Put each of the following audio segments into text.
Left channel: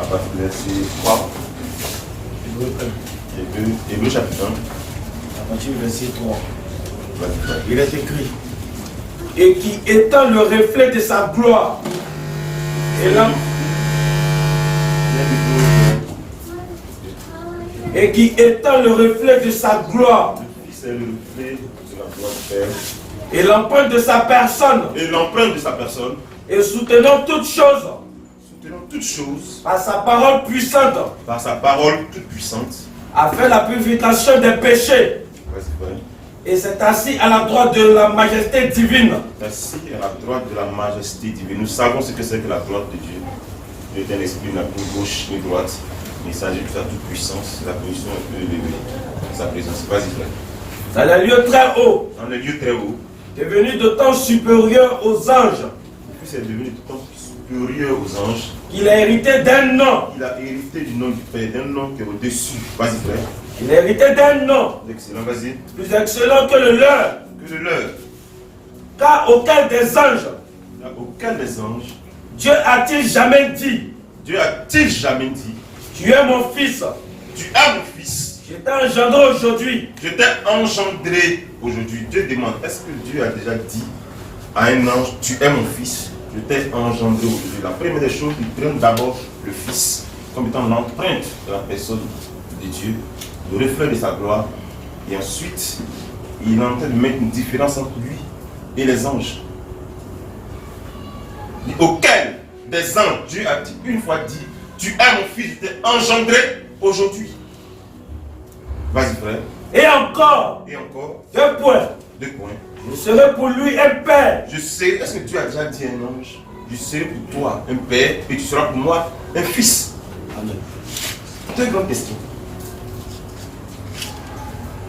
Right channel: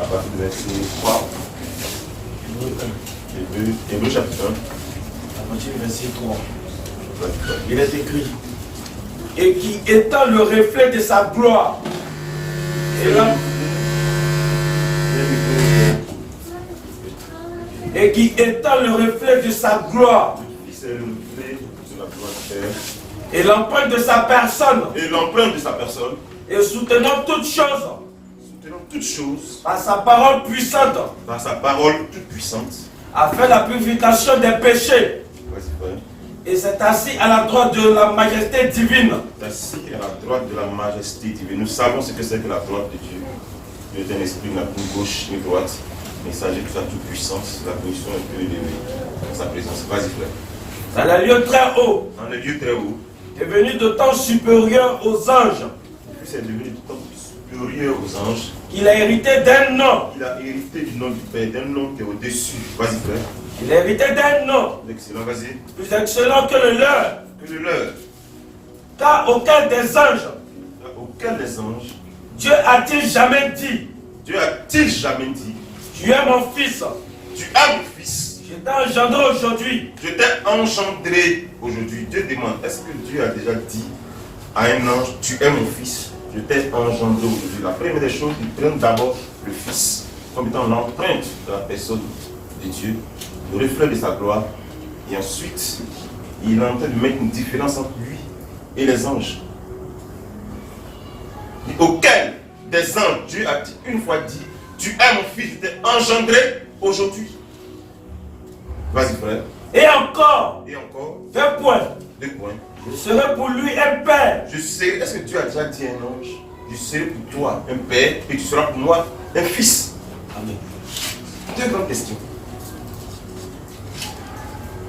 à partir du verset 3. Hébreux chapitre 1. À partir du verset 3. Ouais. Il est écrit. Et qui étant le reflet de sa gloire. Et qui étant le reflet de sa gloire. Le Fils est le reflet de la gloire du Père. Et l'empreinte de sa personne. Et l'empreinte de sa personne. Et soutenant toutes choses. Soutenant toutes choses. Par sa parole puissante. Par sa parole toute puissante. A fait la purification des péchés. Ouais, c'est vrai. Et s'est assis à la droite de la majesté divine. Assis à la droite de la majesté divine. Nous savons ce que c'est que la droite de Dieu. Dieu est un esprit, n'a ni gauche ni droite. Mais il s'agit de sa toute puissance, la position un peu élevée dans sa présence. Vas-y, frère. Dans les lieux très hauts. Dans les lieux très hauts. Est venu de temps supérieur aux anges. Puis c'est devenu de temps supérieur aux anges. Il a hérité d'un nom. Il a hérité du nom du Père, d'un nom qui est au-dessus. Vas-y, frère. Il a hérité d'un nom. Excellent, vas-y. Plus excellent que le leur. Que le leur. Car aucun des anges. Aucun des anges. Dieu a-t-il jamais dit. Dieu a-t-il jamais dit. Tu es mon fils. Tu es mon fils. Je t'ai engendré aujourd'hui. Je t'ai engendré aujourd'hui. Dieu demande, est-ce que Dieu a déjà dit à un ange, tu es mon fils, je t'ai engendré aujourd'hui. La première des choses, il prend d'abord le fils, comme étant l'empreinte de la personne de Dieu, le reflet de sa gloire. Et ensuite, il est en train de mettre une différence entre lui et les anges. Auquel des anges, Dieu a dit, une fois dit, tu es mon fils, je t'ai engendré aujourd'hui. Vas-y, frère. Et encore. Et encore. 2 points. 2 points. Je serai pour lui un père. Je serai, est-ce que Dieu a déjà dit à un ange, je serai pour toi un père et tu seras pour moi un fils? Amen. Deux grandes questions.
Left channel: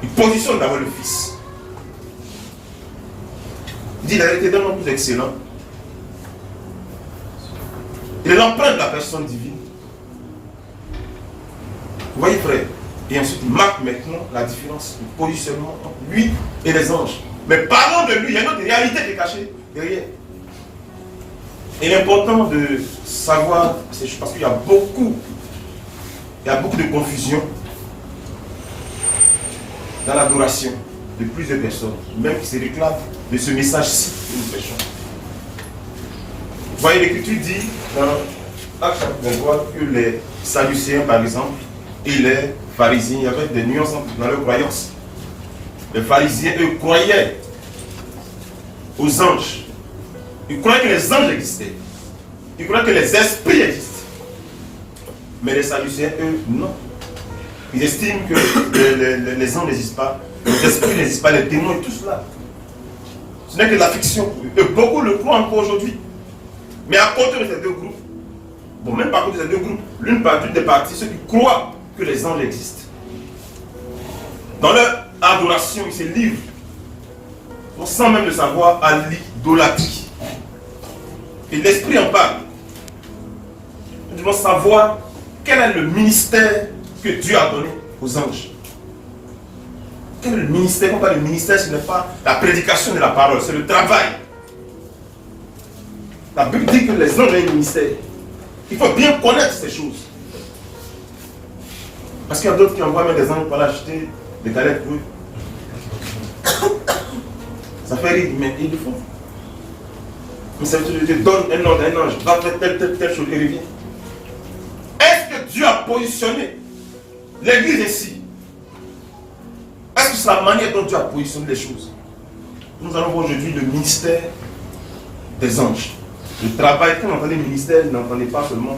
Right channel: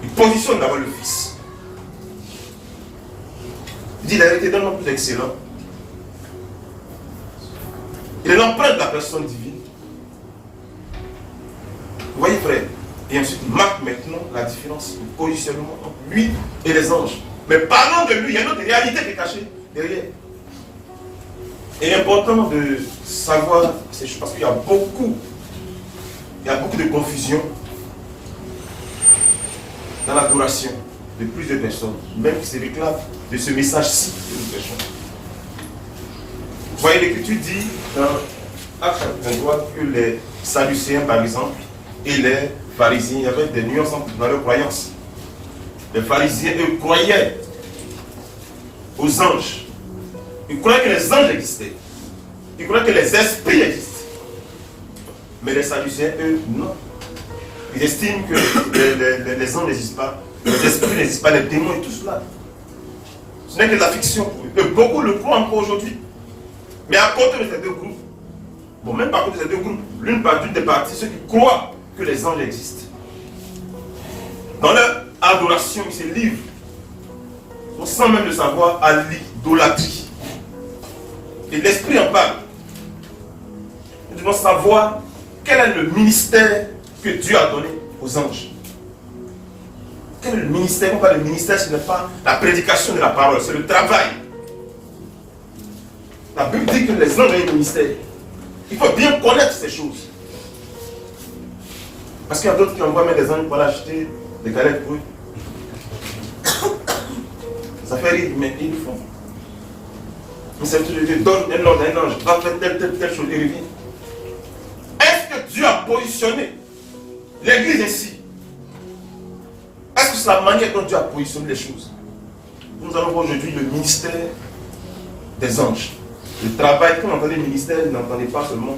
Il positionne d'abord le fils. Il dit, il a été d'un nom plus excellent. Il est l'empreinte de la personne divine. Vous voyez, frère? Et ensuite, il marque maintenant la différence, le positionnement entre lui et les anges. Mais parlons de lui, il y a une autre réalité qui est cachée derrière. Et il est important de savoir ces choses parce qu'il y a beaucoup de confusion dans l'adoration de plusieurs personnes, même qui se réclament de ce message-ci que nous prêchons. Vous voyez, l'Écriture dit dans Actes 23 que les Sadducéens, par exemple, et les pharisiens, il y avait des nuances dans leurs croyances. Les pharisiens, eux, croyaient aux anges. Ils croyaient que les anges existaient. Ils croyaient que les esprits existent. Mais les Sadducéens, eux, non. Ils estiment que les anges n'existent pas, les esprits n'existent pas, les démons et tout cela. Ce n'est que de la fiction pour eux. Et beaucoup le croient encore aujourd'hui. Mais à côté de ces deux groupes, bon, même pas à côté de ces deux groupes, l'une des parties, ceux qui croient que les anges existent. Dans leur adoration, ils se livrent, sans même le savoir, à l'idolâtrie. Et l'Esprit en parle. Nous devons savoir quel est le ministère que Dieu a donné aux anges. Quel est le ministère? Pourquoi le ministère, ce n'est pas la prédication de la parole, c'est le travail. La Bible dit que les anges ont un ministère. Il faut bien connaître ces choses. Parce qu'il y a d'autres qui envoient même des anges pour aller acheter des galettes pour eux. Ça fait rire, mais ils le font. Mais ça veut dire que Dieu donne un ordre à un ange, va faire telle chose et revient. Est-ce que Dieu a positionné l'église ainsi? Est-ce que c'est la manière dont Dieu a positionné les choses? Nous allons voir aujourd'hui le ministère des anges. Le travail, quand on entend les ministères, n'entendez pas seulement,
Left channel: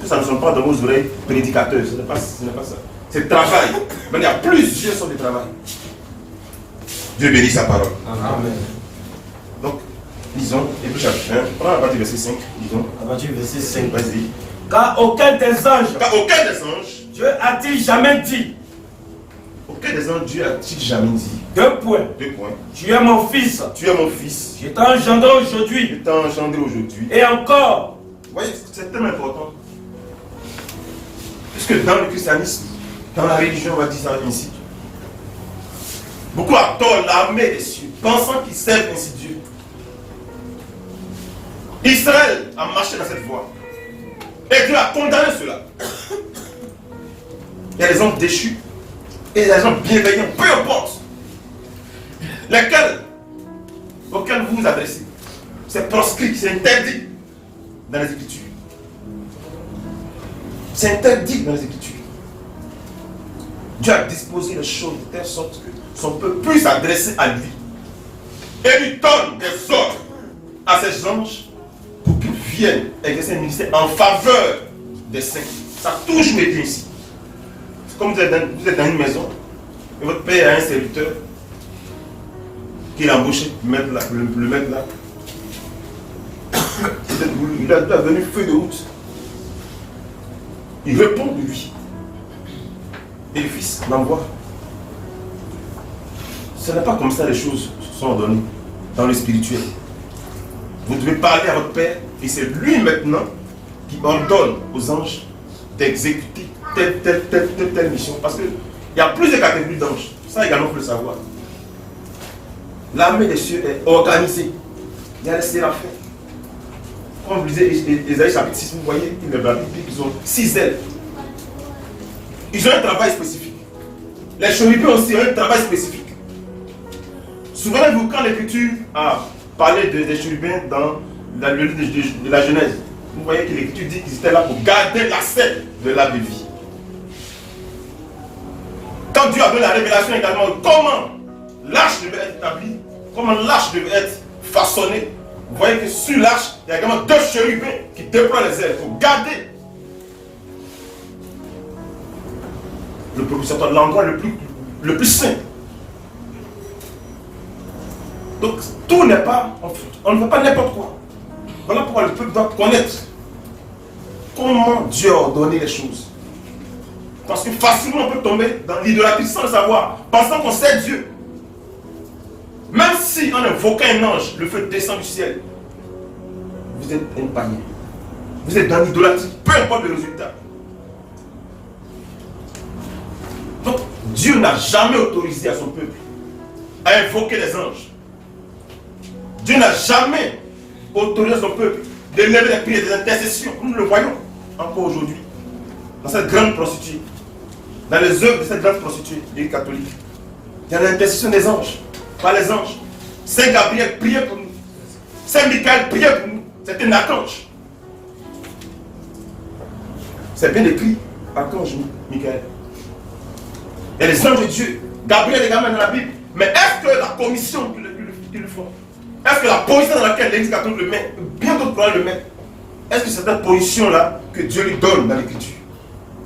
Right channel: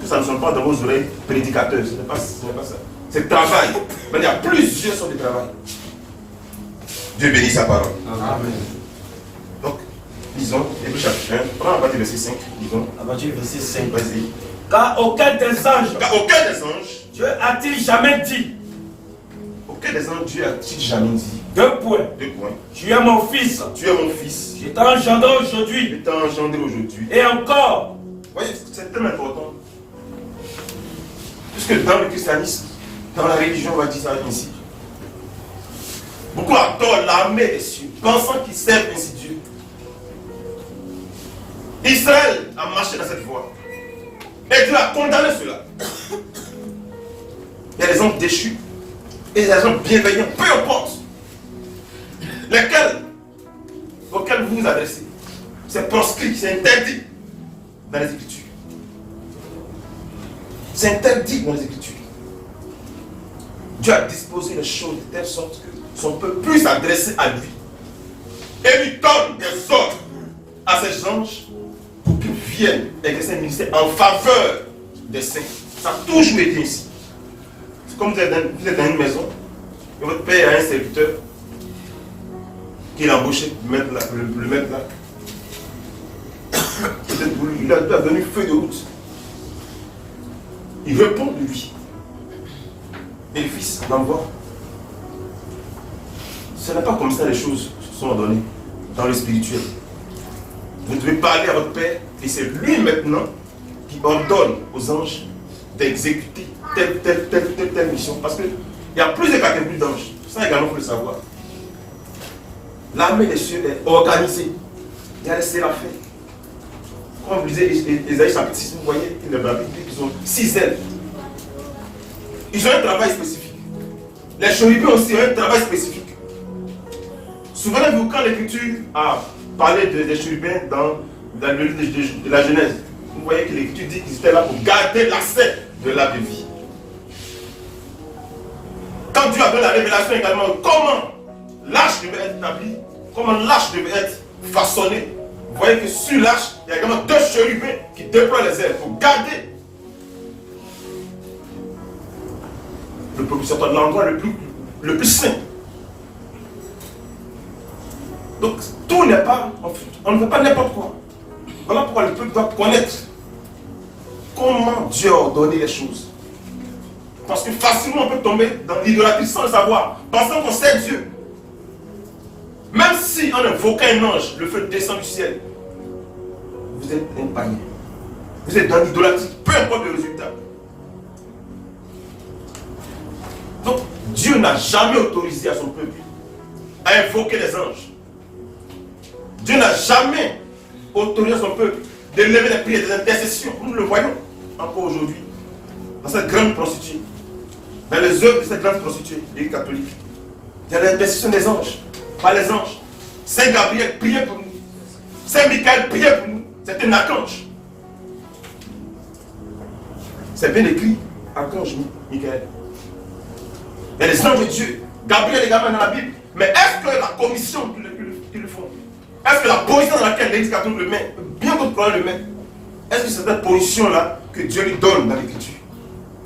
que ça ne sonne pas dans vos oreilles prédicateurs, ce n'est pas ça. C'est le travail. Mais il y a plusieurs sortes de travail. Dieu bénit sa parole. Amen. Donc, lisons, Hébreux chapitre 1, prends à partir du verset 5, lisons. À partir du verset 5. Vas-y. Car aucun des anges, Car aucun des anges, Dieu a-t-il jamais dit. aucun des anges, Dieu a-t-il jamais dit. 2 points. 2 points. Tu es mon fils. Tu es mon fils. Je t'ai engendré Je aujourd'hui. t'ai engendré aujourd'hui. Et encore. Vous voyez, c'est tellement important. Puisque dans le christianisme, dans la religion, on va dire ça ainsi. Beaucoup adorent l'armée des cieux, pensant qu'ils servent ainsi Dieu. Israël a marché dans cette voie. Et Dieu a condamné cela. Il y a des anges déchus et des gens bienveillants, peu importe. Lesquels, auxquels vous vous adressez. C'est proscrit, c'est interdit dans les Écritures. C'est interdit dans les Écritures. Dieu a disposé les choses de telle sorte que son peuple puisse s'adresser à lui. Et lui donne des ordres à ses anges pour qu'ils viennent exercer un ministère en faveur des saints. Ça a toujours été ainsi. C'est comme vous êtes dans une maison et votre père a un serviteur qu'il a embauché pour mettre là, le mettre là. Il a donné feuille de route. Il répond de lui. Et le fils l'envoie. Ce n'est pas comme ça les choses sont ordonnées dans le spirituel. Vous devez parler à votre Père et c'est lui maintenant qui ordonne aux anges d'exécuter telle mission. Parce qu'il y a plusieurs catégories d'anges. Ça également, il faut le savoir. L'armée des cieux est organisée. Il y a les séraphins. Quand vous lisez Ésaïe chapitre 6, vous voyez qu'ils ont 6 ailes. Ils ont un travail spécifique. Les chérubins aussi ont un travail spécifique. Souvenez-vous quand l'Écriture a parlé des chérubins dans le livre de la Genèse, vous voyez que l'Écriture dit qu'ils étaient là pour garder l'accès de l'arbre de vie. Quand Dieu a donné la révélation également, comment l'arche devait être établie, comment l'arche devait être façonnée, vous voyez que sur l'arche, il y a également 2 chérubins qui déploient les ailes pour garder le propitiatoire de l'endroit le plus saint. Donc, tout n'est pas, on ne fait pas n'importe quoi. Voilà pourquoi le peuple doit connaître comment Dieu a ordonné les choses. Parce que facilement on peut tomber dans l'idolâtrie sans le savoir, pensant qu'on sait Dieu. Même si en invoquant un ange, le feu descend du ciel, vous êtes un païen. Vous êtes dans l'idolâtrie, peu importe le résultat. Donc, Dieu n'a jamais autorisé à son peuple à invoquer les anges. Dieu n'a jamais autorisé à son peuple de lever des prières, des intercessions. Nous le voyons encore aujourd'hui. Dans cette grande prostituée. Dans les œuvres de cette grande prostituée, l'Église catholique. Il y a l'intercession des anges. Pas les anges. Saint Gabriel priait pour nous. Saint Michael priait pour nous. C'était un archange. C'est bien écrit. Archange Michael. Il y a les anges de Dieu. Gabriel est également dans la Bible. Mais est-ce que la commission qui le font, est-ce que la position dans laquelle l'Église catholique le met, bien d'autres problèmes le met, est-ce que c'est cette position-là que Dieu lui donne dans l'Écriture?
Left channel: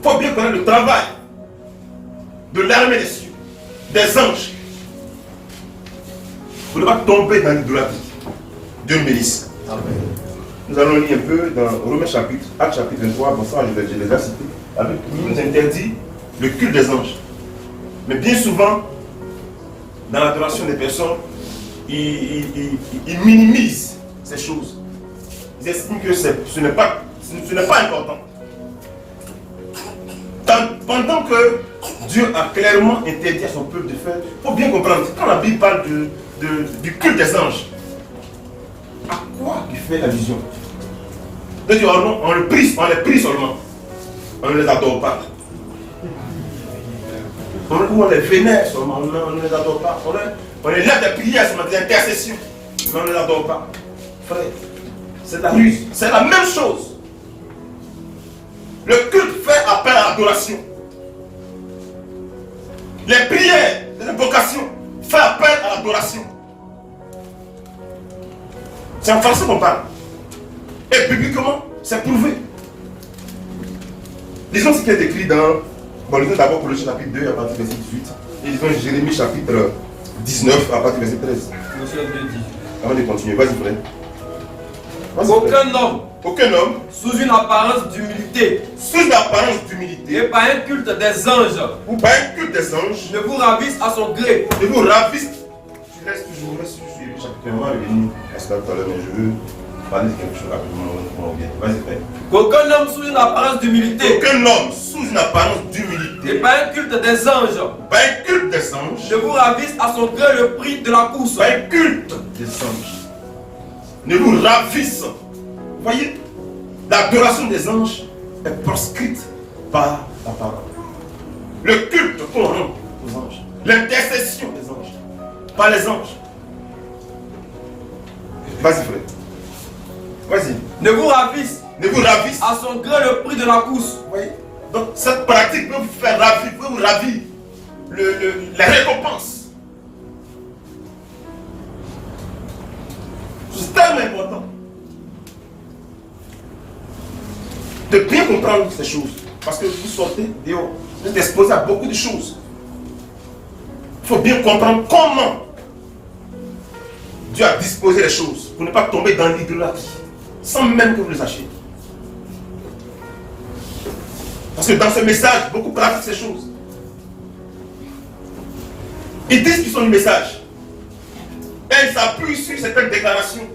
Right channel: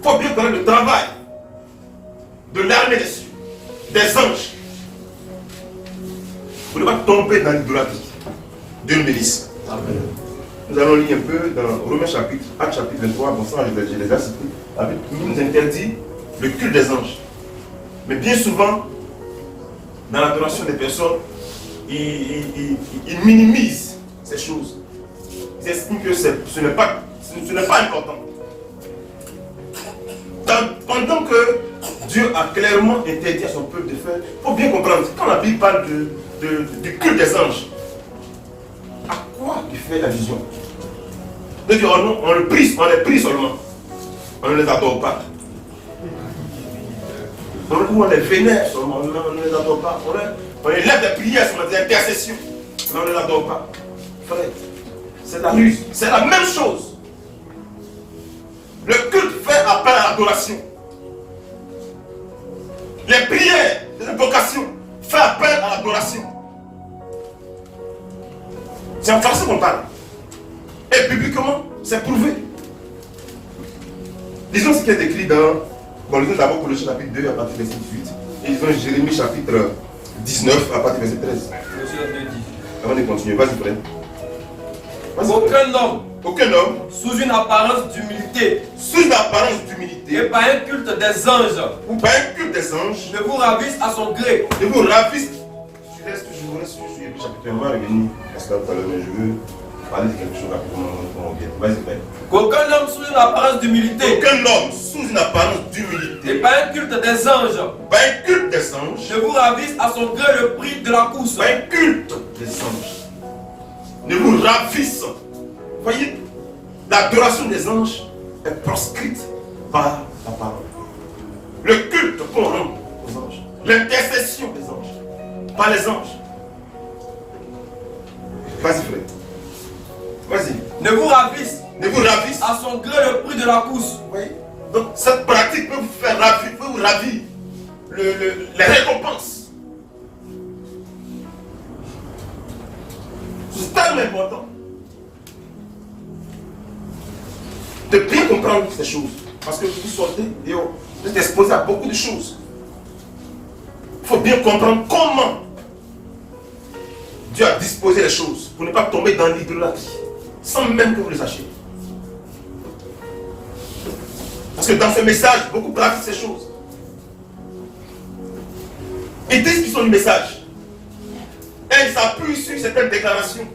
Il faut bien connaître le travail de l'armée des cieux, des anges. Vous ne devez pas tomber dans l'idolâtrie. Dieu nous bénisse. Amen. Nous allons lire un peu dans Romains chapitre, Actes chapitre 23, bon ça je les ai cités, avec nous interdit le culte des anges. Mais bien souvent, dans l'adoration des personnes, ils minimisent ces choses. Ils estiment que ce n'est pas important. Pendant que Dieu a clairement interdit à son peuple de faire, il faut bien comprendre, quand la Bible parle du culte des anges, à quoi il fait allusion? C'est-à-dire, on les prie seulement, on ne les adore pas. Ou on les vénère seulement, on ne les adore pas. On les lève des prières seulement, des intercessions, mais on ne les adore pas. Frère, c'est la ruse, c'est la même chose. Le culte fait appel à l'adoration. Les prières, les invocations font appel à l'adoration. C'est en français qu'on parle. Et bibliquement, c'est prouvé. Disons ce qui est écrit dans... Bon, lisons d'abord Colossiens chapitre 2 à partir du verset 18. Et lisons Jérémie chapitre 19 à partir du verset 13. Avant de continuer, vas-y frère. Aucun homme, sous une apparence d'humilité, et par un culte des anges, ou par un culte des anges, ne vous ravisse à son gré. Ne vous ravisse. Tu restes toujours sur le chapitre 1, on va revenir à cela tout à l'heure, mais je veux parler de quelque chose rapidement quand on vient. Vas-y frère. Qu'aucun homme sous une apparence d'humilité, Aucun homme sous une apparence d'humilité, et par un culte des anges, par un culte des anges, ne vous ravisse à son gré le prix de la course. par un culte des anges, ne vous ravisse. Voyez, l'adoration des anges est proscrite par la parole. Le culte qu'on rend aux anges, l'intercession des anges, par les anges. Vas-y frère. Vas-y. Ne vous ravisse Ne vous ravisse. à son gré le prix de la course. Vous voyez? Donc cette pratique peut vous faire ravir, peut vous ravir les récompenses. C'est tellement important de bien comprendre ces choses. Parce que vous sortez dehors, vous êtes exposé à beaucoup de choses. Il faut bien comprendre comment Dieu a disposé les choses pour ne pas tomber dans l'idolâtrie, sans même que vous les sachiez. Parce que dans ce message, beaucoup pratiquent ces choses. Ils disent qu'ils sont du message. Et ils s'appuient sur certaines déclarations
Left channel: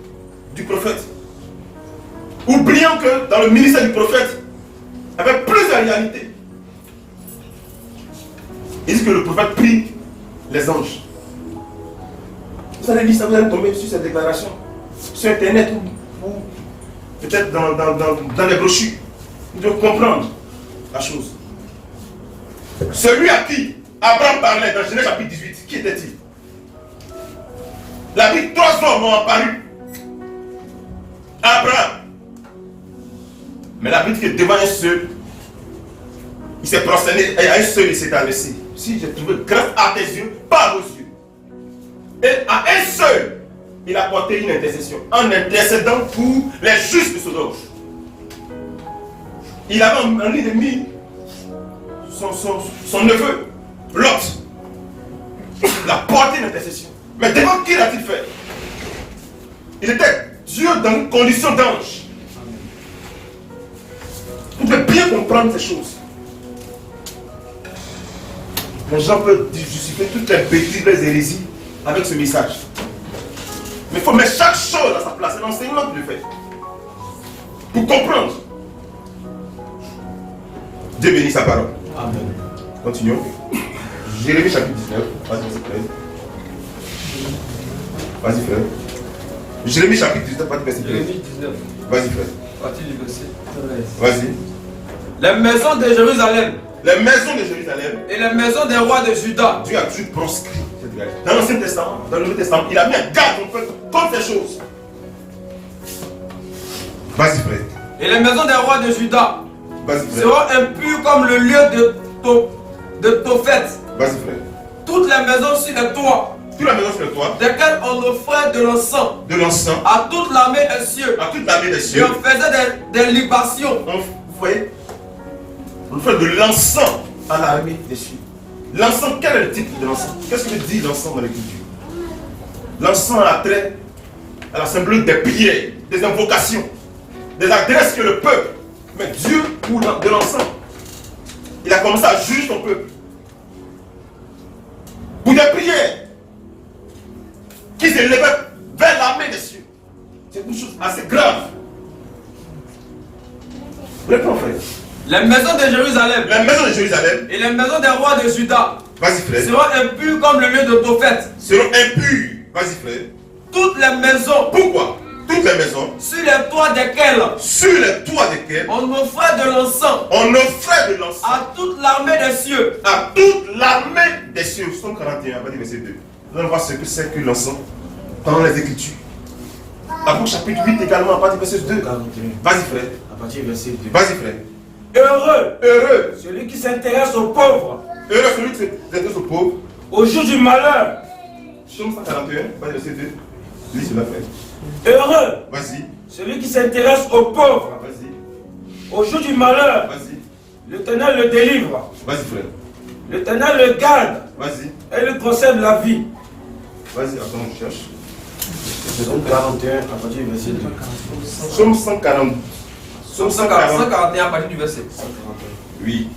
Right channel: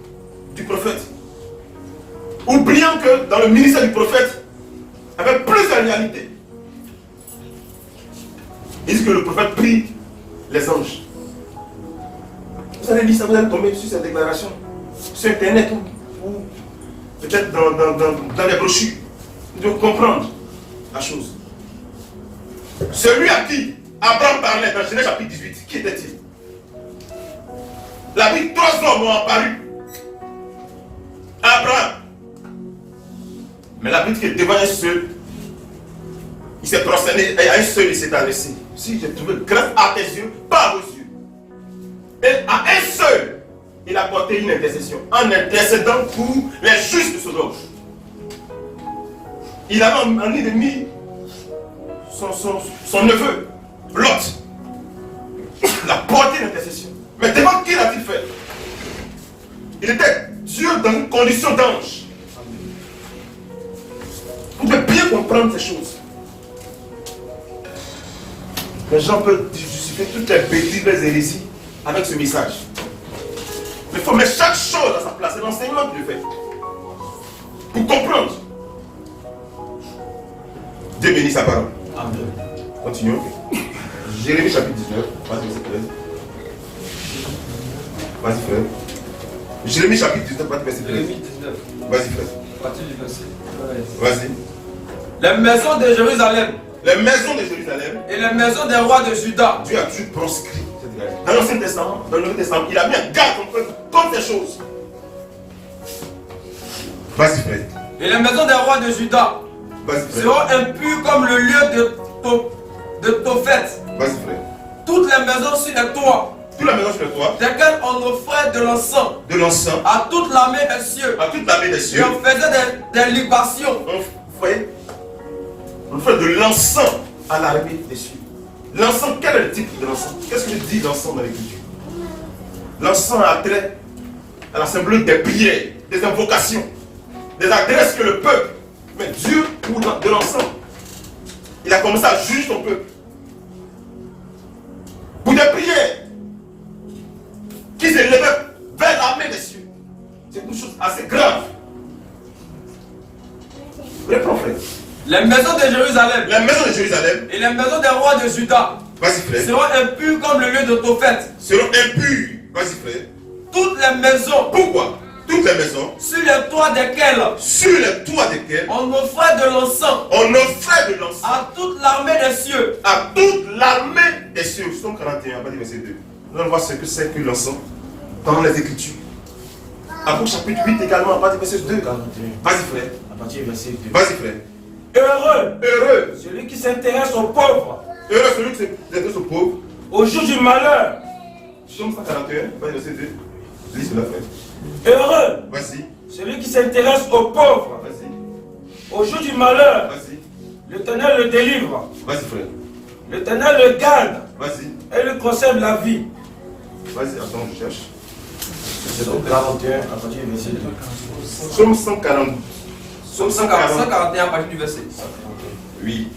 du prophète. Oubliant que dans le ministère du prophète, il y avait plusieurs réalités. Ils disent que le prophète prie les anges. Vous allez lire ça, vous allez tomber sur cette déclaration. Sur internet ou peut-être dans les brochures. Vous devez comprendre la chose. Celui à qui Abraham parlait dans Genèse chapitre 18, qui était-il? La Bible, 3 hommes ont apparu. Abraham. Mais la Bible dit que devant un seul, il s'est prosterné et à un seul il s'est adressé. Si j'ai trouvé grâce à tes yeux, pas à vos yeux. Et à un seul, il a porté une intercession. En intercédant pour les justes de Sodome. Il avait en ennemi son neveu, Lot. Il a porté une intercession. Mais devant qui l'a-t-il fait? Il était Dieu dans une condition d'ange. Vous devez bien comprendre ces choses. Les gens peuvent justifier toutes les bêtises, les hérésies avec ce message. Mais il faut mettre chaque chose à sa place. C'est l'enseignement que je fais. Pour comprendre. Dieu bénit sa parole. Amen. Continuons. Jérémie chapitre 19. Vas-y, frère. Vas-y, frère. Jérémie chapitre 19, verset 13. Jérémie 19. Vas-y, frère. Partie du verset 13. Vas-y. Les maisons de Jérusalem Les maisons de Jérusalem, et les maisons des rois de Juda. Dieu a toujours proscrit cette réalité. Dans l'Ancien Testament, dans le Nouveau Testament, il a mis un garde contre ces choses. Vas-y, frère. Et les maisons des rois de Juda Vas-y, frère. seront impures comme le lieu de Tophet. Vas-y, frère. Toutes les maisons sur les toits, Toute la maison sur le toit, desquelles on offrait de l'encens de l'encens, à toute l'armée des cieux, à toute l'armée des et cieux, on faisait des libations. vous voyez, on fait de l'encens à l'armée des cieux. L'encens, quel est le type de l'encens? Qu'est-ce que dit l'encens dans l'écriture? L'encens a trait à la symbolique des prières, des invocations, des adresses que le peuple, mais Dieu pour de l'encens, il a commencé à juger son peuple. Pour des prières qui s'élevaient vers l'armée des cieux. C'est une chose assez grave. Réponds, frère. Les maisons de Jérusalem La maison de Jérusalem, et les maisons des rois de Juda vas-y frère, seront impures comme le lieu de Tophet. seront impures. Vas-y frère. Toutes les maisons Pourquoi? Toutes les maisons, sur les toits desquelles sur les toits desquels on offrait de l'encens on offrait de l'encens à toute l'armée des cieux. à toute l'armée des cieux. Psaume 41, à partir du verset 2. Nous allons voir ce que c'est que l'encens dans les Écritures. Après chapitre 8 également, à partir du verset 2. Vas-y frère. À partir du verset 2. Vas-y frère. Heureux Heureux. celui qui s'intéresse aux pauvres, Heureux celui qui s'intéresse aux pauvres. au jour du malheur. Psaume 141, verset 2. Lis cela frère. Heureux Vas-y. celui qui s'intéresse aux pauvres, Vas-y. au jour du malheur. Vas-y. L'Éternel le délivre, Vas-y frère. l'Éternel le garde Vas-y. et le conserve la vie. Vas-y, attends, je cherche. Psaume 41 à partir du verset 2. Psaume 140. Psaume 140. 141 à partir du verset. Oui.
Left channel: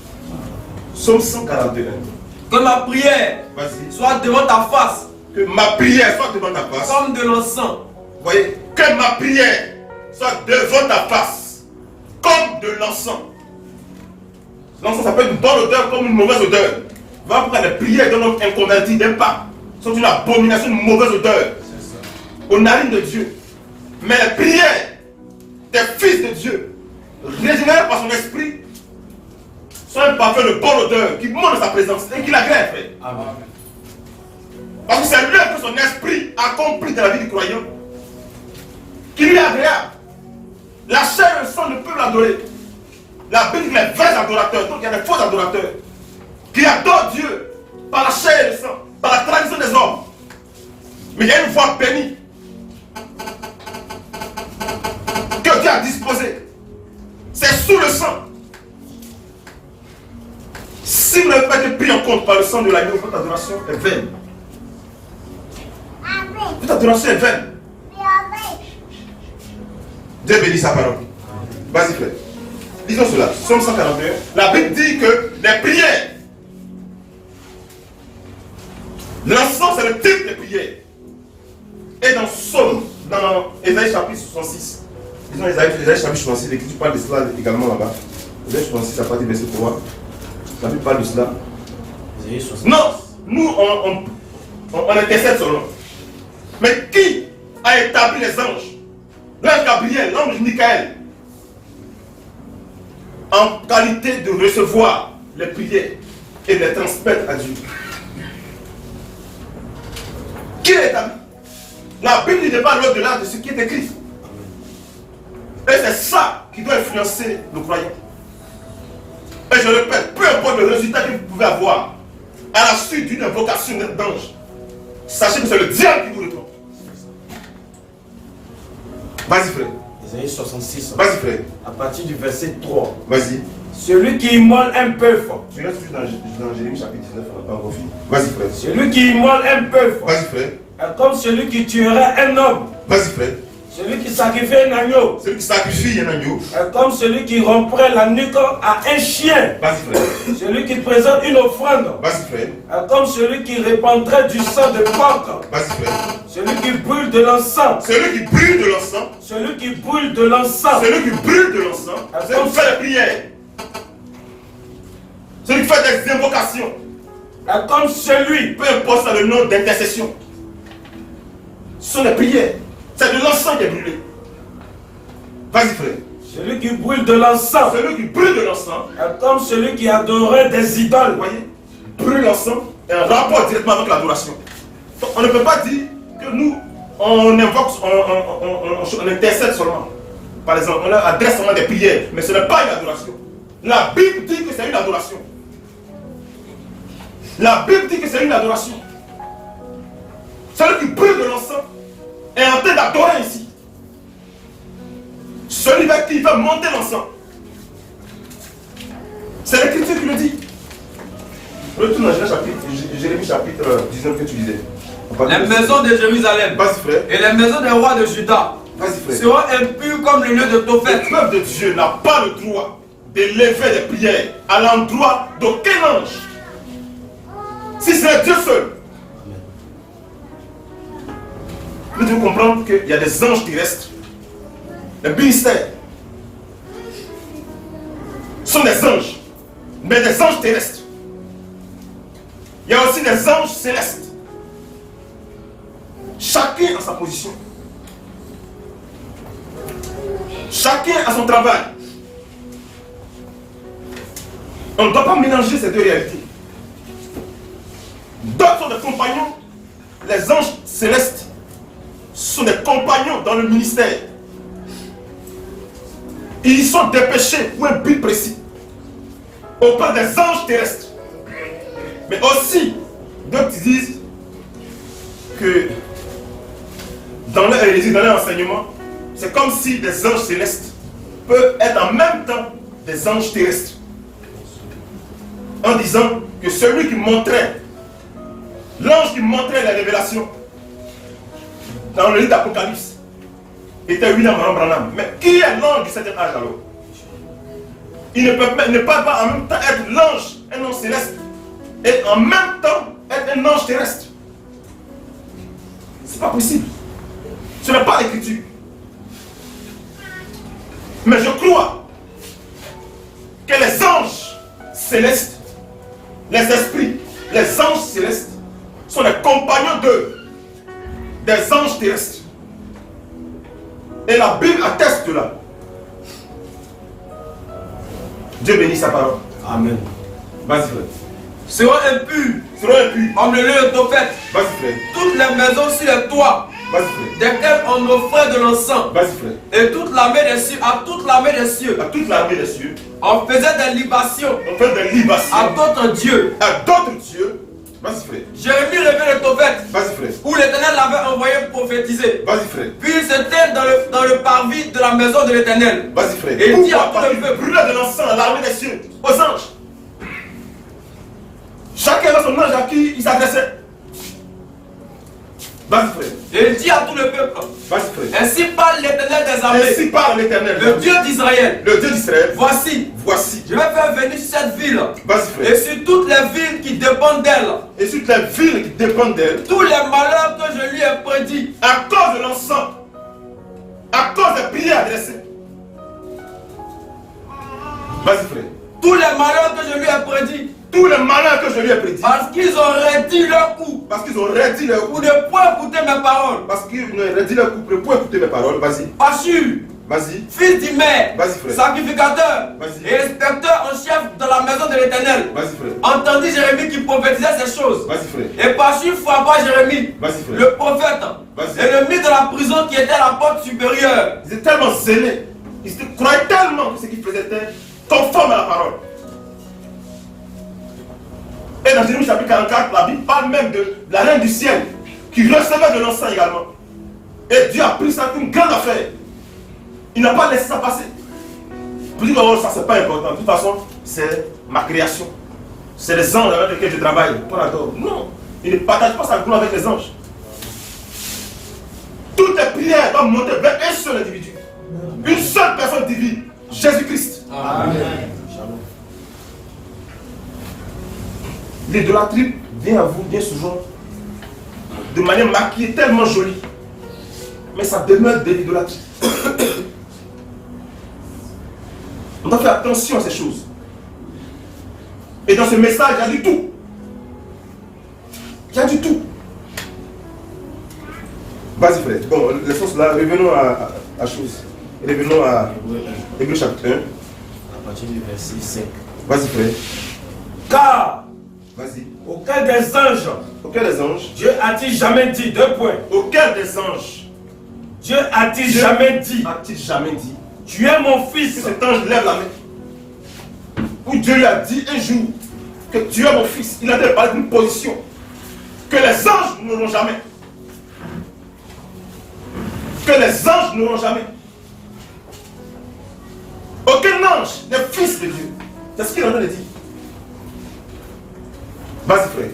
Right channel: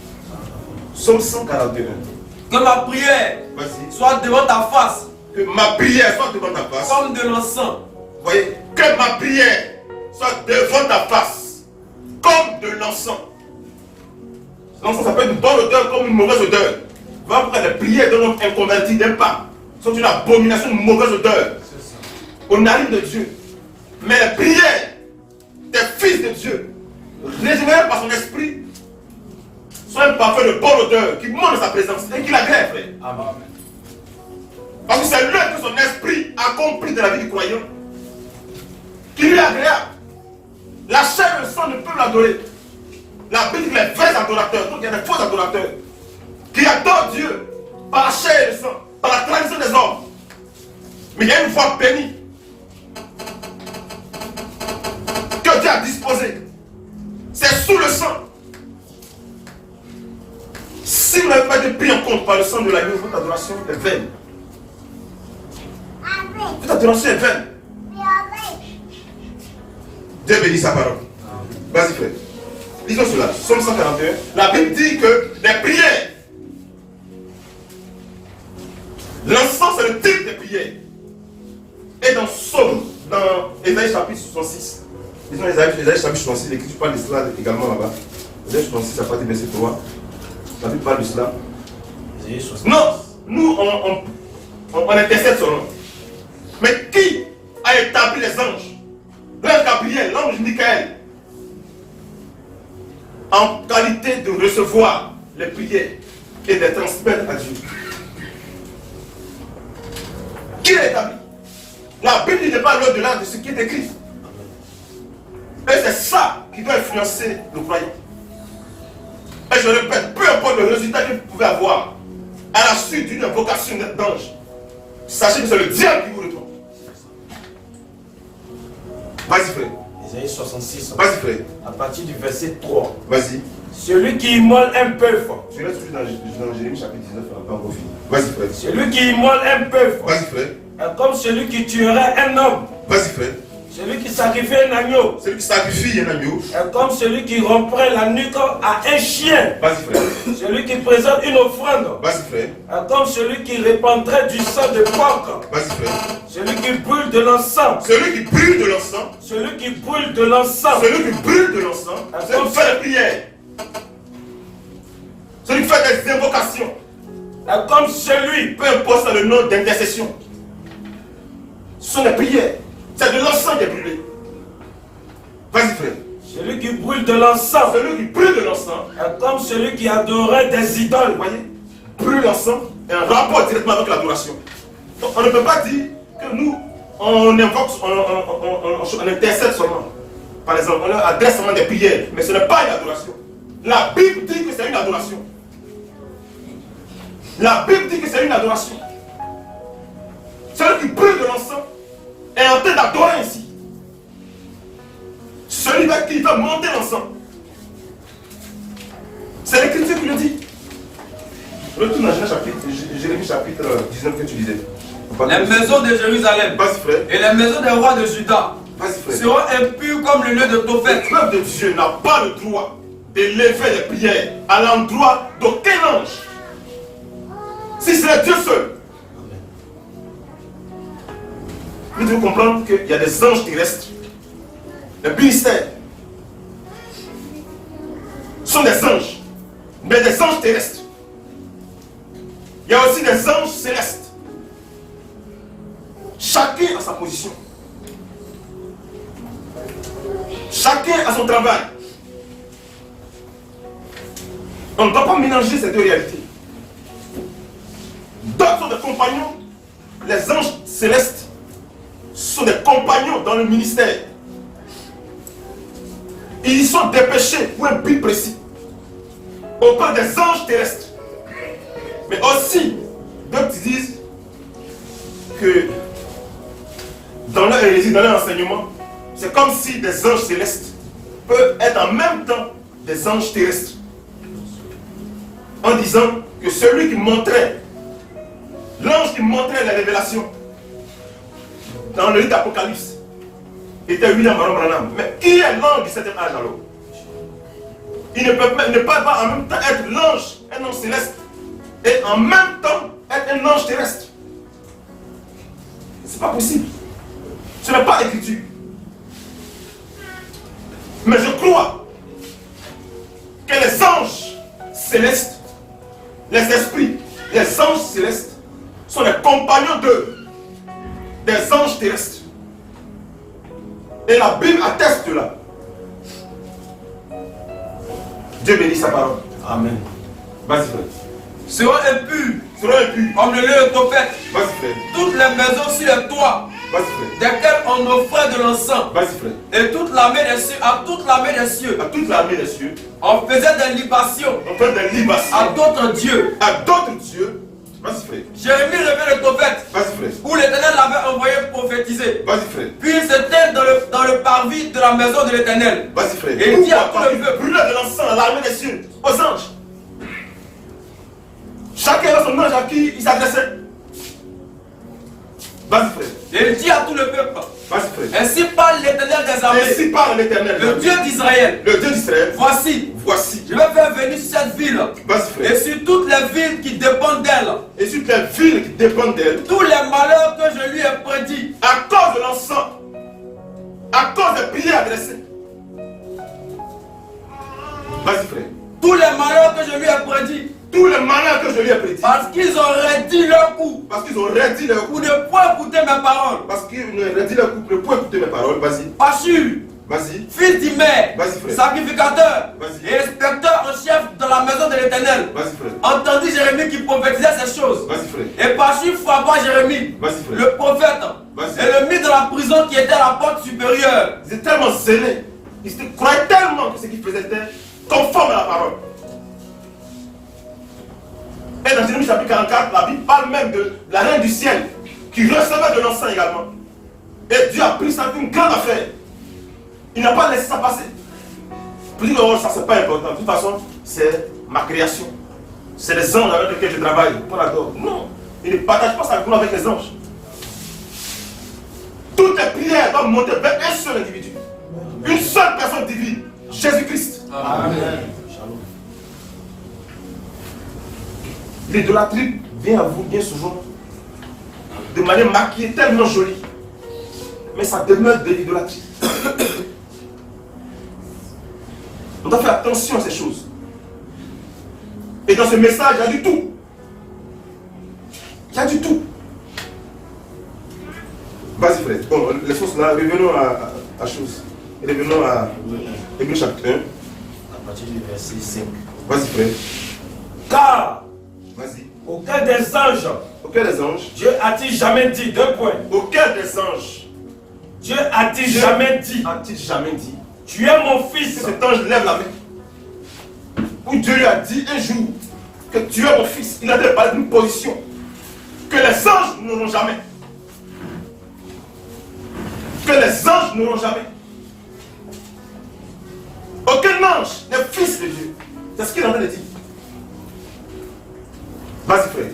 Psaume 141. Que ma prière Vas-y. soit devant ta face Que ma prière soit devant ta face. comme de l'encens. Vous voyez, que ma prière soit devant ta face. Comme de l'encens. L'encens, ça peut être une bonne odeur comme une mauvaise odeur. Va pourquoi les prières d'un homme inconverti n'aiment pas. Sont une abomination, une mauvaise odeur. Aux narines de Dieu. Mais les prières des fils de Dieu, régénérés par son esprit, soit un parfum de bonne odeur qui montre sa présence et qui l'agrée, frère. Amen. Parce que c'est l'œuvre que son esprit accomplit dans la vie du croyant qui lui est agréable. La chair et le sang ne peuvent l'adorer. La Bible dit que les vrais adorateurs, donc il y a des faux adorateurs qui adorent Dieu par la chair et le sang, par la tradition des hommes. Mais il y a une voie bénie que Dieu a disposée. C'est sous le sang. Si vous n'avez pas été pris en compte par le sang de l'agneau, votre adoration est vaine. Votre adoration est vaine. Dieu bénit sa parole. Vas-y frère. Lisons cela. Somme 141. La Bible dit que les prières, l'encens c'est le type des prières. Et dans Somme, dans Ésaïe chapitre 66, disons Ésaïe chapitre 66, l'Écriture parle de cela également là-bas. Ésaïe 66 à partir du verset 3. La Bible parle de cela. Non, nous on intercède son nom. Mais qui a établi les anges? L'ange Gabriel, l'ange Michael, en qualité de recevoir les prières et de les transmettre à Dieu. Qui l'a établi? La Bible n'est pas au-delà de ce qui est écrit. Et c'est ça qui doit influencer le croyant. Et je répète, peu importe le résultat que vous pouvez avoir à la suite d'une invocation d'ange, sachez que c'est le diable qui vous répond. Vas-y frère. Ésaïe 66. Vas-y frère. À partir du verset 3. Vas-y. Celui qui immole un peu fort. Je reste toujours dans Jérémie chapitre 19, on n'a pas encore fini. Vas-y frère. Celui qui immole un peu fort. Vas-y frère. Est comme celui qui tuerait un homme. Vas-y frère. Celui qui sacrifie un agneau. Celui qui sacrifie un agneau. Est comme celui qui romprait la nuque à un chien. Vas-y frère. Celui qui présente une offrande. Vas-y frère. Est comme celui qui répandrait du sang de coq. Vas-y frère. Celui qui brûle de l'encens. Celui qui brûle de l'encens. Celui qui brûle de l'encens. Celui qui brûle de l'encens. Celui qui fait des prières. Celui qui fait des invocations. Est comme celui. Peu importe le nom d'intercession. Ce sont des prières. C'est de l'encens qui est brûlé. Vas-y frère. Celui qui brûle de l'encens. Celui qui brûle de l'encens. Est comme celui qui adorait des idoles. Vous voyez, brûle l'encens est un rapport directement avec l'adoration. Donc on ne peut pas dire que nous, on invoque, on intercède seulement. Par exemple, on adresse seulement des prières, mais ce n'est pas une adoration. La Bible dit que c'est une adoration. La Bible dit que c'est une adoration. Celui qui brûle de l'encens est en train d'adorer ici. Celui qui veut monter l'encens. C'est l'Écriture qui le dit. Retourne dans Jérémie chapitre 19 que tu disais. Les maisons de Jérusalem Vas-y frère. et les maisons des rois de Juda Vas-y frère. seront impures comme le lieu de Tophet. Le peuple de Dieu n'a pas le droit d'élever des prières à l'endroit d'aucun ange. Si c'est Dieu seul. Vous devez comprendre qu'il y a des anges terrestres. Les ministères sont des anges, mais des anges terrestres. Il y a aussi des anges célestes. Chacun a sa position. Chacun a son travail. On ne doit pas mélanger ces deux réalités. D'autres sont des compagnons. Les anges célestes sont des compagnons dans le ministère. Ils sont dépêchés pour un but précis. Autant des anges terrestres. Mais aussi, d'autres disent que dans leur hérésie, dans leur enseignement, c'est comme si des anges célestes peuvent être en même temps des anges terrestres. En disant que celui qui montrait, l'ange qui montrait la révélation dans le livre d'Apocalypse était William Branham. Mais qui est l'ange du 7e âge alors? Il ne peut pas en même temps être l'ange, un ange céleste, et en même temps être un ange terrestre. C'est pas possible. Ce n'est pas écriture. Mais je crois que les anges célestes, les esprits, les anges célestes sont les compagnons des anges terrestres. Et la Bible atteste de là. Dieu bénit sa parole. Amen. Vas-y, frère. seront impurs Seront impurs. comme le lieu de Topheth. Vas-y, frère. Toutes les maisons sur les toits, Vas-y, frère. desquelles on offrait de l'encens, Vas-y, frère. et toute l'armée des cieux, à toute l'armée des cieux, À toute l'armée des cieux, on faisait des libations on fait des libations à d'autres dieux. à d'autres dieux. Vas-y, frère. Jérémie revient de Topheth, Vas-y, frère. où l'Éternel l'avait envoyé prophétiser. Vas-y, frère. Puis il s'était dans le parvis de la maison de l'Éternel. Vas-y, frère. Et il dit à Pourquoi tout le pas peuple, brûler de l'encens à l'armée des cieux, aux anges. Chacun a son ange à qui il s'adressait. Vas-y, frère. et il dit à tout le peuple, Vas-y, frère. ainsi parle l'Éternel des armées, Ainsi parle l'Éternel, le Dieu d'Israël. le Dieu d'Israël. Voici, Voici. je vais faire venir sur cette ville Vas-y, et frère. sur toutes les villes qui dépendent d'elle Et sur les villes qui dépendent d'elle, tous les malheurs que je lui ai prédits. à cause de l'encens, à cause des prières adressées. Vas-y, frère. Tous les malheurs que je lui ai prédits. Tous les malheurs que je lui ai prédits, Parce qu'ils ont redit leur coup. parce qu'ils ont redit leur Pour coup, ne point écouter mes paroles. parce qu'ils ont redit leur coup, pour écouter mes paroles. Vas-y, Pachur, vas-y, fils d'Imer, Vas-y, frère. sacrificateur Vas-y. et inspecteur en chef de la maison de l'Éternel, vas-y, frère. entendit Jérémie qui prophétisait ces choses. Vas-y, frère. Et Pachur frappa Jérémie, Vas-y, frère. le prophète, Vas-y. et le mit dans la prison qui était à la porte supérieure. Ils étaient tellement zélés, ils croyaient tellement que ce qu'ils faisaient était conforme à la parole. Et dans Jérémie chapitre 44, la Bible parle même de la reine du ciel qui recevait de l'encens également. Et Dieu a pris ça comme une grande affaire. Il n'a pas laissé ça passer. Pour dire que oh, ça c'est pas important. De toute façon, c'est ma création. C'est les anges avec lesquels je travaille. On adore. Non, il ne partage pas sa gloire avec les anges. Toutes les prières doivent monter vers un seul individu. Une seule personne divine, Jésus-Christ. Amen. L'idolâtrie vient à vous bien souvent de manière maquillée, tellement jolie. Mais ça demeure de l'idolâtrie. On doit faire attention à ces choses. Et dans ce message, il y a du tout. Il y a du tout. Vas-y, frère. Bon, laissons cela. Revenons à chose. Revenons à Hébreux chapitre 1. À partir du verset 5. Vas-y, frère. Car Vas-y. aucun des anges, Auquel des anges, Dieu a-t-il jamais dit, 2 points. auquel des anges Dieu a-t-il jamais dit, a-t-il jamais dit tu es mon que fils. cet ange lève la main? Où Dieu lui a dit un jour que tu es mon fils. Il a dit parler d'une position que les anges n'auront jamais. Que les anges n'auront jamais. Aucun ange n'est fils de Dieu. C'est ce qu'il est en train de dire. Vas-y, frère.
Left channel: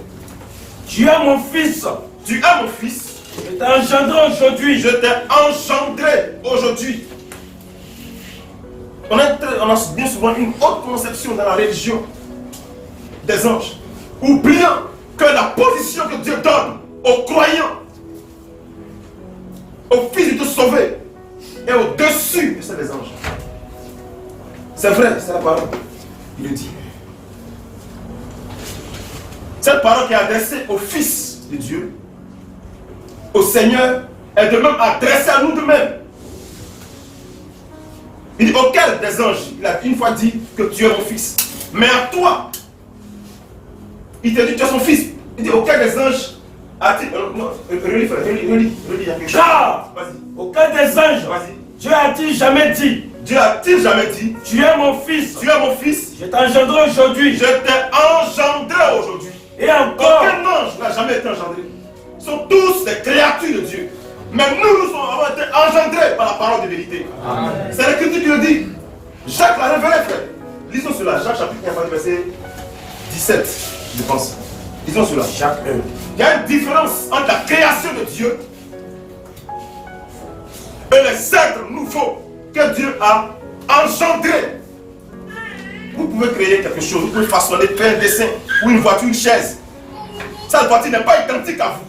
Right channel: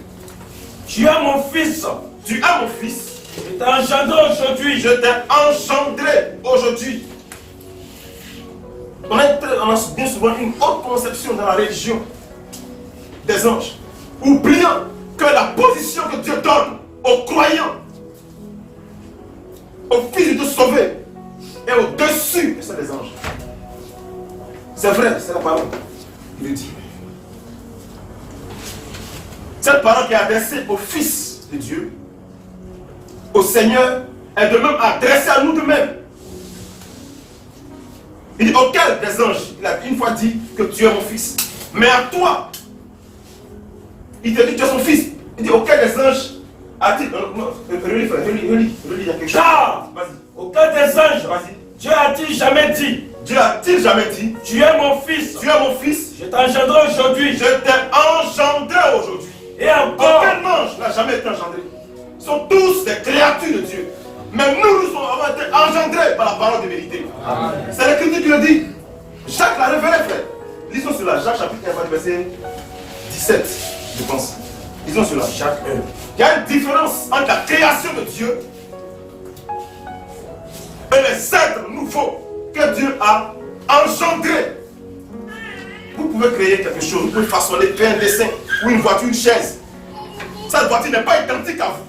Tu es mon fils. Tu es mon fils. Je t'ai engendré aujourd'hui. Je t'ai engendré aujourd'hui. On a bien souvent une haute conception dans la religion des anges, oubliant que la position que Dieu donne aux croyants, aux fils de Dieu sauvés, est au-dessus de celle des anges. C'est vrai, c'est la parole qui le dit. Cette parole qui est adressée aux fils de Dieu, au Seigneur, est de même adressée à nous de même. Il dit auquel des anges, il a une fois dit que tu es mon fils. Mais à toi, il te dit que tu es son fils. Il dit auquel des anges a-t-il. Relis, frère, relis, il y a quelque chose. Car Vas-y, aucun des anges, vas-y. Dieu a-t-il jamais dit, Dieu a-t-il jamais dit tu es mon fils. tu es mon fils, Je t'ai engendré aujourd'hui. je t'ai engendré aujourd'hui. Et encore, Aucun ange n'a jamais été engendré. Ils sont tous des créatures de Dieu. Mais nous avons été engendrés par la parole de vérité. C'est l'Écriture qui le dit. Jacques l'a révélé, frère. Lisons cela. Jacques chapitre 1, verset 17, je pense. Lisons cela. Jacques 1. Il y a une différence entre la création de Dieu et les êtres nouveaux que Dieu a engendrés. Vous pouvez créer quelque chose, vous pouvez façonner, faire un dessin ou une voiture, une chaise. Cette voiture n'est pas identique à vous.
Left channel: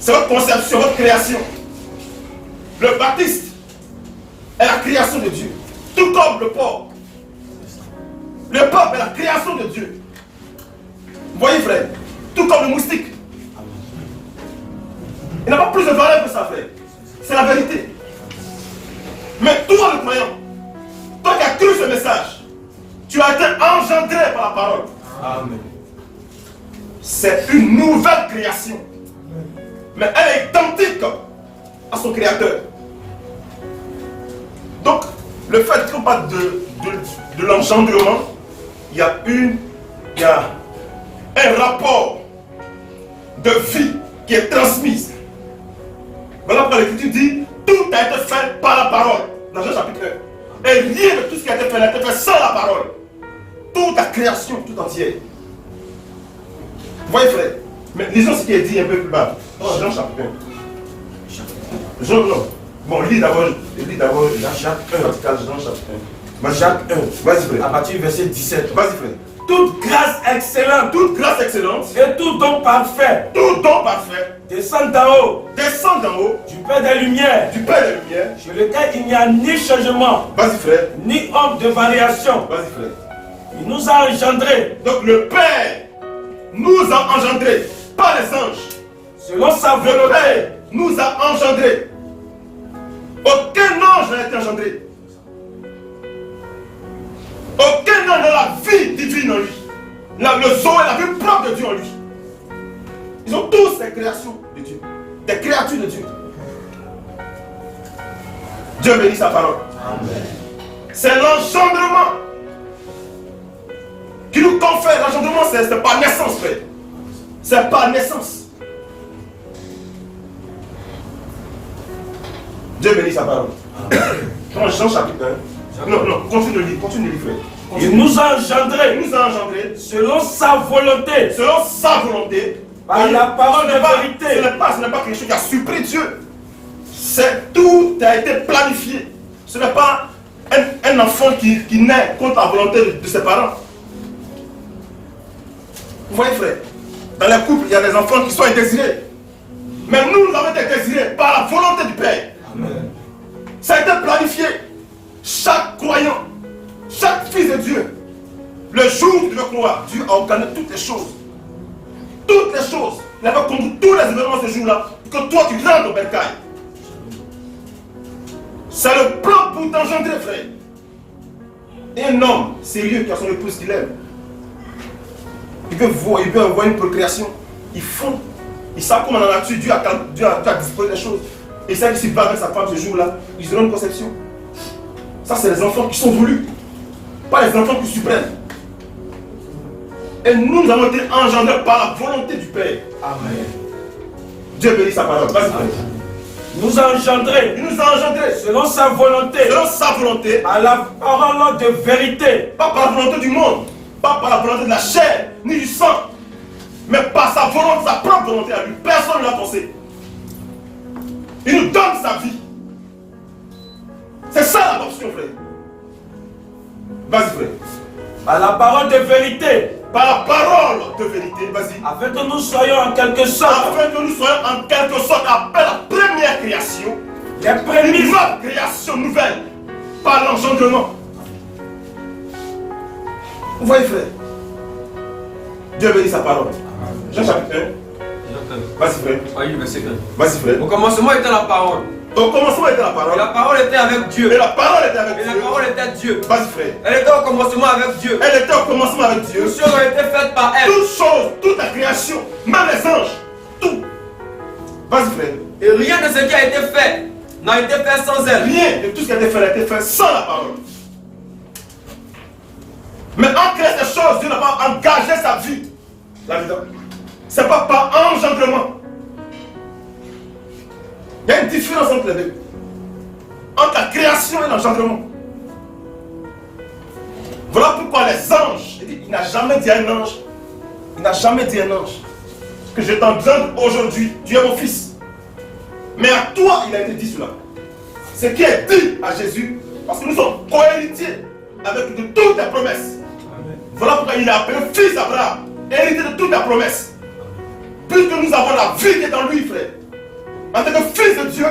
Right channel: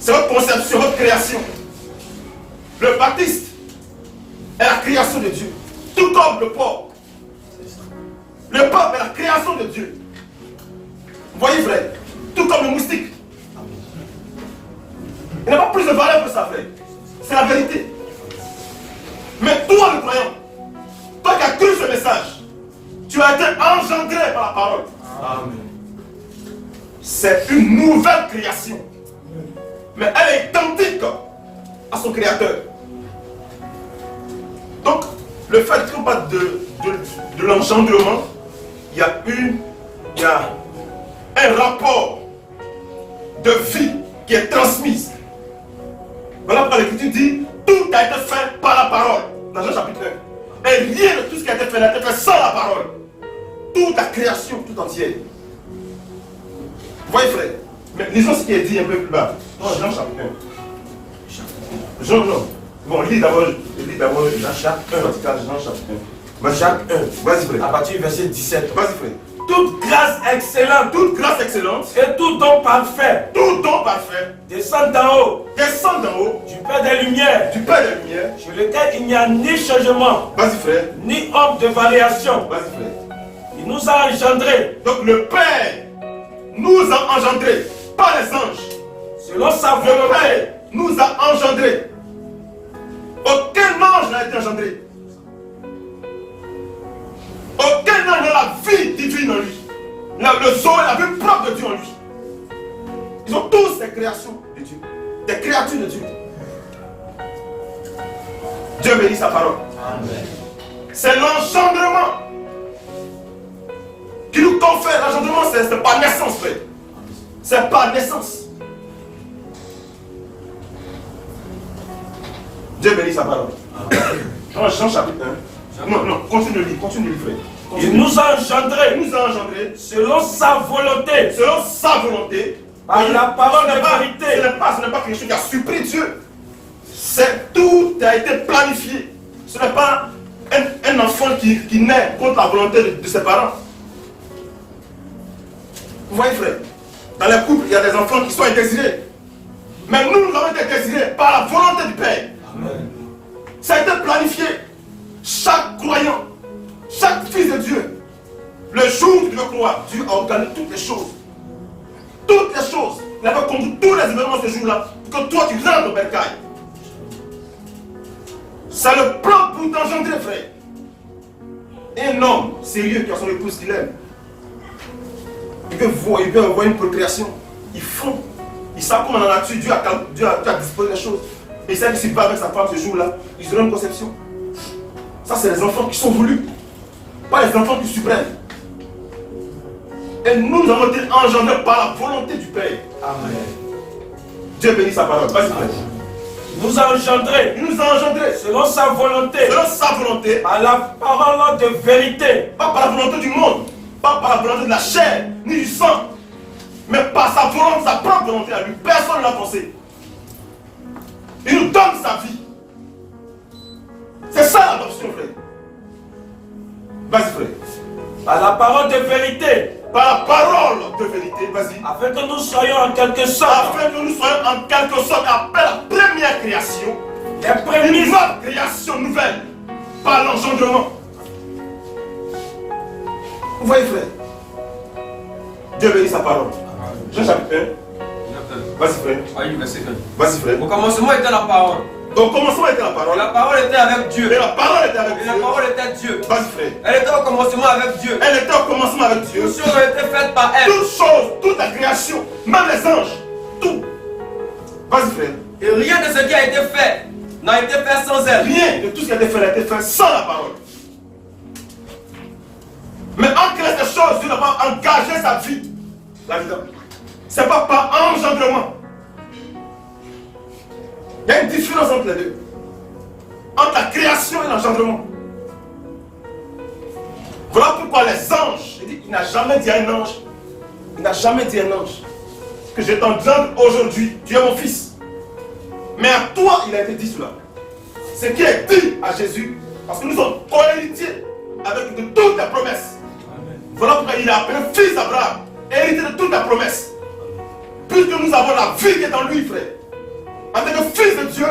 C'est votre conception, votre création. Le baptiste est la création de Dieu. Tout comme le porc. Le porc est la création de Dieu. Vous voyez, frère? Tout comme le moustique. Il n'a pas plus de valeur que ça, frère. C'est la vérité. Mais toi, le croyant, toi qui as cru ce message, as été engendré par la parole. Amen. C'est une nouvelle création. Mais elle est identique à son créateur. Donc, le fait qu'on parle de l'engendrement, il y a un rapport de vie qui est transmise. Voilà pourquoi l'Écriture dit, tout a été fait par la parole, dans Jean chapitre 1. Et rien de tout ce qui a été fait n'a été fait sans la parole. Toute la création, tout entière. Vous voyez frère, mais lisons ce qui est dit un peu plus bas, dans Jean chapitre 1. Jean, non. Bon, lis d'abord Jacques 1, Jean chapitre 1. Jacques 1, Vas-y frère. à partir du verset 17. Vas-y frère. Toute grâce excellente Toute grâce excellente, et tout don parfait tout don parfait, descend d'en haut, descend d'en haut, du Père des Lumières, du Père des Lumières. sur lequel il n'y a ni changement, Vas-y frère. ni ordre de variation. Vas-y frère. Il nous a engendrés Donc le Père nous a engendrés, pas les anges. selon sa Le volonté. Père nous a engendrés. Aucun ange n'a été engendré. Aucun ange n'a la vie divine en lui. Le zoé, la vie propre de Dieu en lui. Ils ont tous des créations de Dieu. Des créatures de Dieu. Dieu bénit sa parole. Amen. C'est l'engendrement qui nous confère. L'engendrement, c'est par naissance, frère. C'est par naissance. Dieu bénit sa parole. Dans Jean chapitre 1. Non, continue de lire, frère. Il nous a engendrés Il nous a engendrés selon sa volonté, selon sa volonté. par la parole Ce n'est de pas- vérité. Ce n'est pas quelque chose qui a surpris Dieu. Tout a été planifié. Ce n'est pas un enfant qui naît contre la volonté de ses parents. Vous voyez, frère, dans les couples, il y a des enfants qui sont indésirés. Mais nous avons été désirés par la volonté du Père. Amen. Ça a été planifié. Chaque croyant, chaque fils de Dieu, le jour où tu veux croire, Dieu a organisé toutes les choses. Toutes les choses. Il avait conduit tous les événements ce jour-là pour que toi tu rentres au bercail. C'est le plan pour t'engendrer, frère. Un homme sérieux qui a son épouse qu'il aime, il peut avoir une procréation. Ils font. Ils savent comment dans la nature Dieu a disposé les choses. Et ça, s'il va avec sa femme ce jour-là, ils auront une conception. Ça, c'est les enfants qui sont voulus, pas les enfants qui suppriment. Et nous avons été engendrés par la volonté du Père. Amen. Dieu bénit sa parole. Vas-y, frère. Il nous a engendrés Il nous a engendrés selon sa volonté, selon sa volonté, par la parole de vérité. pas par la volonté du monde, pas par la volonté de la chair, ni du sang, mais par sa volonté, sa propre volonté à lui. Personne ne l'a forcé. Il nous donne sa vie. C'est ça l'adoption, frère. Vas-y, frère. Par la parole de vérité, Par la parole de vérité, vas-y. afin que nous soyons en quelque sorte Afin que nous soyons en quelque sorte après la première création, les une prémices nouvelle création nouvelle, par l'engendrement. Vous voyez, frère. Dieu bénit sa parole. Jean chapitre 1. Vas-y, frère. Vas-y, frère. Au commencement était la parole. Au commencement était la Et parole. la parole était avec Dieu. Et la parole était avec Et la Dieu. parole était Dieu. Vas-y, frère. Elle était au commencement avec Dieu. Elle était au commencement avec Dieu. Toutes choses ont été faites par elle. Toutes choses, toute la création, même les anges, tout. Vas-y, frère. Et rien de ce qui a été fait n'a été fait sans elle. Rien de tout ce qui a été fait a été fait sans la parole. Mais en créant ces choses, Dieu n'a pas engagé sa vie là-dedans. C'est pas par engendrement. Il y a une différence entre les deux. Entre la création et l'engendrement. Voilà pourquoi les anges, il n'a jamais dit à un ange, il n'a jamais dit à un ange que je t'engendre aujourd'hui, tu es mon fils. Mais à toi, il a été dit cela. Ce qui est dit à Jésus, parce que nous sommes co-héritiers avec de toutes les promesses. Voilà pourquoi il a appelé fils d'Abraham, héritier de toutes les promesses. Puisque nous avons la vie qui est en lui, frère. En tant que fils de Dieu,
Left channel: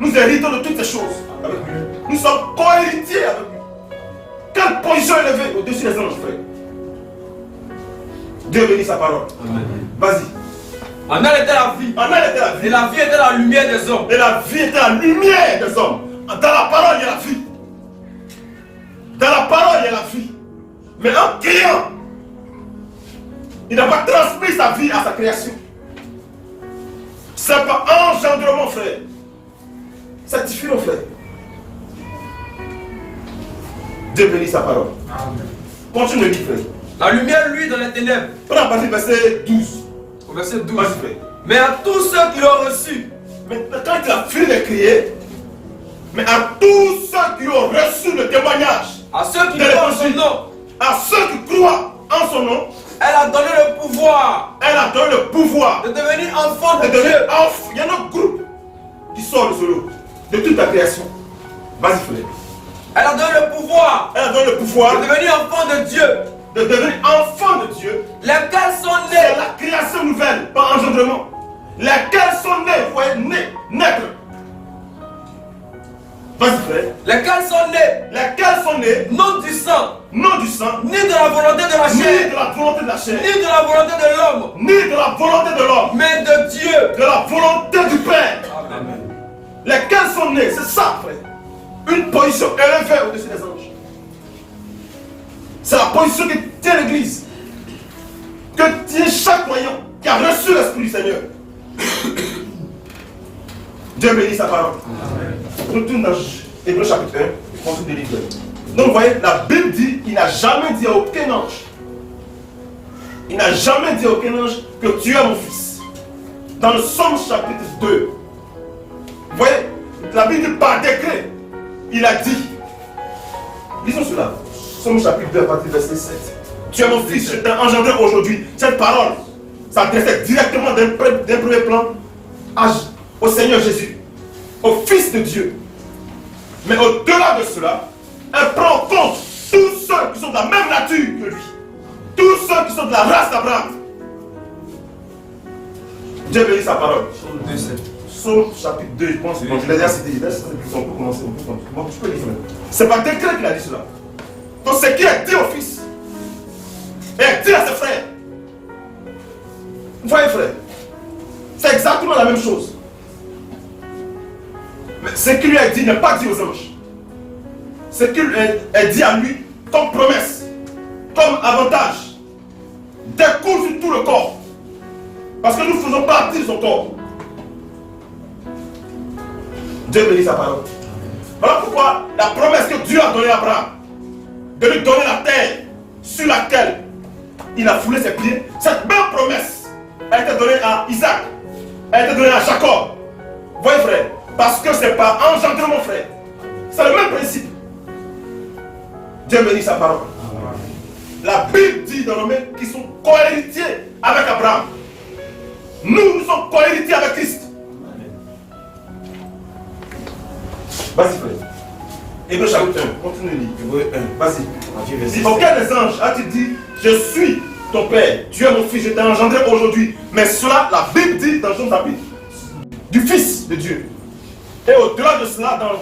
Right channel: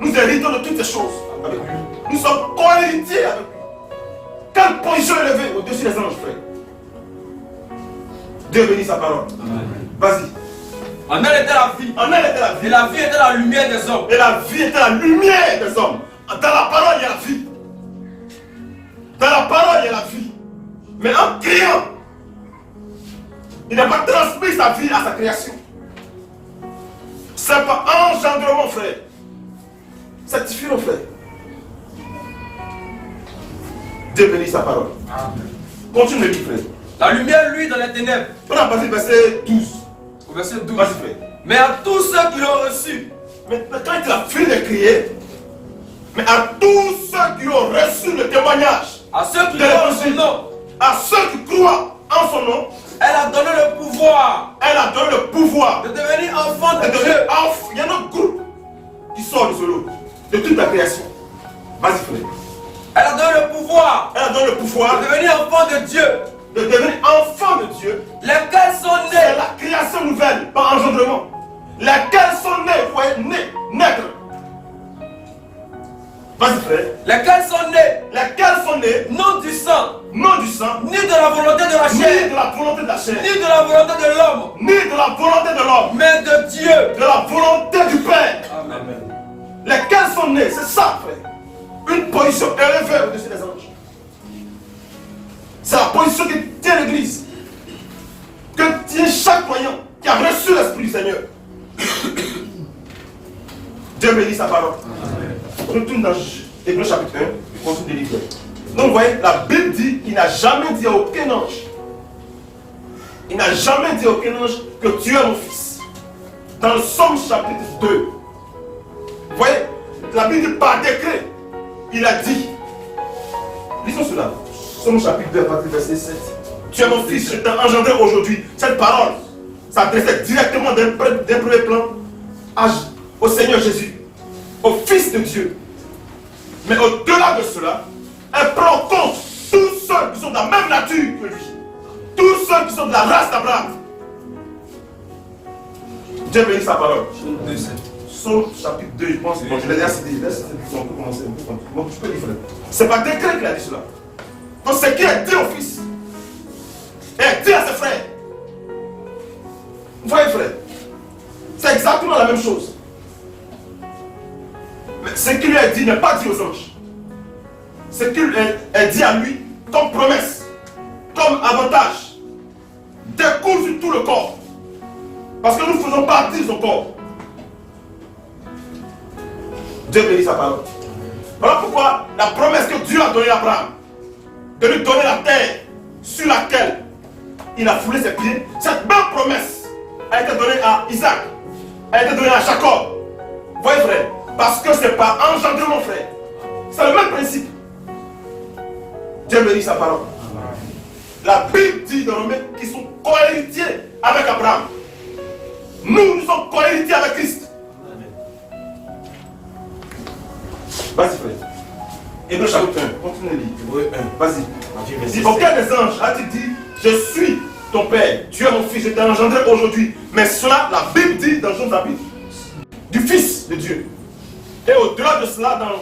nous héritons de toutes ces choses avec lui. Nous sommes co-héritiers avec lui. Quelle position élevée au-dessus des anges, frère. Dieu bénit sa parole. Vas-y. En elle était la vie. En elle était la vie. Et la vie était la lumière des hommes. Et la vie était la lumière des hommes. Dans la parole, il y a la vie. Dans la parole, il y a la vie. Mais en créant, il n'a pas transmis sa vie à sa création. C'est pas engendrement, frère. Sanctifie-le, frère. Dieu bénit sa parole. Amen. Continue le livre, frère. La lumière, lui, dans les ténèbres. On a passé verset 12. Au verset 12. Vas-y, frère. Mais à tous ceux qui l'ont reçu, Maintenant, quand il a fini de crier, mais à tous ceux qui ont reçu le témoignage, à ceux qui de croient en son l'évangile, nom, à ceux qui croient en son nom, elle a donné le pouvoir elle a donné le pouvoir de devenir enfant de de Dieu. devenir enfant. Il y a un autre groupe qui sort de ce lot, de toute la création. Vas-y, frère. Elle a donné le pouvoir Elle a donné le pouvoir de devenir enfant de Dieu. de devenir enfant de Dieu. Lesquels sont C'est nés la création nouvelle, par engendrement. Lesquels sont nés, vous voyez, nés, naître. Vas-y, frère. lesquels sont nés Lesquels sont nés, non du sang, non du sang, ni de la volonté de la ni chair, de la volonté de la chair, ni de la volonté de l'homme, ni de la volonté de l'homme, mais de Dieu. de la volonté du Père. Amen. Lesquels sont nés, c'est ça, frère. Une position élevée au-dessus des anges. C'est la position qui tient l'Église, que tient chaque croyant qui a reçu l'Esprit du Seigneur. Dieu bénit sa parole. Retourne dans Hébreux chapitre 1, et continue de lire. Donc vous voyez, la Bible dit qu'il n'a jamais dit à aucun ange, il n'a jamais dit à aucun ange que tu es mon fils. Dans le Somme chapitre 2, vous voyez, la Bible dit par décret, il a dit, lisons cela, Somme chapitre 2, à partir du verset 7. Tu es mon fils, je t'ai engendré aujourd'hui. Cette parole s'adressait directement d'un premier plan au Seigneur Jésus, au Fils de Dieu. Mais au-delà de cela, elle prend en compte tous ceux qui sont de la même nature que lui. Tous ceux qui sont de la race d'Abraham. Dieu bénit sa parole. Psaume chapitre 2, je pense. Je l'ai déjà cité. On peut commencer. Je peux lire. C'est par décret qu'il a dit cela. Donc ce qui est dit au fils, et dit à ses frères. Vous voyez, frère, c'est exactement la même chose. Mais ce qui lui est dit n'est pas dit aux anges. Ce qui est dit à lui comme promesse, comme avantage, découle sur tout le corps. Parce que nous faisons partie de son corps. Dieu bénit sa parole. Voilà pourquoi la promesse que Dieu a donnée à Abraham, de lui donner la terre sur laquelle il a foulé ses pieds, cette même promesse a été donnée à Isaac, a été donnée à Jacob. Vous voyez, frère, parce que c'est par engendrement, frère. C'est le même principe. Dieu bénit sa parole. La Bible dit dans Romains qu'ils sont cohéritiers avec Abraham. Nous sommes cohéritiers avec Christ. Vas-y, frère. Hébreux chapitre 1, continue de lire. Hébreux 1, vas-y. Si aucun des anges a-t-il dit, je suis ton père, tu es mon fils, je t'ai engendré aujourd'hui. Mais cela, la Bible dit dans Jean chapitre, du Fils de Dieu. Et au-delà de cela, dans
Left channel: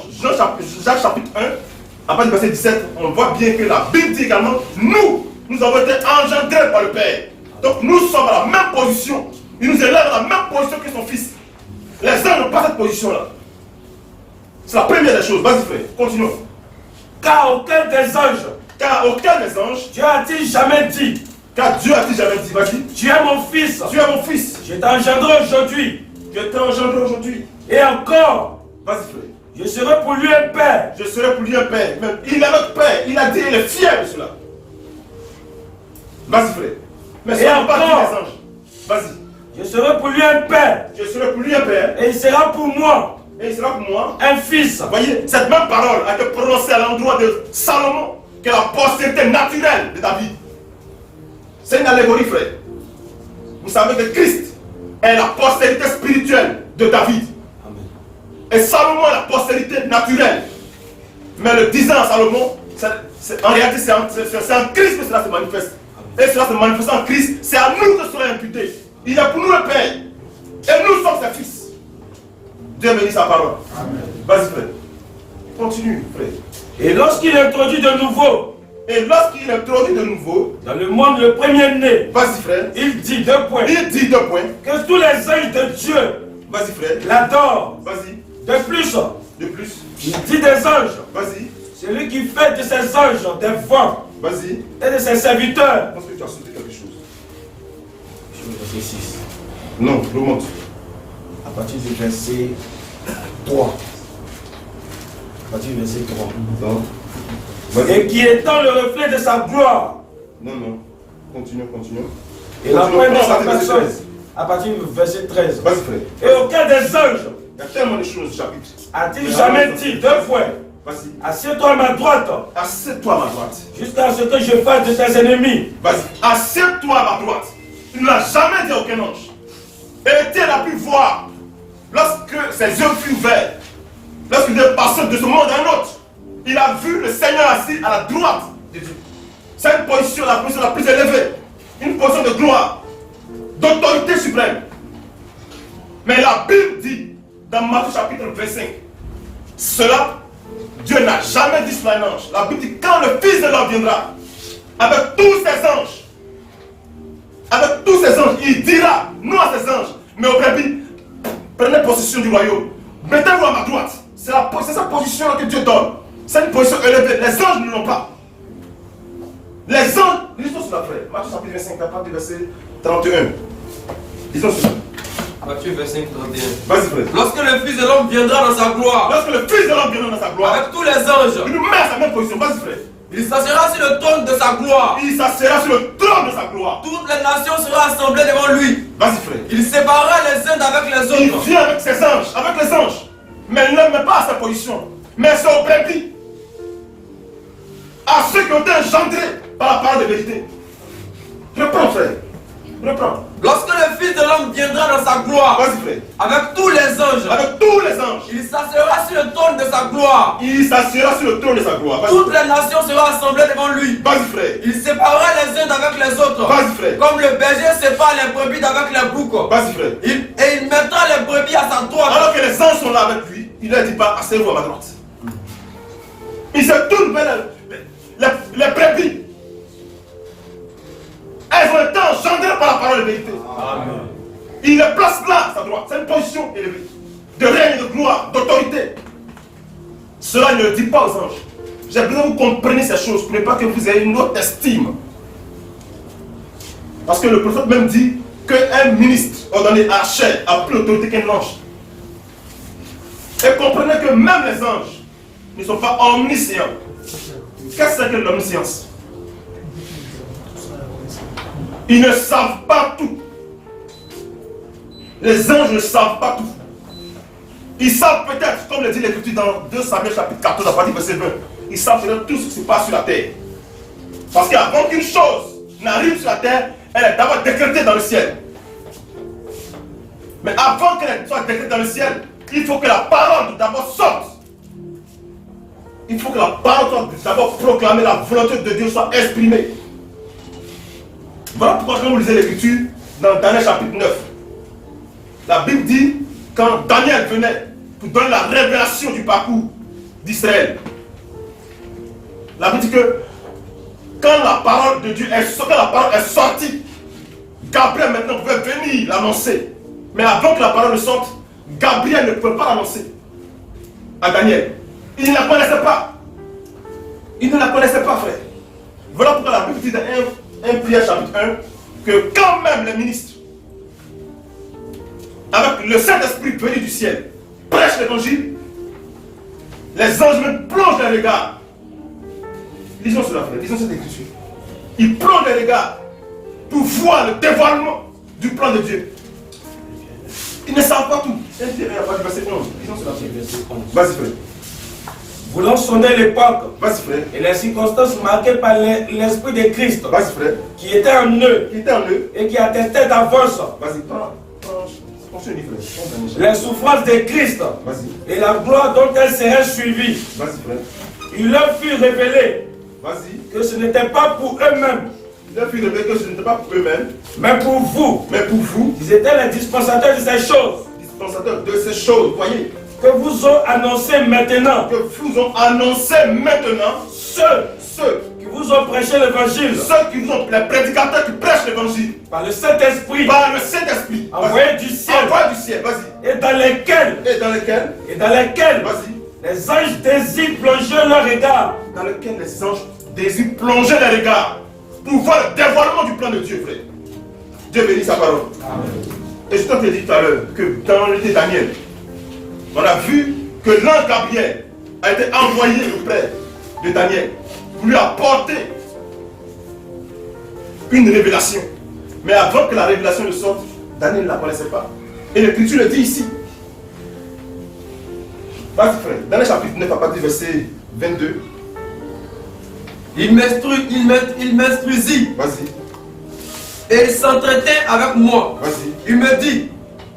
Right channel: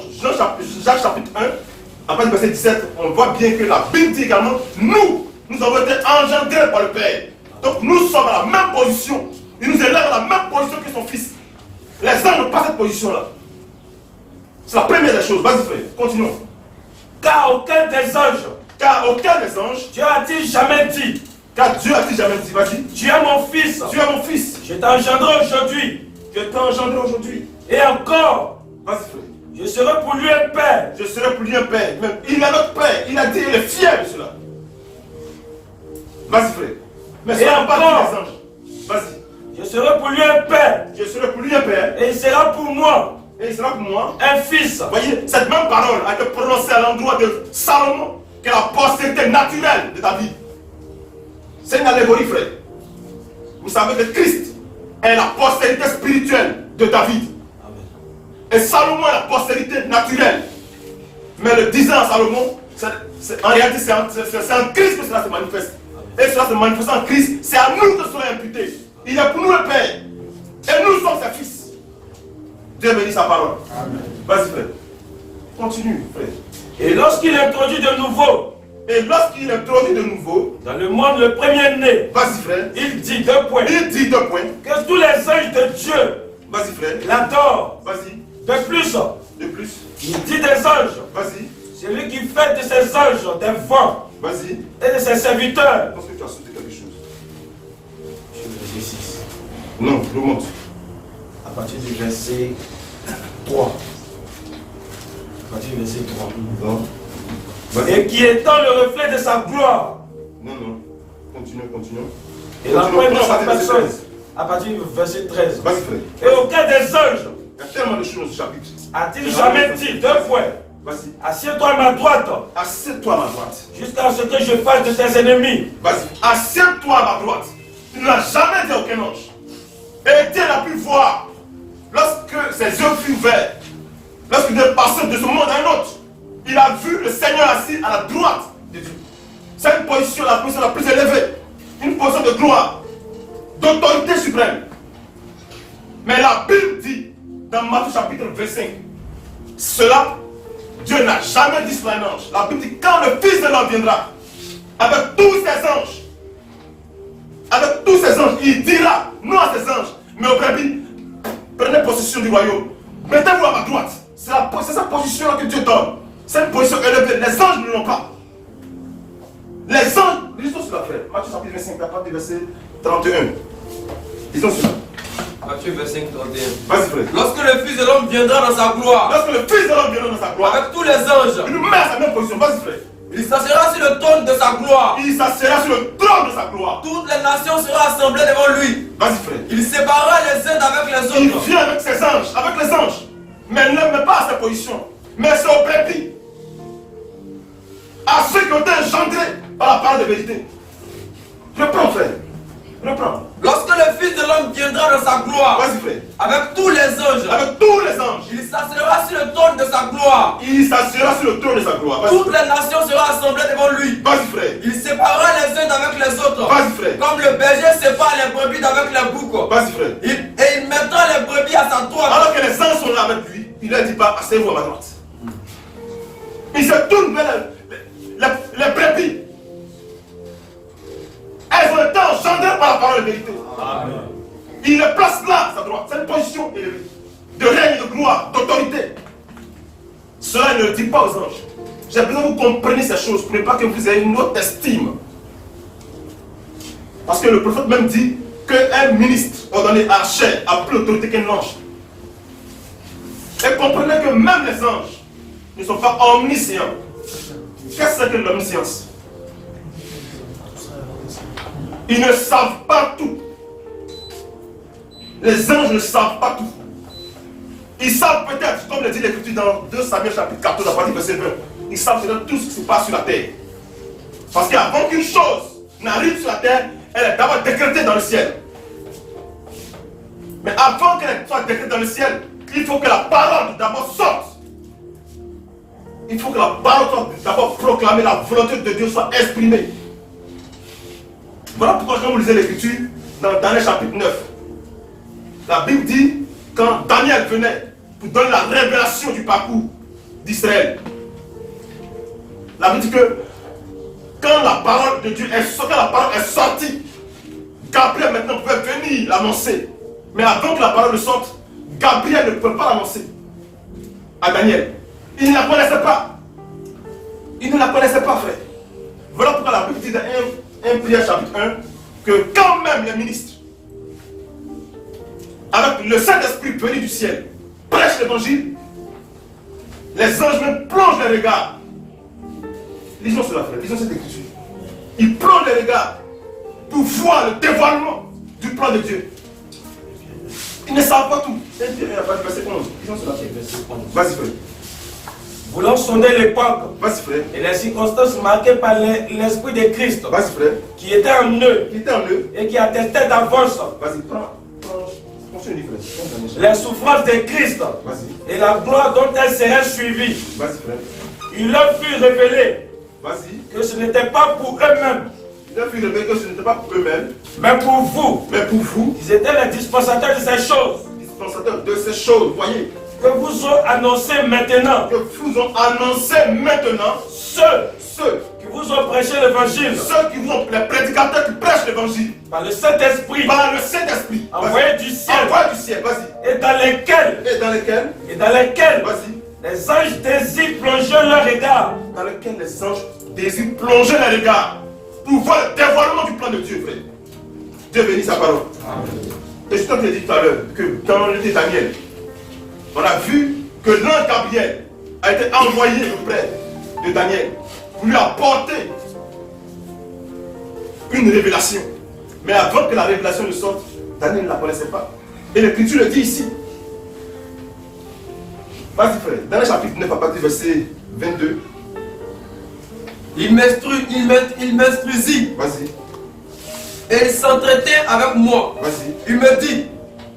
Jacques chapitre 1, à partir du verset 17, on voit bien que la Bible dit également, nous avons été engendrés par le Père. Donc nous sommes à la même position. Il nous élève à la même position que son fils. Les anges n'ont pas cette position-là. C'est la première des choses. Vas-y, frère, continuons. Car aucun des anges, Dieu a-t-il jamais dit, car Dieu a-t-il jamais dit, vas-y, tu es mon fils, tu es mon fils, je t'ai engendré aujourd'hui, je t'ai engendré aujourd'hui. et encore, Vas-y, frère, je serai pour lui un père. je serai pour lui un père. Mais il a notre père, il a dit, il est fier de cela. Vas-y, frère. Mais Et ça n'a pas dit encore. les anges. Vas-y, Je serai pour lui un père, je serai pour lui un père, et il sera pour moi et il sera pour moi. un fils. Vous voyez, cette même parole a été prononcée à l'endroit de Salomon, qui est la postérité naturelle de David. C'est une allégorie, frère. Vous savez que Christ est la postérité spirituelle de David. Et Salomon est la postérité naturelle. Mais le disant à Salomon, en réalité, c'est en Christ que cela se manifeste. Et cela se manifeste en Christ, c'est à nous que cela est imputé. Il est pour nous le Père. Et nous sommes ses fils. Dieu bénit sa parole. Vas-y, frère. Continue, frère. Et lorsqu'il introduit de nouveau Et lorsqu'il introduit de nouveau, dans le monde le premier-né, vas-y, frère. il dit deux points, Il dit deux points. que tous les anges de Dieu Vas-y, frère. l'adorent. Vas-y. De plus, De plus. il dit des anges, Vas-y. celui qui fait de ces anges des vents Vas-y. et de ses serviteurs. Je pense que tu as sauté quelque chose. Verset 6. Non, remonte. À partir du verset 3. À partir du verset 3. Non. Vas-y. Et qui étant le reflet de sa gloire. Non, non. Continue. Et la Continue, preuve de prends sa à partir du verset personne. 13. À partir du verset 13. Vas-y, frère. Et aucun des anges Il y a tellement de choses au chapitre. a-t-il jamais dit deux fois, Vas-y. assieds-toi à ma droite, Assieds-toi à ma droite. jusqu'à ce que je fasse de tes ennemis. Vas-y. Assieds-toi à ma droite. Il ne l'a jamais dit à aucun ange. Et Étienne a pu voir, lorsque ses yeux furent ouverts, lorsqu'il est passé de ce monde à un autre, il a vu le Seigneur assis à la droite de Dieu. C'est une position, la position la plus élevée. Une position de gloire, d'autorité suprême. Mais la Bible dit, dans Matthieu chapitre 25, cela, Dieu n'a jamais dit sur un ange. La Bible dit, quand le Fils de l'homme viendra, avec tous ses anges, il dira, non à ses anges, mais aux brebis, prenez possession du royaume. Mettez-vous à ma droite. C'est sa position que Dieu donne. C'est une position élevée. Les anges ne l'ont pas. Les anges, lisons cela, frère. Matthieu chapitre 25, à partir du verset 31. Lisons cela. Matthieu 25, 31. Vas-y, frère. Lorsque le Fils de l'homme viendra dans sa gloire, Lorsque le Fils de l'homme viendra dans sa gloire, avec tous les anges, il nous met à sa même position. Vas-y, frère. il s'assiera sur le trône de sa gloire. Il s'assiera sur le trône de sa gloire. Toutes les nations seront assemblées devant lui. Vas-y, frère. Il séparera les uns d'avec les Il autres. vient avec ses anges, avec les anges. Mais il ne met pas à sa position. Mais c'est au brebis. À ceux qui ont été engendrés par la parole de vérité. Reprends, frère. Reprends. Lorsque le Fils de l'homme viendra dans sa gloire, Vas-y, frère. avec tous les anges, Avec tous les anges. il s'assiera sur le trône de sa gloire. Il s'assiera sur le trône de sa gloire. Vas-y, Toutes frère. les nations seront assemblées devant lui. Vas-y, frère. Il séparera les uns d'avec les autres. Vas-y, frère. Comme le berger sépare les brebis d'avec les boucs. Vas-y, frère. Et il mettra les brebis à sa droite. Alors que les anges sont là avec lui, il ne leur dit pas, asseyez-vous à ma droite. Il se tourne vers les brebis. Elles ont été engendrées par la parole de vérité. Amen. Il les place là à sa droite. C'est une position élevée. De règne, de gloire, d'autorité. Cela ne le dit pas aux anges. J'ai besoin que vous compreniez ces choses pour ne pas que vous ayez une autre estime. Parce que le prophète même dit qu'un ministre ordonné à la chair a plus d'autorité qu'un ange. Et comprenez que même les anges ne sont pas omniscients. Qu'est-ce que l'omniscience? Ils ne savent pas tout. Les anges ne savent pas tout. Ils savent peut-être, comme le dit l'Écriture dans 2 Samuel chapitre 14, à partir du verset 20, ils savent peut-être tout ce qui se passe sur la terre. Parce qu'avant qu'une chose n'arrive sur la terre, elle est d'abord décrétée dans le ciel. Mais avant qu'elle soit décrétée dans le ciel, il faut que la parole d'abord sorte. Il faut que la parole soit d'abord proclamée, la volonté de Dieu soit exprimée. Voilà pourquoi quand vous lisez l'Écriture, dans Daniel chapitre 9, la Bible dit, quand Daniel venait pour donner la révélation du parcours d'Israël, la Bible dit que quand la parole de Dieu est sortie, Gabriel maintenant pouvait venir l'annoncer. Mais avant que la parole ne sorte, Gabriel ne pouvait pas l'annoncer à Daniel. Il ne la connaissait pas. Il ne la connaissait pas, frère. Voilà pourquoi la Bible dit dans 1 Pierre chapitre 1 que quand même les ministres, avec le Saint-Esprit venu du ciel, prêchent l'évangile, les anges même plongent les regards. Lisons cela, frère, lisons cette écriture. Ils plongent les regards pour voir le dévoilement du plan de Dieu. Ils ne savent pas tout. C'est Pierre, à partir du verset 11. Lisons cela, frère. Vas-y, frère. Voulant sonner l'époque Vas-y, frère. et les circonstances marquées par l'Esprit de Christ, Vas-y, frère. qui était en eux Qui était en eux. et qui attestait d'avance Vas-y, prends sur une frère. les souffrances de Christ Vas-y. et la gloire dont elles seraient suivies. Vas-y, frère. Il leur fut révélé Vas-y. que ce n'était pas pour eux-mêmes, Il a pu révéler que ce n'était pas pour eux-mêmes, mais pour vous. mais pour vous, Ils étaient les dispensateurs de ces choses dispensateurs de ces choses, voyez, que vous ont annoncé maintenant, que vous ont annoncé maintenant ceux qui vous ont prêché l'évangile qui vous ont, les prédicateurs qui prêchent l'évangile par le Saint-Esprit par le Saint-Esprit. envoyé du ciel Envoyé du ciel, vas-y. et dans lesquels, Et dans lesquels, les vas-y, anges désirent plonger leur regard dans lesquels les anges désire plonger les regards pour voir le dévoilement du plan de Dieu, frère. Dieu bénit sa parole. Amen. Et je t'ai dit tout à l'heure que dans le livre de Daniel, on a vu que l'ange Gabriel a été envoyé auprès de Daniel pour lui apporter une révélation. Mais avant que la révélation ne sorte, Daniel ne la connaissait pas. Et l'Écriture le dit ici. Vas-y frère, Daniel chapitre 9 à partir du verset 22. Il m'instruisit. Vas-y. Et il s'entretint avec moi. Vas-y. Il me dit,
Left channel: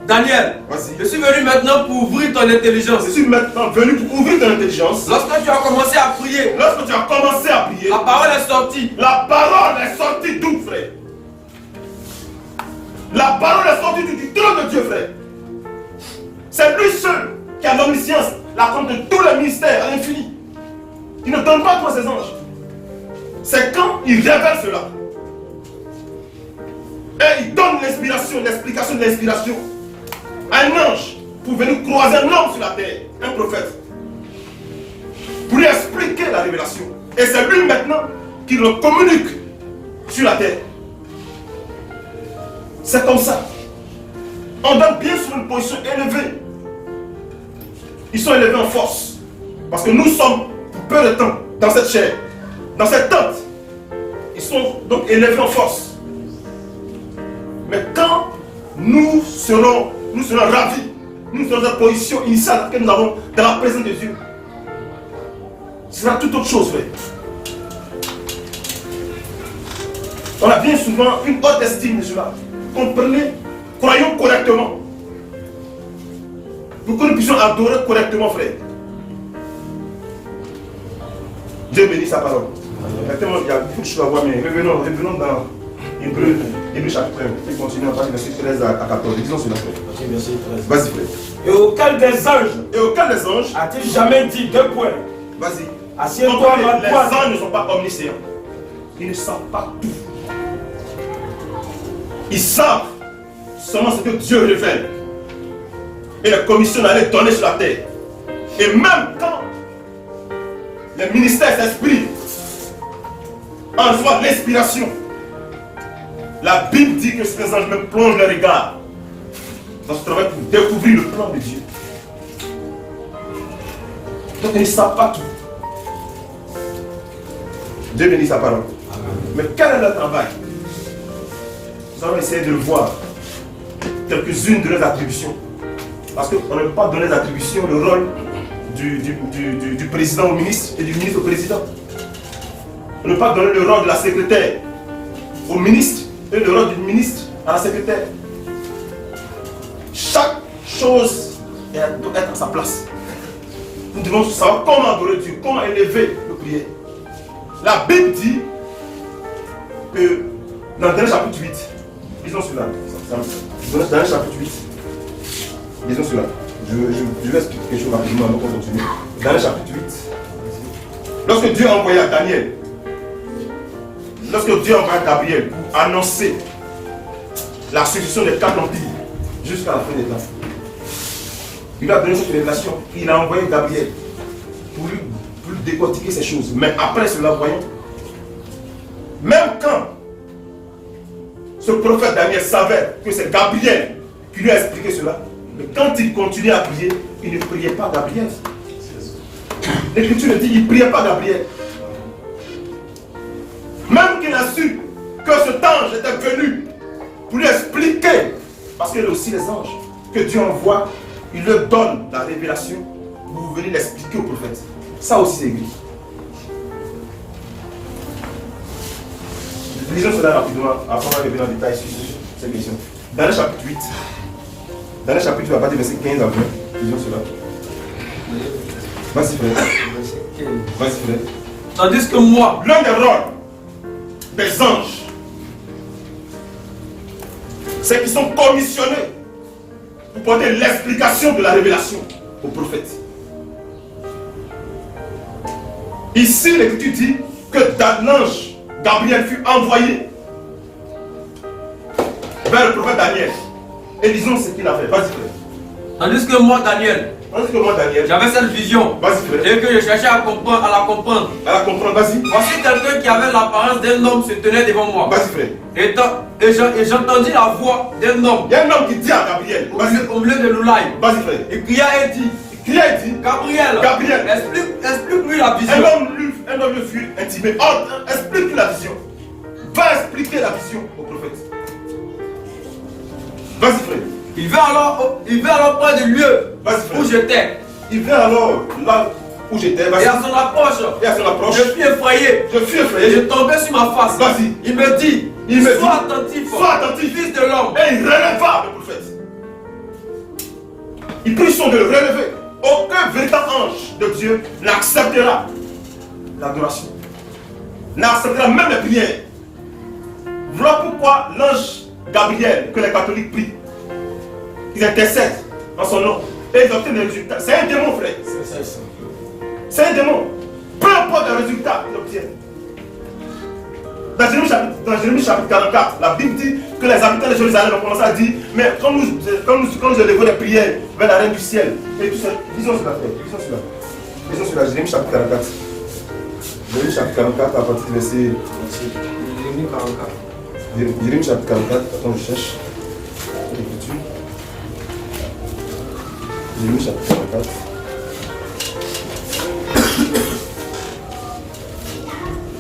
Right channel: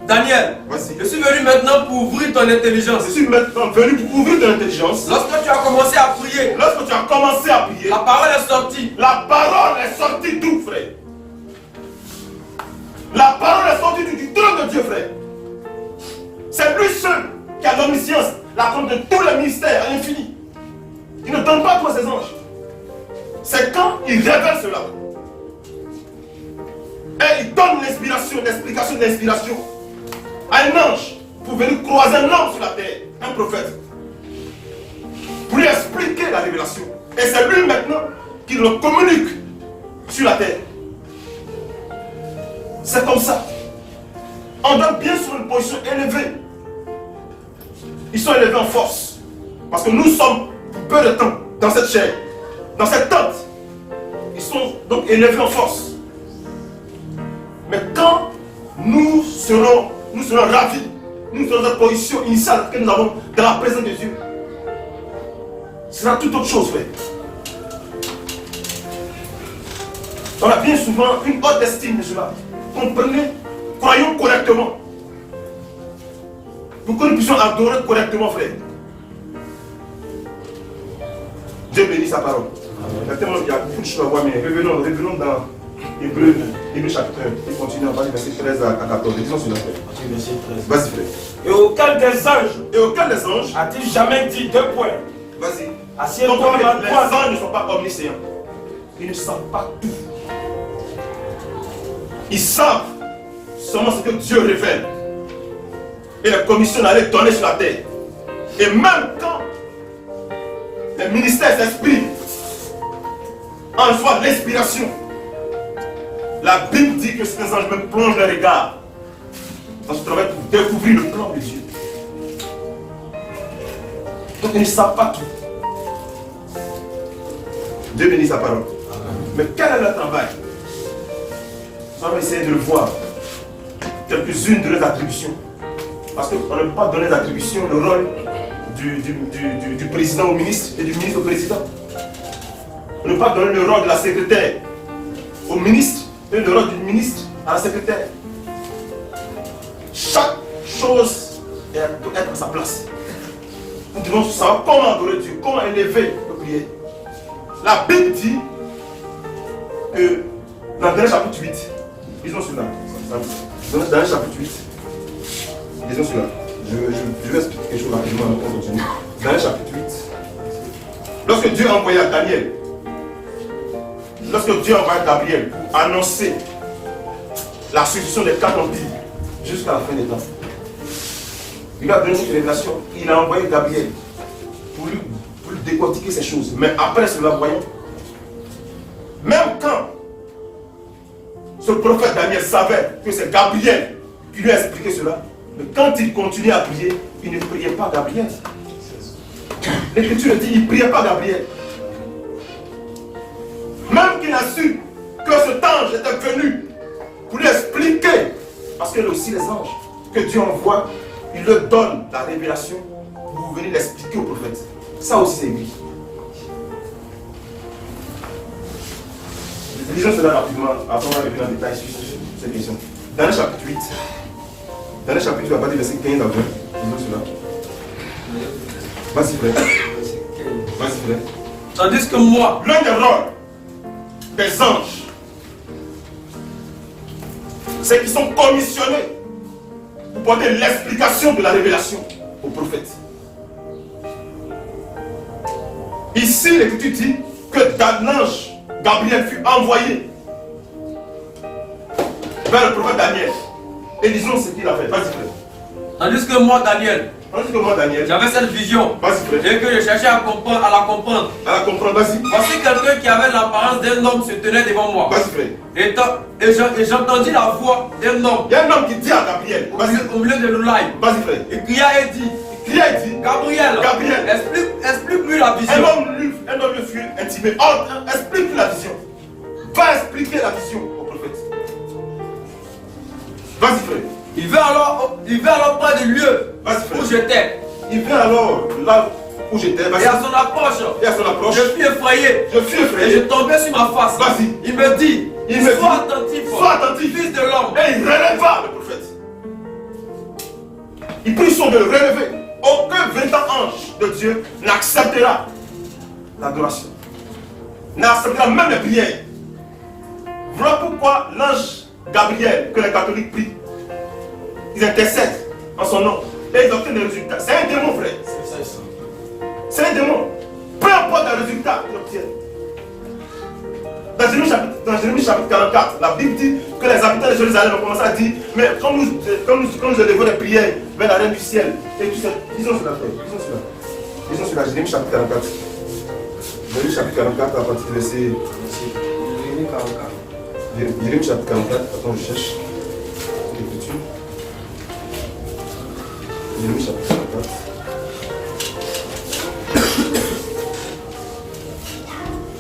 Daniel, vas-y. Je suis venu maintenant pour ouvrir ton intelligence. Je suis maintenant venu pour ouvrir ton intelligence. Lorsque tu as commencé à prier, lorsque tu as commencé à prier, la parole est sortie. La parole est sortie d'où, frère? La parole est sortie du trône de Dieu, frère. C'est lui seul qui a l'omniscience, la compte de tous les ministères à l'infini. Il ne donne pas tout à ses anges. C'est quand il révèle cela. Et il donne l'inspiration, l'explication de l'inspiration à un ange pour venir croiser un homme sur la terre, un prophète, pour lui expliquer la révélation. Et c'est lui maintenant qui le communique sur la terre. C'est comme ça. On donne bien sur une position élevée. Ils sont élevés en force. Parce que nous sommes pour peu de temps dans cette chair, dans cette tente. Ils sont donc élevés en force. Mais quand nous serons ravis, nous serons dans la position initiale que nous avons dans la présence de Dieu, ce sera toute autre chose, frère. On a bien souvent une haute estime de cela. Comprenez, croyons correctement. Pour que nous puissions adorer correctement, frère. Dieu bénit sa parole. Exactement, il y a beaucoup de choses à voir, mais revenons dans Hébreu chapitre 1. Et continuons à partir du verset 13 à 14. Disons cela, frère. Vas-y, frère. Et auquel des anges a-t-il jamais dit deux points? Vas-y. Assieds-toi à les anges ne sont pas omniscients. Ils ne savent pas tout. Ils savent seulement ce que Dieu révèle. Et la commission allait donner sur la terre. Et même quand les ministères s'expriment en reçoit l'inspiration, la Bible dit que ces anges me plongent le regard dans ce travail pour découvrir le plan de Dieu. Donc ils ne savent pas tout. Dieu bénit sa parole. Amen. Mais quel est leur travail? Nous allons essayer de le voir. Quelques-unes de leurs attributions. Parce qu'on ne peut pas donner l'attribution, le rôle du président au ministre et du ministre au président. On ne peut pas donner le rôle de la secrétaire au ministre et le rôle du ministre à la secrétaire. Chaque chose doit être à sa place. Nous devons savoir comment adorer Dieu, comment élever nos prières. La Bible dit que dans Daniel chapitre 8, lisons cela. Dans Daniel chapitre 8, lisons cela. Je vais expliquer quelque chose rapidement avant qu'on continue. Daniel chapitre 8. Lorsque Dieu a envoyé à Daniel, lorsque Dieu a envoyé Gabriel pour annoncer la succession des 4 empires jusqu'à la fin des temps, il a donné cette révélation. Il a envoyé Gabriel pour lui décortiquer ces choses. Mais après cela, voyons, même quand ce prophète Daniel savait que c'est Gabriel qui lui a expliqué cela, mais quand il continuait à prier, il ne priait pas Gabriel. L'Écriture dit qu'il ne priait pas Gabriel. Même qu'il a su que cet ange était venu pour lui expliquer, parce qu'il y a aussi les anges que Dieu envoie, il leur donne la révélation pour venir l'expliquer au prophète. Ça aussi c'est écrit. Lisons cela rapidement, après on va revenir en détail sur ces questions. Dans le chapitre 8, dans le chapitre 8, à partir du verset 15 à 20, lisons cela. Vas-y frère. Vas-y frère. Tandis que moi, l'un des rôles des anges, c'est qu'ils sont commissionnés pour porter l'explication de la révélation au prophète. Ici, l'Écriture dit que l'ange Gabriel fut envoyé vers le prophète Daniel. Et disons ce qu'il a fait. Vas-y, frère. Tandis que moi, Daniel, Tandis que moi, Daniel, j'avais cette vision. vas-y frère, Et que je cherchais à comprendre, à la comprendre. à la comprendre, vas-y. Voici quelqu'un qui avait l'apparence d'un homme se tenait devant moi. Vas-y frère. Et j'entendis la voix d'un homme Il y a un homme qui dit à Gabriel, vas-y, au milieu de l'oulaï. vas-y frère. Il cria et dit, Il crie et dit, Gabriel, Gabriel, explique-lui la vision. un homme lui fut intimé. Oh, explique-lui la vision. Va expliquer la vision au prophète. Vas-y frère. Il vint alors près du lieu Vas-y frère. où j'étais. Il vient alors là où j'étais, Et vas-y. à son approche, Et à son approche, je fus effrayé. je fus Et je effrayé. tombais sur ma face. Vas-y. Il me dit, sois attentif, fils de l'homme. Et il releva le prophète. Il prit soin de le relever. Aucun véritable ange de Dieu n'acceptera l'adoration. N'acceptera même les prières. Voilà pourquoi l'ange Gabriel, que les catholiques prient, ils intercèdent en son nom. Et ils obtiennent des résultats. C'est un démon, frère. C'est un démon. Peu importe les résultats qu'ils obtiennent. Dans Jérémie chapitre 44, la Bible dit que les habitants de Jérusalem ont commencé à dire, mais quand nous élevons les prières vers la reine du ciel, et tout ça, disons cela, frère, disons cela, Jérémie chapitre 44. Jérémie chapitre 44, à partir du verset. Jérémie 44. Jérémie chapitre 44, attends, je cherche l'écriture. Jérémie chapitre 44.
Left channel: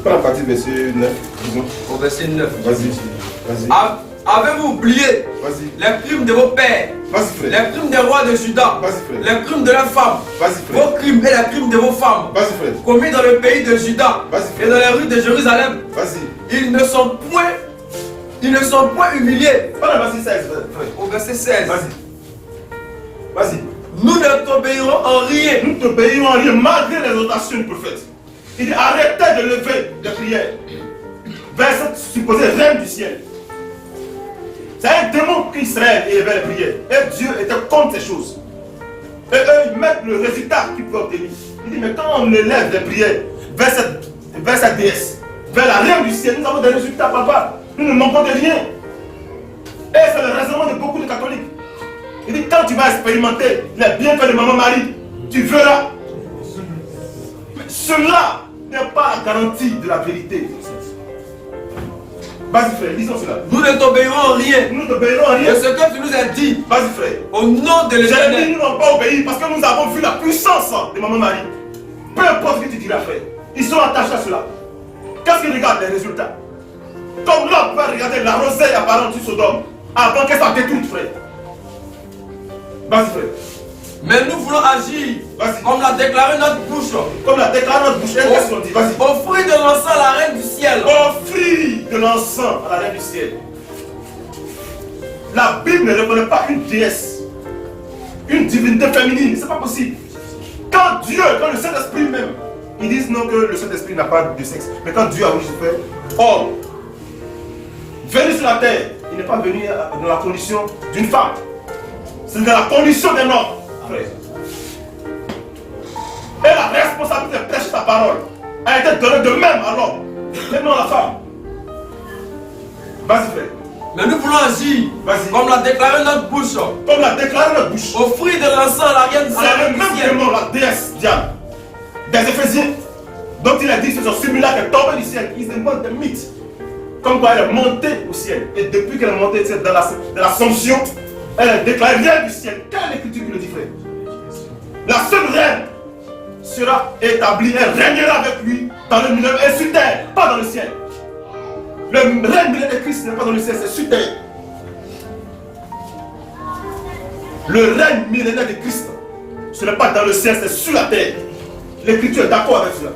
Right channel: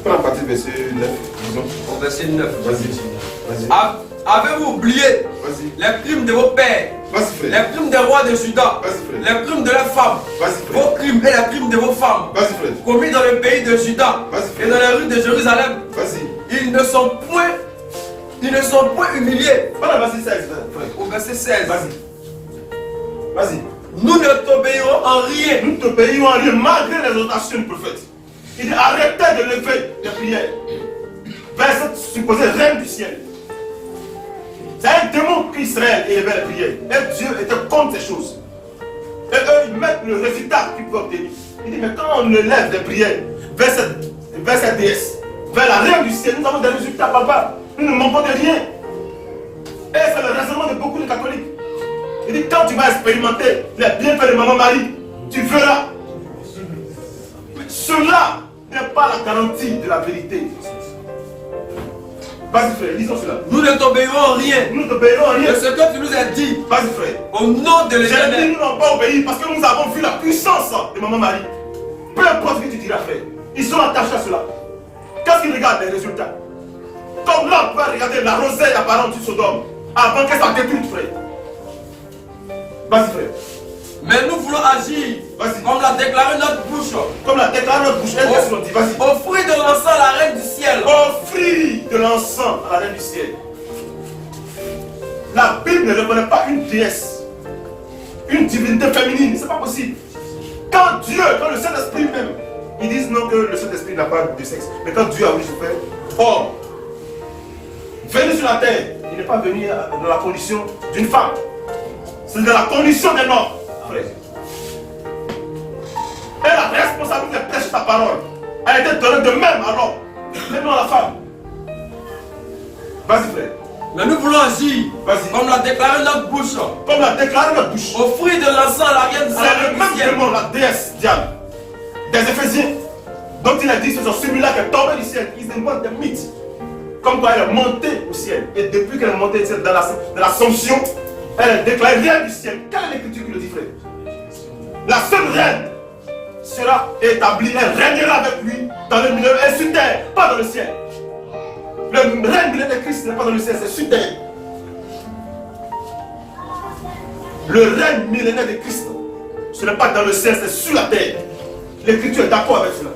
Prends à partir du verset 9, disons. Au verset 9. Vas-y. Avez-vous oublié Vas-y. les crimes de vos pères, Vas-y, frère. les crimes des rois de Juda, Vas-y, frère. les crimes de leurs femmes, Vas-y, frère. vos crimes et les crimes de vos femmes, Vas-y, frère. commis dans le pays de Juda Vas-y, et frère. dans les rues de Jérusalem? Vas-y. Ils ne sont point humiliés. Prends le verset 16, frère. Au verset 16. Vas-y. Nous ne t'obéirons en rien. Nous te payons en rien malgré les exhortations du prophète. Il dit arrêtez de lever des prières vers cette supposée reine du ciel. C'est un démon qu'Israël élevait les prières. Et Dieu était contre ces choses. Et eux, ils mettent le résultat qu'ils peuvent obtenir. Il dit, mais quand on élève des prières vers cette déesse, vers la reine du ciel, nous avons des résultats palpables. Nous ne manquons de rien. Et c'est le raisonnement de beaucoup de catholiques. Il dit, quand tu vas expérimenter les bienfaits de Maman Marie, tu verras. Mais cela n'est pas la garantie de la vérité. Vas-y frère, lisons cela. Nous ne t'obéirons en rien. Nous ne t'obéirons à De rien. ce que tu nous as dit, Vas-y frère. au nom de J'ai dit, l'Éternel. nous n'avons pas obéi parce que nous avons vu la puissance de Maman Marie. Peu importe ce que tu diras frère, ils sont attachés à cela. Qu'est-ce qu'ils regardent les résultats? Comme l'homme peut regarder la rosée apparente du Sodome avant qu'elle soit détruite frère. Vas-y frère. Mais nous voulons agir Vas-y. comme l'a déclaré notre bouche. Comme l'a déclaré notre bouche, qu'est-ce qu'on dit? Vas-y. Offrir de l'encens à la reine du ciel. Offrir de l'encens à la reine du ciel. La Bible ne reconnaît pas une déesse, une divinité féminine, c'est pas possible. Quand le Saint-Esprit même, ils disent non que le Saint-Esprit n'a pas de sexe. Mais quand Dieu a voulu faire homme, venu sur la terre, il n'est pas venu dans la condition d'une femme. C'est dans la condition d'un homme, frère. Et la responsabilité de prêcher sa parole a été donnée de même à l'homme, même à la femme. Vas-y frère. Mais nous voulons agir Vas-y. comme l'a déclaré notre bouche. Comme l'a déclaré notre bouche. Offrir de l'encens à la reine C'est le du même ciel. démon, la déesse Diane, des Éphésiens, dont il a dit que celui-là qui est tombé du ciel. Ils inventent des mythes. Comme quoi elle est montée au ciel. Et depuis qu'elle est montée dans l'ascension, elle est déclarée reine du ciel. Quelle est l'écriture qui le dit, frère? La seule reine sera établie, elle régnera avec lui dans le milieu et sur terre, pas dans le ciel. Le règne millénaire de Christ n'est pas dans le ciel, c'est sur terre. Le règne millénaire de Christ, ce n'est pas dans le ciel, c'est sur la terre. L'écriture est d'accord avec cela.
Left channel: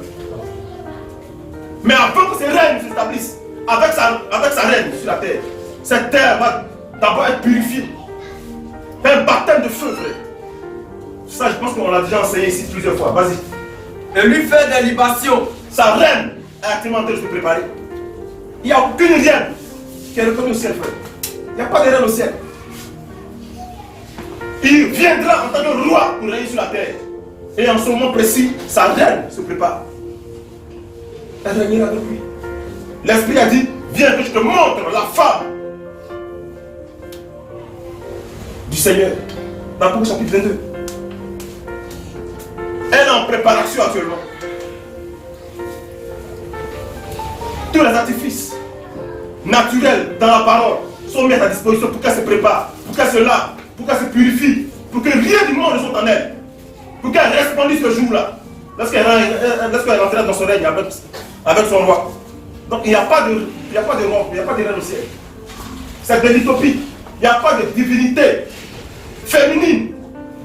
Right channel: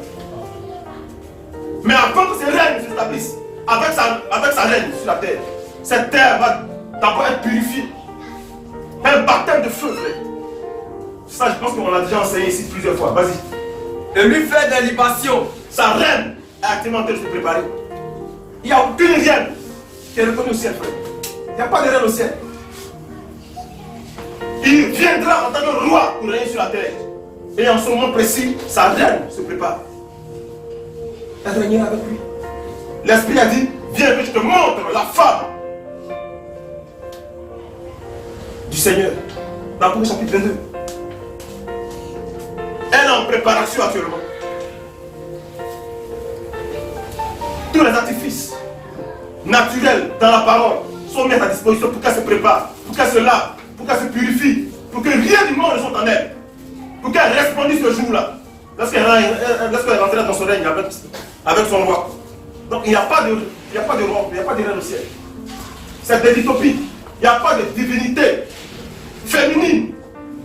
Mais avant que ce règne s'établisse, avec sa reine sur la terre, cette terre va d'abord être purifiée. Un baptême de feu, frère. Ça, je pense qu'on l'a déjà enseigné ici plusieurs fois. Vas-y. Et lui faire des libations. Sa reine est actuellement en train de se préparer. Il n'y a aucune reine qui est reconnue au ciel, frère. Il n'y a pas de reine au ciel. Il viendra en tant que roi pour régner sur la terre. Et en ce moment précis, sa reine se prépare. Elle régnera avec lui. L'Esprit a dit, viens que je te montre la femme du Seigneur. Dans Apocalypse chapitre 22. situation actuellement. Tous les artifices naturels dans la parole sont mis à ta disposition pour qu'elle se prépare, pour qu'elle se lave, pour qu'elle se purifie, pour que rien du monde ne soit en elle, pour qu'elle resplendisse ce jour-là, lorsqu'elle rentrera dans son règne avec son roi. Donc il n'y a pas de roi, il n'y a pas de reine au ciel. C'est de l'utopie. Il n'y a pas de divinité féminine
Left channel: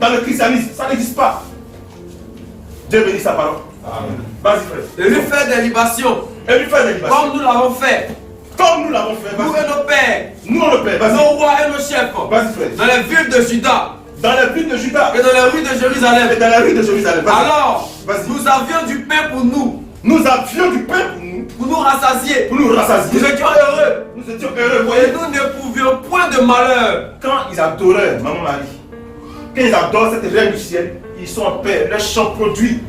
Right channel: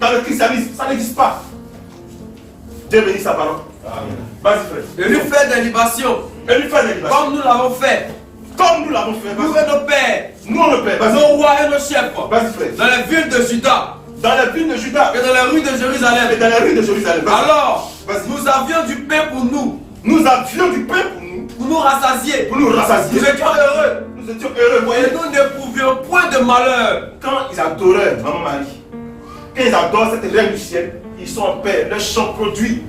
dans le christianisme. Ça n'existe pas. Dieu bénit sa parole. Amen. Vas-y frère. Et lui faire des libations. Et lui faire des libations. Comme nous l'avons fait. Comme nous l'avons fait. Nous et nos pères. Nous le père. Vas-y. Nos rois et nos chefs. Vas-y frère. Dans les villes de Juda. Dans la ville de Juda. Et dans les rues de Jérusalem. Et dans la rue de Jérusalem. Alors, vas-y. nous avions du pain pour nous. Nous avions du pain pour nous. Pour nous rassasier. Pour nous rassasier. Nous étions heureux. Nous étions heureux. Et Voyez. nous n'éprouvions point de malheur. Quand ils adoraient Maman Marie, quand ils adorent cette reine du ciel, ils sont en paix. Leurs champs produits.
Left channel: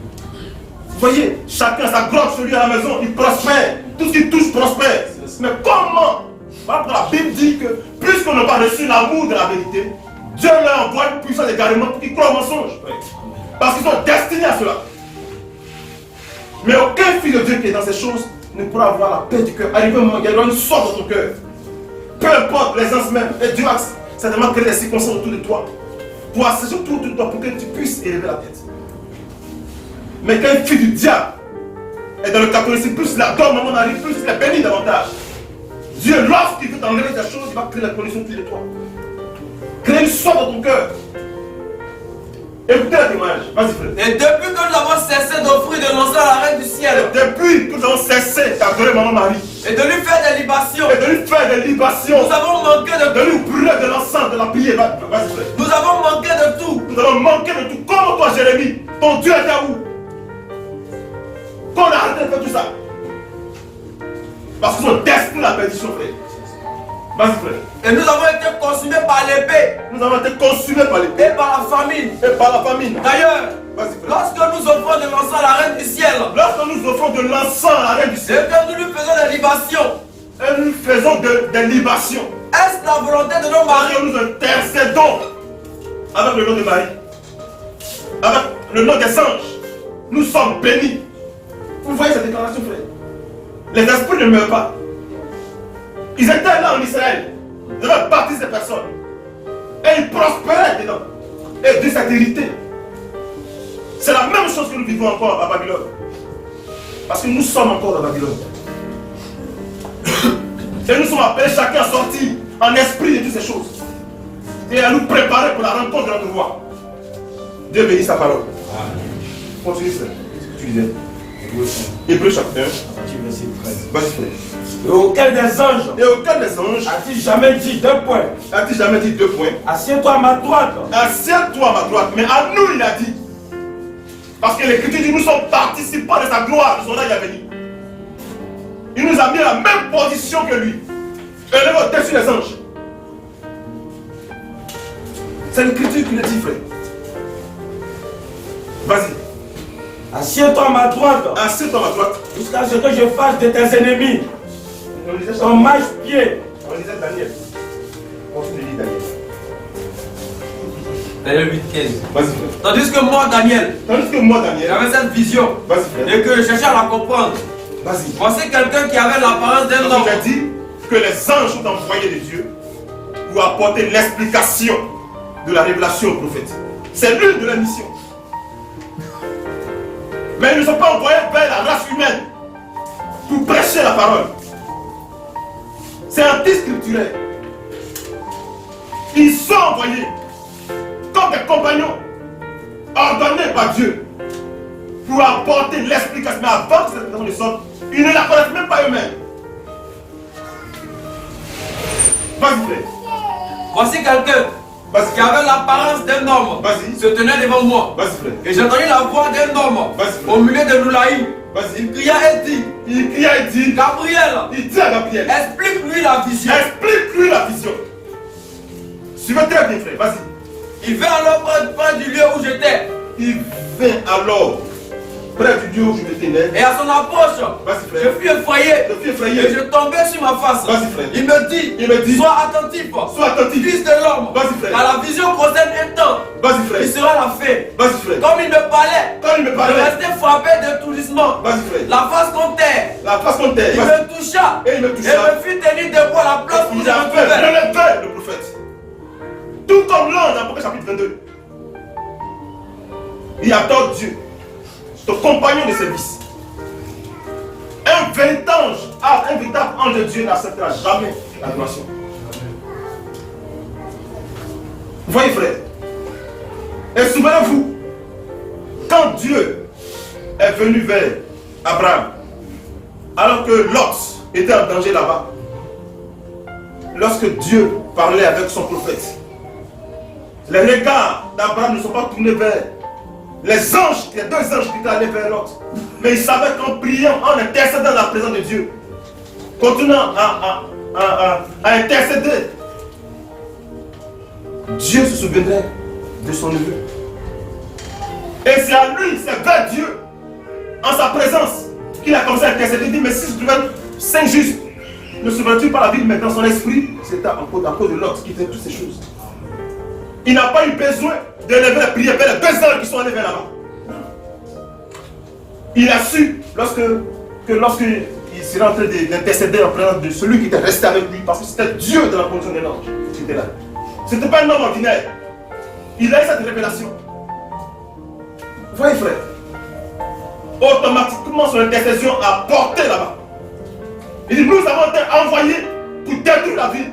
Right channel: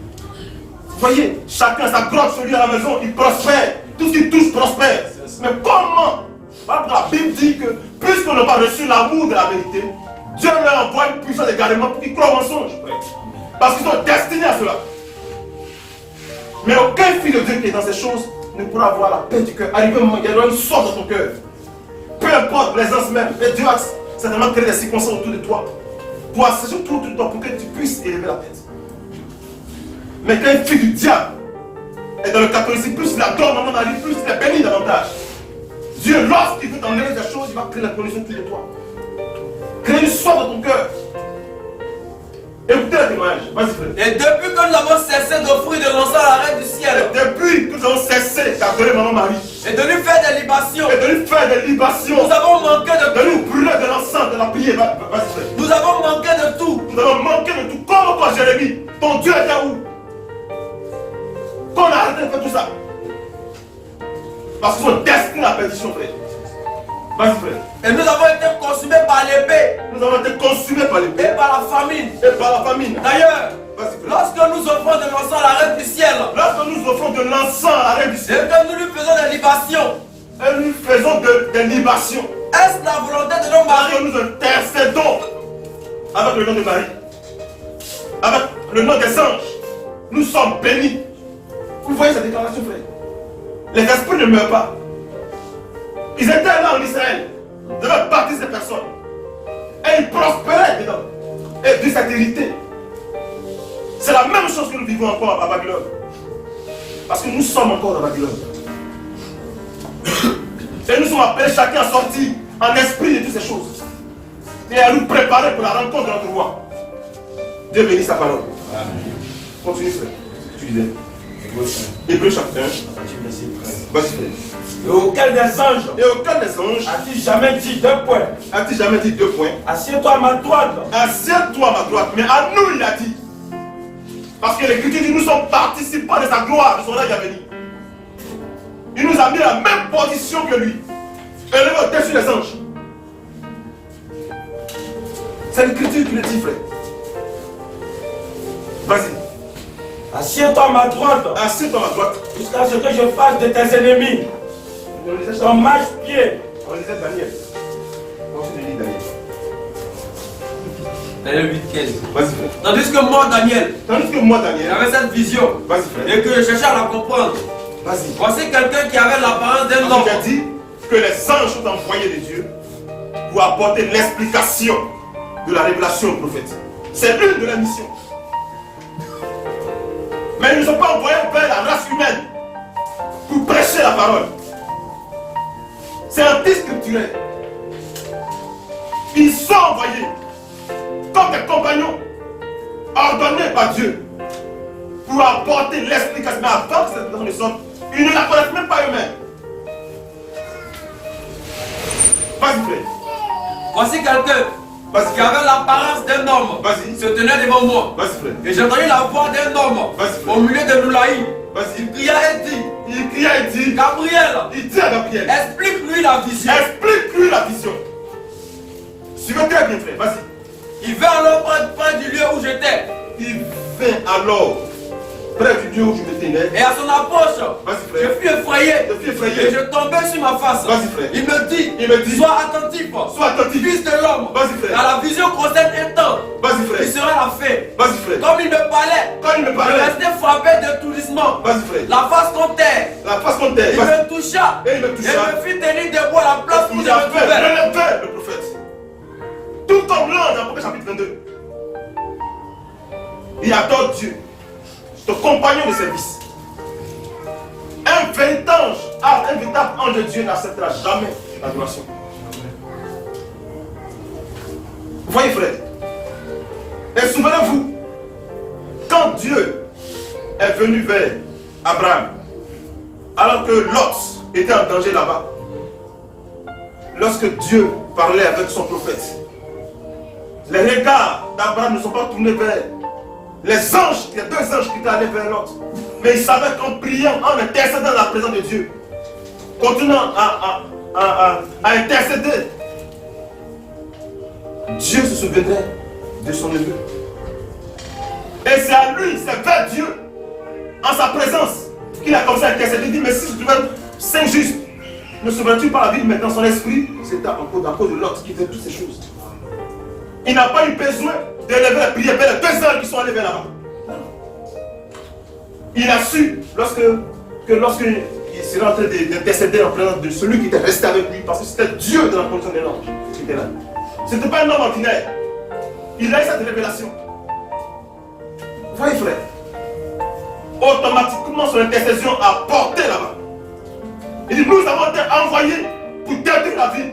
Vous voyez, chacun sa grotte sur lui à la maison, il prospère. Tout ce qu'il touche prospère. Mais comment? La Bible dit que puisqu'on n'a pas reçu l'amour de la vérité, Dieu leur envoie une puissance d'égarement pour qu'ils croient au mensonge. Parce qu'ils sont destinés à cela. Mais aucun fils de Dieu qui est dans ces choses ne pourra avoir la paix du cœur. Arrivé au moment où il y aura une sorte dans ton cœur. Peu importe les ans même. Et Dieu a certainement créé des circonstances autour de toi. Pour assécher autour de toi pour que tu puisses élever la tête. Mais quand un fils du diable est dans le catholicisme, plus il adore Maman Marie, plus il est béni davantage. Dieu, lorsqu'il veut t'enlever des choses, il va créer la condition autour de toi. Créer une sorte dans ton cœur. Écoutez la témoignage. Vas-y frère. Et depuis que nous avons cessé d'offrir de l'encens à la reine du ciel. Depuis que nous avons cessé d'adorer Maman Marie. Et de lui faire des libations. Et de lui faire des libations. Nous avons manqué de De lui tout. brûler de l'encens, de la prière. Vas-y frère. Nous avons manqué de tout. Nous avons manqué de tout. Comme toi Jérémie, ton Dieu était où? Qu'on a arrêté de faire tout ça. Parce qu'ils sont destinés à la perdition, frère. Vas-y, frère. Et nous avons été consumés par l'épée. Nous avons été consumés par l'épée Et par la famine. et par la famine. D'ailleurs, Vas-y, frère. lorsque nous offrons de l'encens à la reine du ciel, Lorsque nous offrons de l'encens à la reine du et ciel, que nous lui faisons des libations, et nous faisons des libations, est-ce la volonté de nos parce maris? que nous intercédons avec le nom de Marie, avec le nom des anges, nous sommes bénis. Vous voyez cette déclaration, frère? Les esprits ne meurent pas. Ils étaient là en Israël, de leur baptiser ces personnes. Et ils prospéraient dedans. Et de cette hérité. C'est la même chose que nous vivons encore à Babylone. Parce que nous sommes encore à Babylone. Et nous sommes appelés chacun à sortir en esprit de toutes ces choses. Et à nous préparer pour la rencontre de notre roi. Dieu bénisse sa parole. Amen. Continue, frère. Tu disais. Hébreux 1, Hébreux chapitre 1. à partir du verset 13. Vas-y, frère. Et auquel des anges Et aucun des anges a-t-il jamais dit deux points? a-t-il jamais dit deux points? Assieds-toi à ma droite. Assieds-toi à ma droite. Mais à nous, il a dit. Parce que l'Écriture dit nous sommes participants de sa gloire, de son règne à venir. Il nous a mis à la même position que lui. Élevé au-dessus des anges. C'est l'Écriture qui le dit, frère. Vas-y. Assieds-toi à ma droite. Assieds-toi à ma droite. Jusqu'à ce que je fasse de tes ennemis On lisait ton marche-pied. On lisait Daniel. Continue de lire Daniel. Daniel 8, 15. Vas-y, frère. Tandis que moi, Daniel, Tandis que moi, Daniel. j'avais cette vision Vas-y, frère. et que je cherchais à la comprendre. Vas-y. Voici quelqu'un qui avait l'apparence d'un homme. Il a dit que les anges sont envoyés de Dieu pour apporter l'explication de la révélation au prophète. C'est l'une de leurs missions. Mais ils ne sont pas envoyés vers la race humaine pour prêcher la parole. C'est anti-scripturaire. Ils sont envoyés comme des compagnons ordonnés par Dieu pour apporter l'explication. Mais avant que cette explication ne sorte, ils ne la connaissent même pas eux-mêmes. Vas-y, frère. Voici quelqu'un Vas-y, qui avait l'apparence d'un homme. Vas-y. Se tenait devant moi. Vas-y, frère. Et j'ai entendu la voix d'un homme Vas-y, frère. au milieu de Noulaï. Vas-y. Il cria et dit, Il cria et dit, Gabriel, il dit à Gabriel, explique-lui la vision. explique-lui la vision. Suivez très bien, frère. Vas-y. Il vint alors près du lieu où j'étais. Il vint alors près du lieu où je me tenais. Et à son approche, Vas-y, frère. je fus effrayé. Je fus effrayé. Et je tombais sur ma face. Vas-y, frère. Il me dit, sois attentif. Sois attentif. Fils de l'homme. Vas-y, frère. À la vision concerne un temps. Vas-y, frère. Il sera la fée. Vas-y, frère. Comme il me parlait. Quand il me Je parlait. restais frappé d'étourdissement. Vas-y, frère. La face contre terre. La face contre terre. Il Vas-y. me toucha. Et il me toucha. Et me fit tenir debout à la place où je Il a me fait trouvais. relever le prophète. Tout comme l'ange dans Apocalypse chapitre 22. Il adore Dieu. Ton compagnon de service. Un véritable ange de Dieu n'acceptera jamais l'adoration. Vous voyez, frère. Et souvenez-vous, quand Dieu est venu vers Abraham, alors que Lot était en danger là-bas, lorsque Dieu parlait avec son prophète, les regards d'Abraham ne sont pas tournés vers les anges, il y a deux anges qui étaient allés vers l'autre. Mais il savait qu'en priant, en intercédant dans la présence de Dieu, continuant à intercéder, Dieu se souviendrait de son neveu. Et c'est à lui, c'est vers Dieu, en sa présence, qu'il a commencé à intercéder. Il dit, mais si je trouvais 5 justes, ne souviens-tu pas la vie maintenant son esprit? C'était à cause de l'autre qui fait toutes ces choses. Il n'a pas eu besoin d'élever la prière vers les deux anges qui sont allés vers là-bas. Il a su, lorsqu'il serait en train d'intercéder en présence de celui qui était resté avec lui, parce que c'était Dieu dans la condition de l'ange qui était là. Ce n'était pas un homme ordinaire. Il a eu cette révélation. Vous voyez, frère, automatiquement son intercession a porté là-bas. Il dit, nous avons été envoyés pour détruire la ville.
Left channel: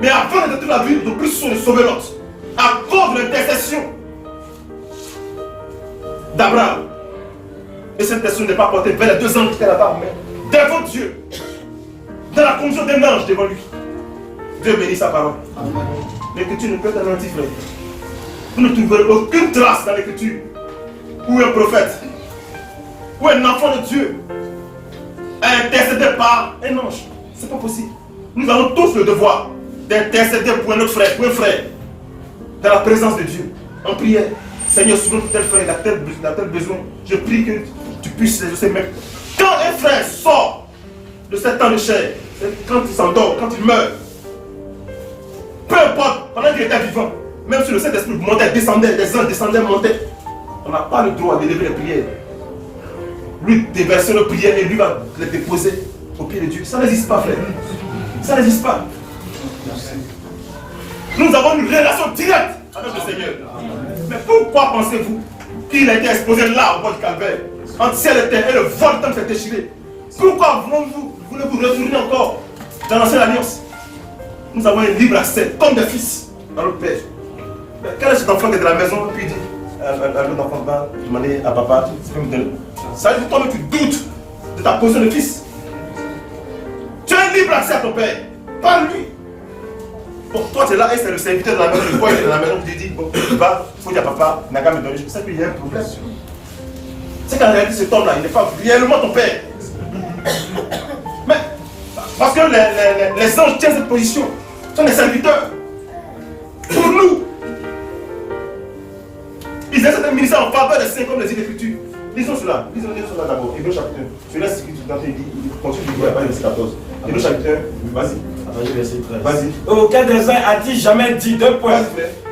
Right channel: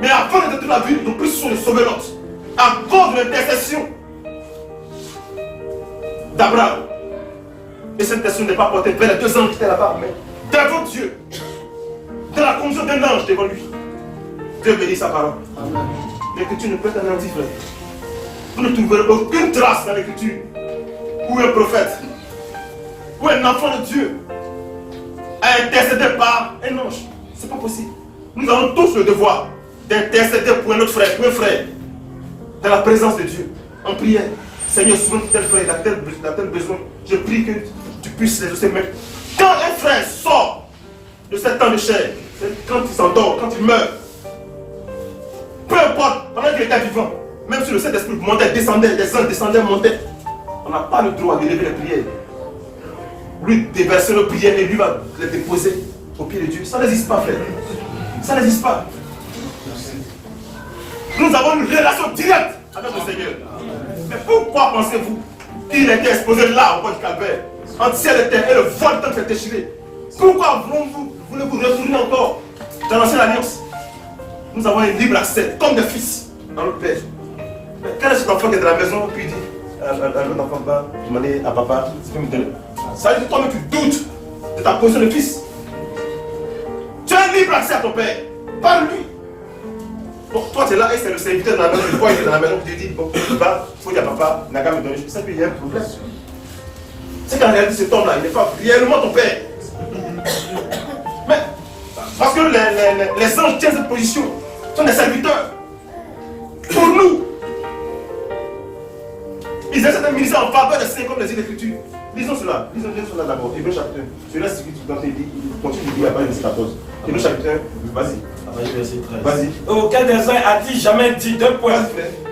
Mais avant de détruire la ville, nous puissions de sauver l'autre. À cause de l'intercession d'Abraham. Et cette intercession n'est pas portée vers les deux anges qui étaient là-bas, mais devant Dieu. Dans la condition d'un ange devant lui. Dieu bénit sa parole. L'écriture ne peut être anéantie, frère. Vous ne trouverez aucune trace dans l'écriture où un prophète, où un enfant de Dieu a intercédé par un ange. C'est pas possible. Nous avons tous le devoir d'intercéder pour un autre frère, pour un frère, dans la présence de Dieu, en prière. Seigneur, souvent tel frère, il a tel besoin. Je prie que tu puisses les aussi. Mais quand un frère sort de cet temps de chair, quand il s'endort, quand il meurt, peu importe, pendant qu'il était vivant, même si le Saint-Esprit montait, descendait, les anges descendaient, montaient, on n'a pas le droit d'élever les prières. Lui déverser nos prières et lui va les déposer au pied de Dieu. Ça n'existe pas, frère. Ça n'existe pas. Nous avons une relation directe avec le Seigneur. Mais pourquoi pensez-vous qu'il a été exposé là au bord du calvaire, entre ciel et terre, et le vol temps s'est déchiré? Pourquoi voulez-vous retourner encore dans l'ancienne alliance? Nous avons un libre accès, comme des fils, dans notre Père. Mais quand cet enfant qui est de la maison, puis il dit à l'autre enfant, va demander à papa, tu peux me donner. Ça veut dire que toi-même tu doutes de ta position de fils. Tu as un libre accès à ton Père, par lui. Bon, toi tu es là et c'est le serviteur de la maison, le boy qui est dans la maison qui te dit, bon, va, il faut dire à papa, n'a qu'à me donner. Je sais qu'il y a un problème. C'est qu'en réalité cet homme-là, il n'est pas réellement ton Père. Mais, parce que les anges tiennent cette position, sont des serviteurs. Pour nous, ils essaient de ministère en faveur des saints comme les Écritures. Lisons cela d'abord. Hébreux chapitre 1. Celui-là, c'est ce que tu il continue de dire à partir du verset 14. Hébreux chapitre 1, vas-y. Vas-y. Auquel des uns a-t-il jamais dit deux points?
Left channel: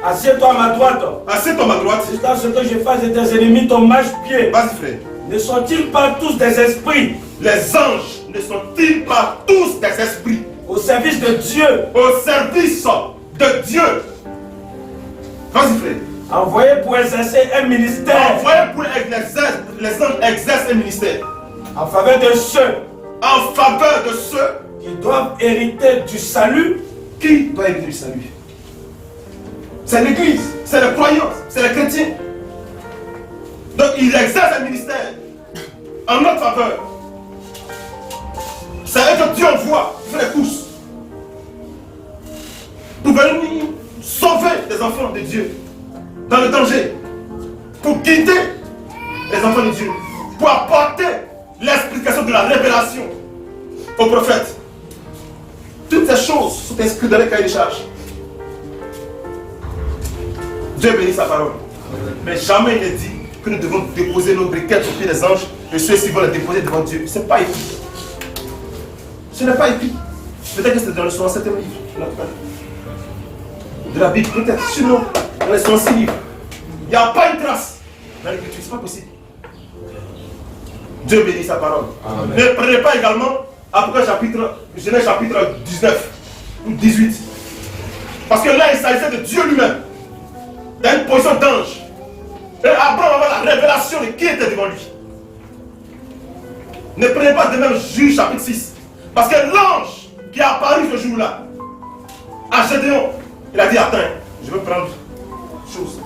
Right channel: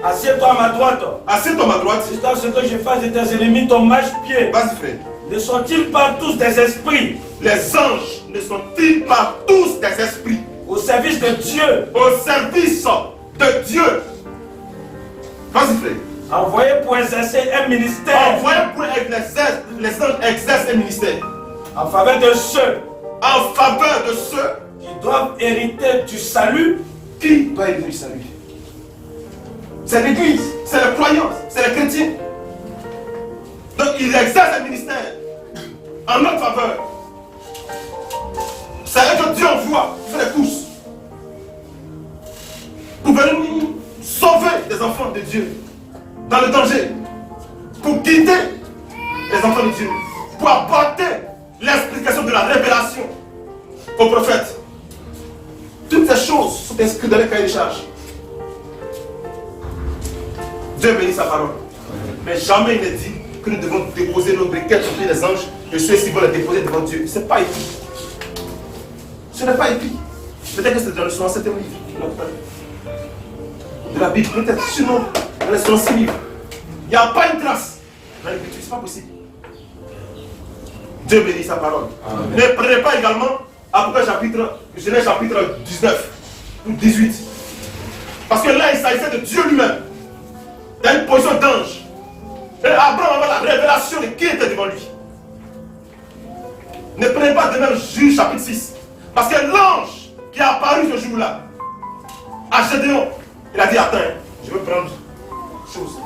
Assieds-toi à ma droite. Assieds-toi à ma droite. Jusqu'à ce que je fasse de tes ennemis ton marche-pied. Vas-y, frère. Ne sont-ils pas tous des esprits? Les anges ne sont-ils pas tous des esprits? Au service de Dieu. Au service de Dieu. Vas-y, frère. Envoyés pour exercer un ministère. Envoyés pour les anges exercent un ministère. En faveur de ceux. En faveur de ceux Qui doivent hériter du salut. Qui doit hériter du salut? C'est l'église, c'est les croyants, c'est les chrétiens. Donc ils exercent un ministère en notre faveur. C'est eux que Dieu envoie, qui fait les courses pour venir sauver les enfants de Dieu dans le danger, pour guider les enfants de Dieu, pour apporter l'explication de la révélation aux prophètes. Toutes ces choses sont inscrites dans les cahiers de charges. Dieu bénit sa parole. Mais jamais il ne dit que nous devons déposer nos briquettes sur pied des anges et ceux-ci vont les déposer devant Dieu. Ce n'est pas écrit. Ce n'est pas écrit. Peut-être que c'est dans le 67e livre. De la Bible, peut-être. Sinon, dans les 66 livres. Il n'y a pas une trace dans l'écriture. Ce n'est pas possible. Dieu bénit sa parole. Amen. Ne prenez pas également Genèse chapitre 19 ou 18. Parce que là, il s'agissait de Dieu lui-même. Dans une position d'ange. Et Abraham avait la révélation de qui était devant lui. Ne prenez pas de même Juge chapitre 6. Parce que l'ange qui est apparu ce jour-là, à Gédéon, il a dit, attends, je veux prendre chose,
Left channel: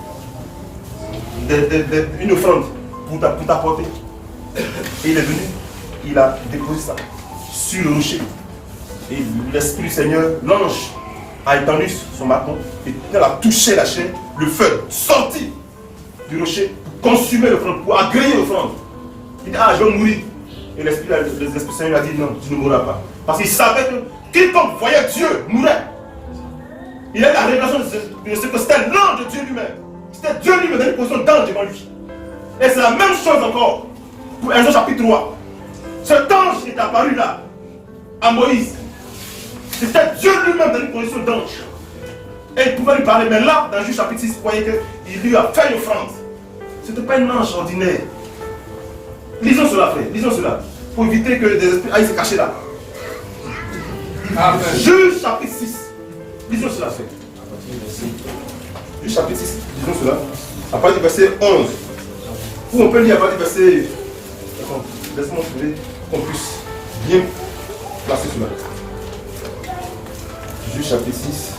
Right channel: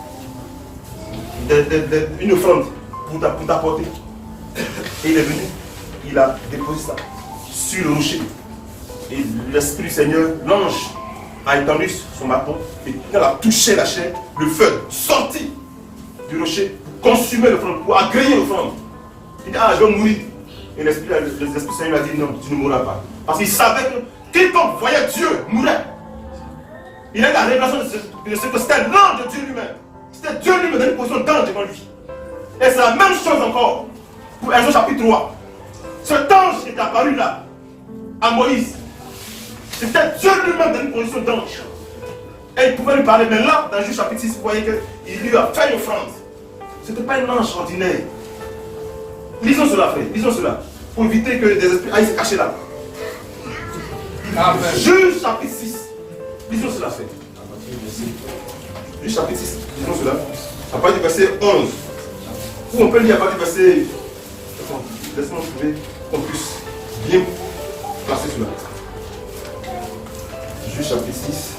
une offrande pour t'apporter. Et il est venu, il a déposé ça sur le rocher. Et l'Esprit du Seigneur, l'ange, a étendu son bâton et quand il a touché la chair, le feu sortit du rocher pour consumer l'offrande, pour agréer l'offrande. Il dit, ah, je vais mourir. Et l'Esprit du Seigneur lui a dit, non, tu ne mourras pas. Parce qu'il savait que quiconque voyait Dieu mourait. Il a eu la révélation de ce que c'était l'ange de Dieu lui-même. C'était Dieu lui-même dans une position d'ange devant lui. Et c'est la même chose encore pour Exode chapitre 3. Cet ange qui est apparu là, à Moïse, c'était Dieu lui-même dans une position d'ange. Et il pouvait lui parler. Mais là, dans Juge chapitre 6, vous voyez qu'il lui a fait une offrande. Ce n'était pas un ange ordinaire. Lisons cela, frère. Lisons cela. Pour éviter que des esprits aillent se cacher là. Amen. Juge chapitre 6. Lisons cela, frère. Juge chapitre 6. Lisons cela. À partir du verset 11. Ou on peut lire à partir du verset. Laisse-moi trouver qu'on puisse bien placer cela. Juge chapitre 6.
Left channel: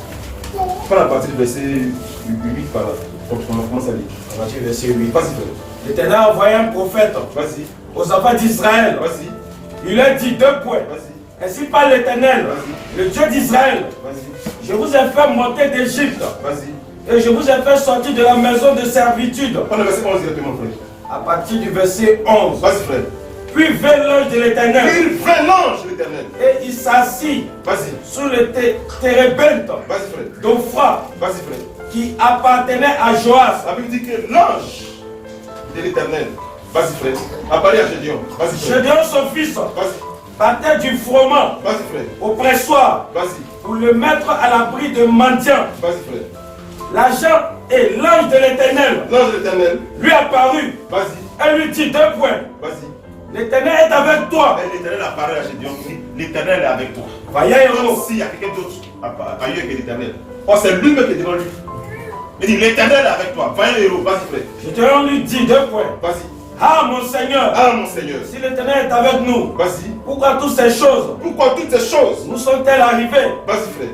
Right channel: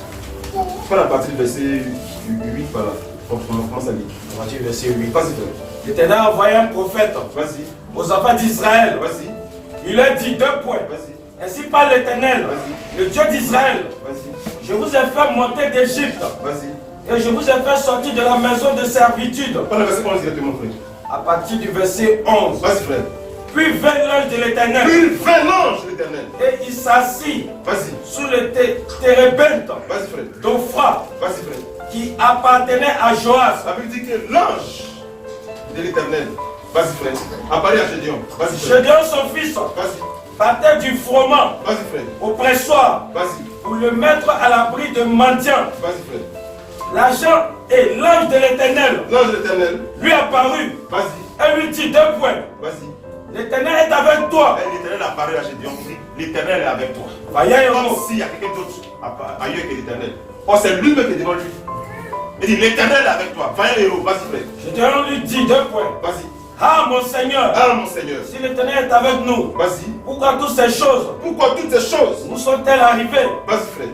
Prends à partir du verset 8 par là. On commence à lire. À partir du verset 8. Vas-y, frère. L'Éternel a envoyé un prophète Vas-y. aux enfants d'Israël. Vas-y. Il leur dit 2 points. Vas-y. Ainsi parle l'Éternel, le Dieu d'Israël. Vas-y. Je vous ai fait monter d'Égypte. Vas-y. Et je vous ai fait sortir de la maison de servitude. Prends le verset 11 directement, frère. À partir du verset 11. Vas-y, frère. Puis vint l'ange de l'Éternel. Puis vint l'ange de l'Éternel. Et il s'assit Vas-y. sous le térébinthe Vas-y, frère. d'Ophra Vas-y, frère. qui appartenait à Joas. La Bible dit que l'ange de l'Éternel, vas-y, frère, apparaît à Gédéon. Vas-y, frère. Gédéon, son fils, Vas-y. partait du froment Vas-y, frère. au pressoir Vas-y. pour le mettre à l'abri de mendiants. Vas-y, frère. L'agent et l'ange de l'Éternel L'ange de l'Éternel, lui apparut. vas-y. Elle lui dit 2 points. Vas-y. L'Éternel est avec toi. Et l'Éternel apparaît à Gédéon. Il dit, l'Éternel est avec toi. Vaillant Comme héros. s'il y a quelqu'un d'autre ailleurs que l'Éternel. Or, c'est lui-même qui est devant lui. Il dit, l'Éternel est avec toi. Vaillant héros. Vas-y, frère. Gédéon lui dit 2 points. Vas-y. Ah mon Seigneur, Ah, mon Seigneur. si l'Éternel est avec nous, Vas-y. pourquoi toutes ces choses Pourquoi toutes ces choses? nous sont-elles arrivées? Vas-y, frère.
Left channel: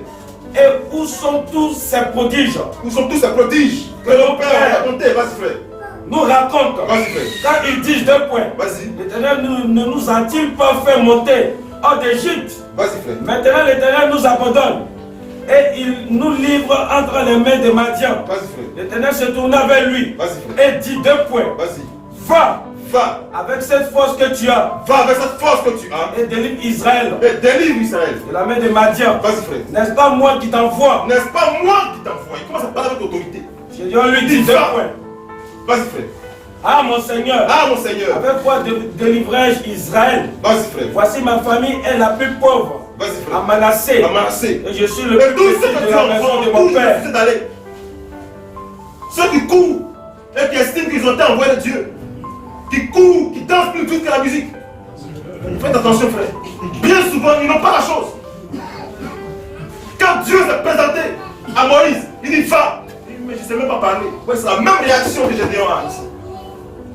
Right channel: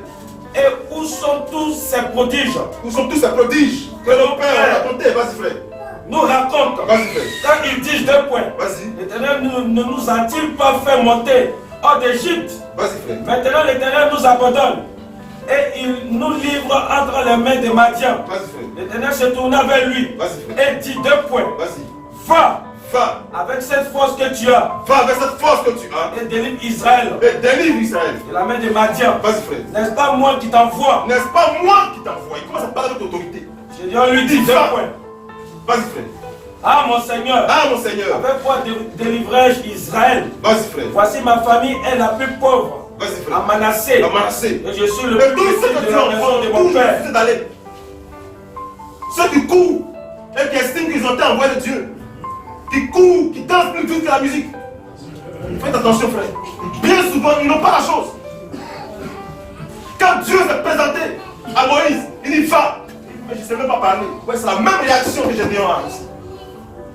Et où sont tous ces prodiges? Où sont tous ces prodiges que nos pères ont racontés? Vas-y, frère. Nous raconte. Vas-y, frère. Quand ils disent 2 points, Vas-y. l'Éternel ne nous a-t-il pas fait monter hors d'Égypte? Vas-y, frère. Maintenant l'Éternel nous abandonne et il nous livre entre les mains des Madians. Vas-y, frère. L'Éternel se tourna vers lui Vas-y, frère. et dit 2 points. Vas-y. Va Va. avec cette force que tu as Va avec cette force que tu as. et délivre Israël Et délivre Israël. de la main des Madians. Vas-y, frère. N'est-ce pas moi qui t'envoie? N'est-ce pas moi qui t'envoie? Il commence à parler avec autorité. Gédéon lui dit 2 Va. points. Vas-y, frère. Ah mon Seigneur, Ah, mon Seigneur. avec quoi délivrai-je Israël? Vas-y, frère. Voici ma famille est la plus pauvre Vas-y, à frère. Manassé. À Manassé. Et je suis le Et plus tous ceux petit que de tu la envoies, maison de mon tous père. ceux d'aller. Ceux qui courent et qui estiment qu'ils ont été envoyés de Dieu. Qui courent, qui dansent plus vite que la musique. Faites attention, frère. Bien souvent, ils n'ont pas la chose. Quand Dieu s'est présenté à Moïse, il dit va. Il dit, mais je ne sais même pas parler. Ouais, c'est la même réaction que Gédéon a ici.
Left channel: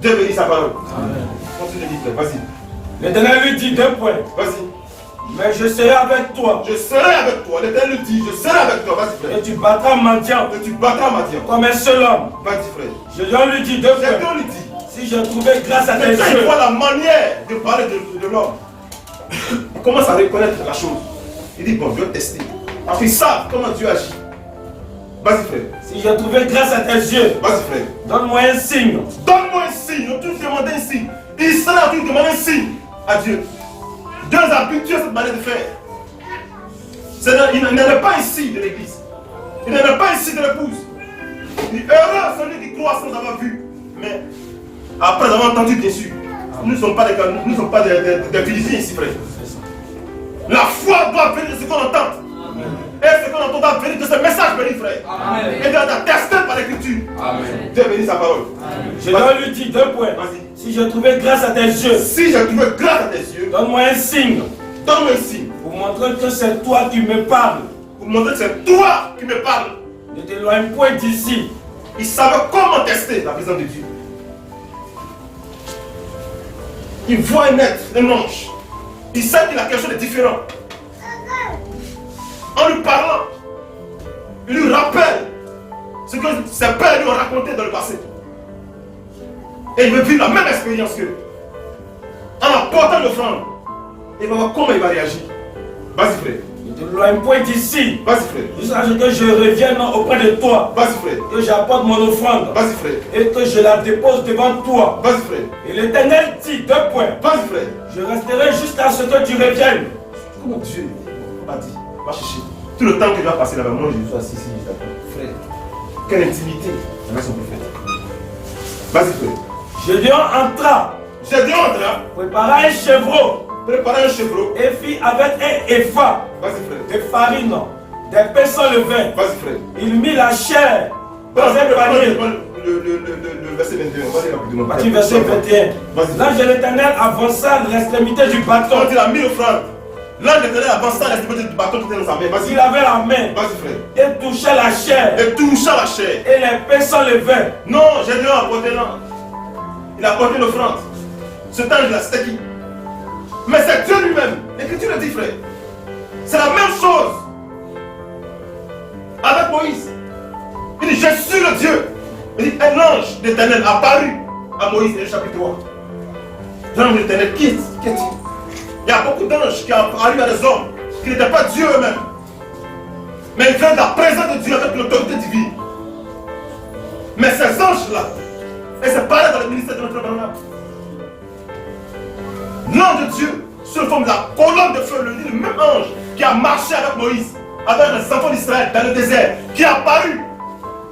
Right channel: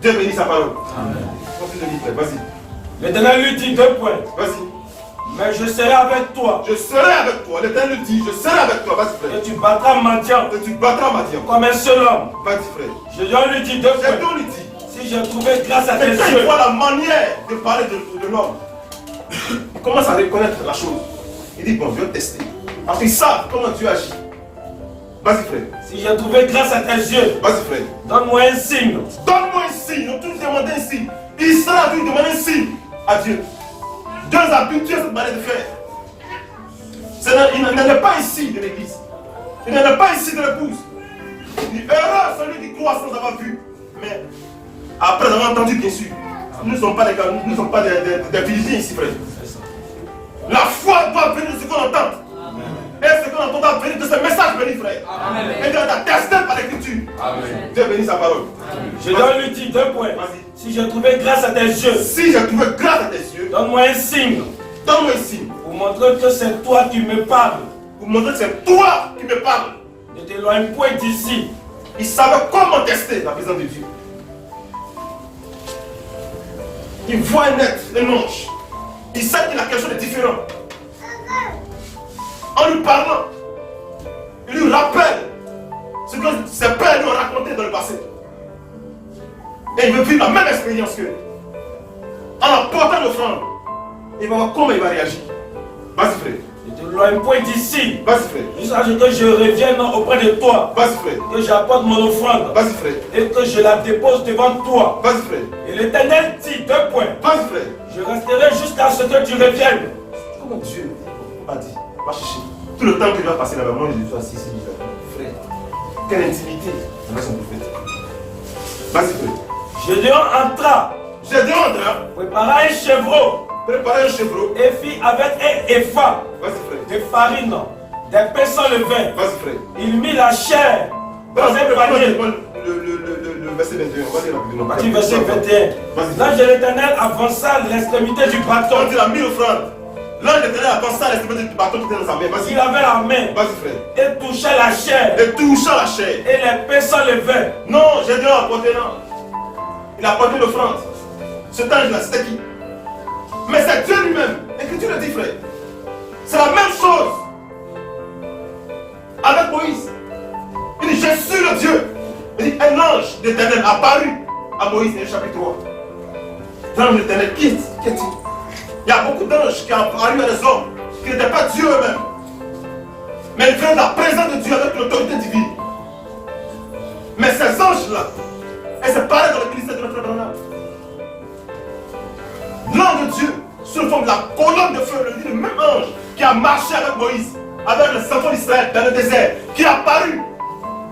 Dieu bénit sa parole. Amen. Continue de lire, frère. Vas-y. L'Éternel lui dit 2 points. Vas-y. Mais je serai avec toi. Je serai avec toi. L'Éternel lui dit, je serai avec toi. Vas-y, frère. Et tu battras Madian Et tu battras Madian. comme un seul homme. Vas-y, frère. Gédéon lui dit 2 points. Gédéon lui dit. Si j'ai trouvé grâce à tes Mais quand il yeux. voit la manière de parler de l'homme, il commence à reconnaître la chose. Il dit, bon, je vais tester. Parce qu'ils savent comment Dieu agit. Vas-y, frère. Si j'ai trouvé grâce à tes yeux, Vas-y, frère. donne-moi un signe. Donne-moi un signe. On t'a demandé un signe. Israël a dû demander un signe à Dieu. Dieu a habitué à cette manière de faire. Il n'en est pas ici de l'église. Il n'en est pas ici de l'épouse. Il est heureux celui qui croit sans avoir vu. Mais Après avoir entendu, bien sûr. Nous ne sommes pas des Philippiens ici, frère. La foi doit venir de ce qu'on entend. Et ce qu'on entend doit venir de ce message béni, frère. Amen. Et doit être testé par l'écriture. Dieu bénit sa parole. Je dois lui dire 2 points. Si je trouvais grâce à tes yeux. Si je trouvais grâce à tes yeux. Donne-moi un signe. Donne-moi un signe. Pour montrer que c'est toi qui me parles. Pour montrer que c'est toi qui me parles. Ne t'éloigne point d'ici. Il savait comment tester la présence de Dieu. Il voit un être, un ange. Il sait qu'il a quelque chose de différent. En lui parlant, il lui rappelle ce que ses pères lui ont raconté dans le passé. Et il veut vivre la même expérience qu'eux. En apportant l'offrande, il va voir comment il va réagir. Vas-y, frère. Ne t'éloigne point d'ici. Vas-y, frère. Jusqu'à ce que je revienne auprès de toi. Vas-y, frère. Que j'apporte mon offrande. Vas-y, frère. Et que je la dépose devant toi. Vas-y, frère. Et l'Éternel dit 2 points. Vas-y, frère. Je resterai jusqu'à ce que tu reviennes. Comment Dieu m'a dit, va chercher. Tout le temps que tu vas passer là-bas, moi je suis assis ici, frère. Quelle intimité avec son prophète. Vas-y, frère. Gédéon entra. Gédéon entra. Prépara un chevreau. Prépara un chevreau. Et fit avec un épha. Vas-y, frère. De farine, des pains sans levain. Vas-y, frère. Il mit la chair dans un panier. Le verset 21, on va dire rapidement. Partie verset 21. L'ange de l'Éternel avança l'extrémité du bâton. Quand il a mis l'offrande, l'ange de l'Éternel avança l'extrémité du bâton qui était dans sa main. Vas-y. Il avait la main. Vas-y, frère. Et toucha la chair. Et toucha la chair. Et les pains sans levain. Non, Gédéon a apporté l'ange. Il a apporté l'offrande. Cet ange-là, c'était qui? Mais c'est Dieu lui-même. L'Écriture le dit, frère. C'est la même chose avec Moïse. Il dit, je suis le Dieu. Il dit, un ange d'Éternel apparu à Moïse, dans le chapitre 3. L'ange d'Éternel, qui est-il? Il y a beaucoup d'anges qui ont apparu à des hommes qui n'étaient pas Dieu eux-mêmes. Mais ils viennent de la présence de Dieu avec l'autorité divine. Mais ces anges-là, et c'est pareil dans le ministère de notre Branham. L'ange de Dieu, sous forme de la colonne de feu, le même ange qui a marché avec Moïse, avec les enfants d'Israël dans le désert, qui est apparu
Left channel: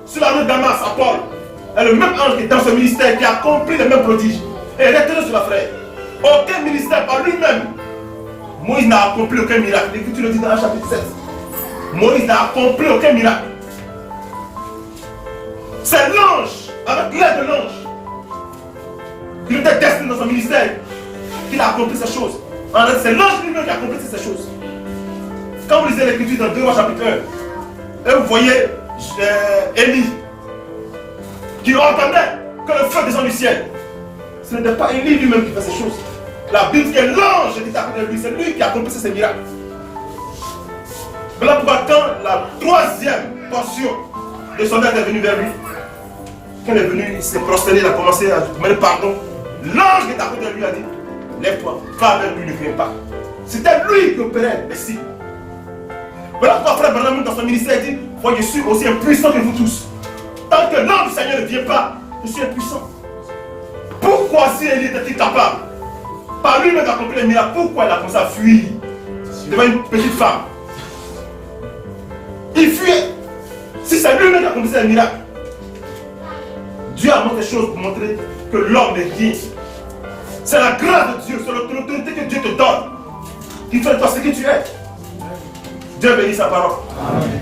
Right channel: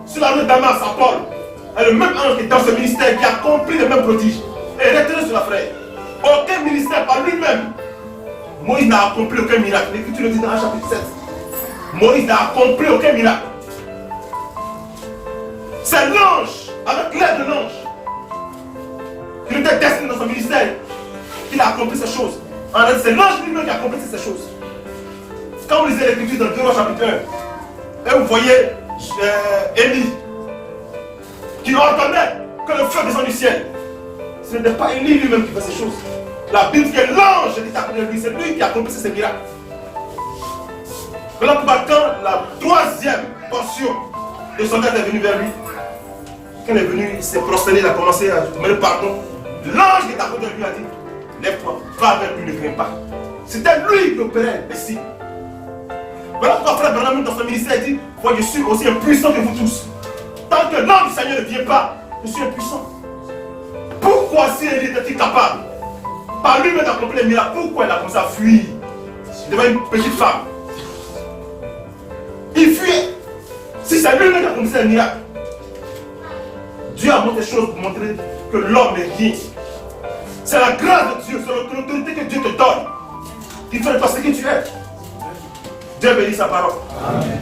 sur la route de Damas à Paul, est le même ange qui est dans ce ministère, qui a accompli les mêmes prodiges. Et retenez cela, frère. Aucun ministère par lui-même. Moïse n'a accompli aucun miracle. L'Écriture le dit dans le chapitre 7. Moïse n'a accompli aucun miracle. C'est l'ange, avec l'aide de l'ange, qui était destiné dans son ministère, qu'il a accompli ces choses. En réalité, c'est l'ange lui-même qui a accompli ces choses. Quand vous lisez l'Écriture dans 2 Rois chapitre 1, et vous voyez Élie, qui entendait que le feu descend du ciel. Ce n'était pas Élie lui-même qui fait ces choses. La Bible dit que l'ange est à côté de lui, c'est lui qui a accompli ces miracles. Voilà pourquoi quand la 3e portion de soldats est venue vers lui, quand il est venu, il s'est prosterné, il a commencé à demander pardon. L'ange qui est à côté de lui a dit, lève-toi, va avec lui, ne crains pas. C'était lui qui opérait les signes. Voilà pourquoi frère Branham dans son ministère dit, moi je suis aussi impuissant que vous tous. Tant que l'ange du Seigneur ne vient pas, je suis impuissant. Pourquoi si Élie était capable, par lui-même d'accomplir les miracles, pourquoi il a commencé à fuir devant une petite femme? Il fuyait. Si c'est lui-même qui a accompli les miracles, Dieu a montré des choses pour montrer que l'homme est rien. C'est la grâce de Dieu, c'est l'autorité que Dieu te donne qui fait de toi ce que tu es. Dieu bénit sa parole. Amen.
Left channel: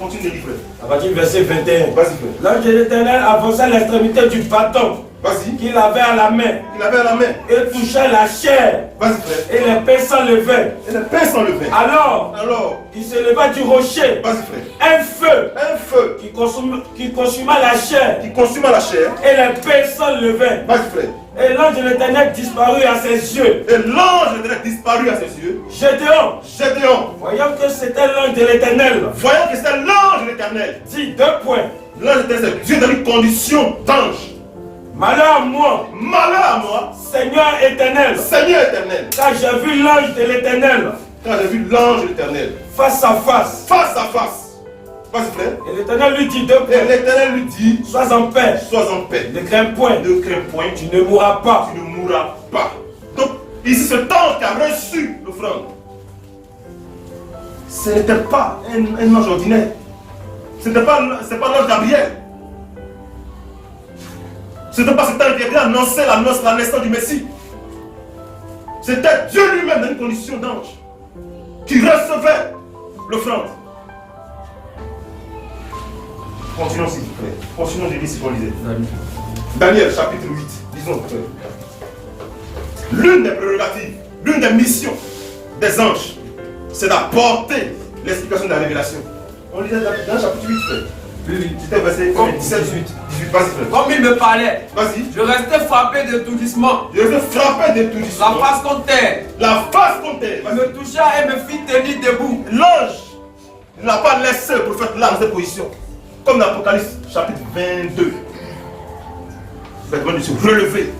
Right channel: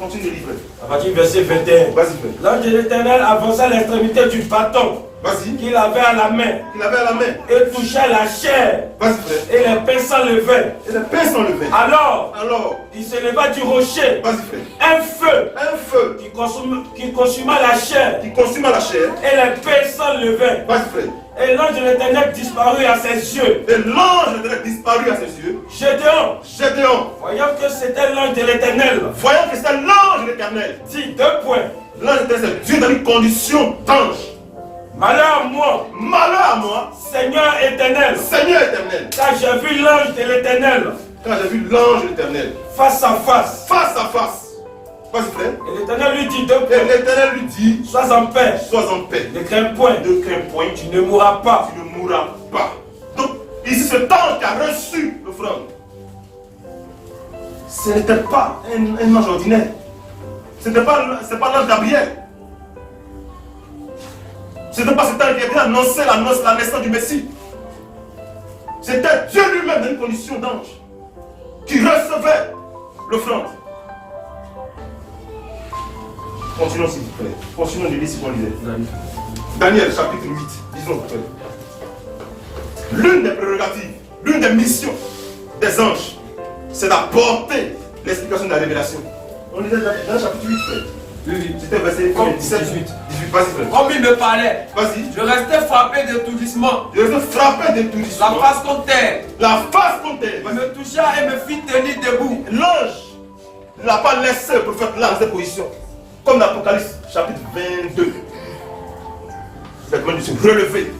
Continue de lire. À partir du verset 21. Vas-y, frère. L'ange de l'Éternel avança l'extrémité du bâton. Vas-y. Qu'il avait à la main. Qu'il avait à la main. Et toucha la chair. Vas-y, frère. Et les pains sans levain. Et les pains sans levain. Alors, il se leva du rocher. Vas-y, frère. Un feu. Un feu. Qui consuma la chair. Qui consuma la chair. Et les pains sans levain. Vas-y, frère. Et l'ange de l'Éternel disparut à ses yeux. Et l'ange de l'Éternel disparut à ses yeux. Gédéon. Voyant que c'était l'ange de l'Éternel. Voyant que c'était l'ange de l'Éternel. Dit 2 points. L'ange de l'Éternel, c'est Dieu dans une condition d'ange. Malheur à moi. Malheur à moi. Seigneur éternel. Seigneur éternel. Car j'ai vu l'ange de l'Éternel. Quand j'ai vu l'ange de l'Éternel. Face à face. Face à face. Vas-y, frère. Et l'Éternel lui dit 2 points. Et l'Éternel lui dit, sois en paix. Sois en paix. Ne crains point. Ne crains point. Tu ne mourras pas. Tu ne mourras pas. Donc, ici, cet ange qui a reçu l'offrande, ce n'était pas un ange ordinaire. Ce n'était pas l'ange Gabriel. C'était pas ce temps qui était annoncé la naissance du Messie. C'était Dieu lui-même dans une condition d'ange qui recevait l'offrande. Continuons s'il vous plaît. Continuons de lire ce qu'on lisait. Daniel chapitre 8. Disons. L'une des prérogatives, l'une des missions des anges, c'est d'apporter l'explication de la révélation. On lisait dans le chapitre 8, frère. Oui. C'était verset 17, 18. Vas-y, frère. Comme il me parlait, Vas-y. je restais frappé d'étourdissement. Je vais frapper d'étourdissement. La face contre terre. La face contre terre. Il me toucha et me fit tenir debout. L'ange n'a pas laissé le prophète là dans cette position. Comme dans l'Apocalypse chapitre 22. Il a demandé de se relever.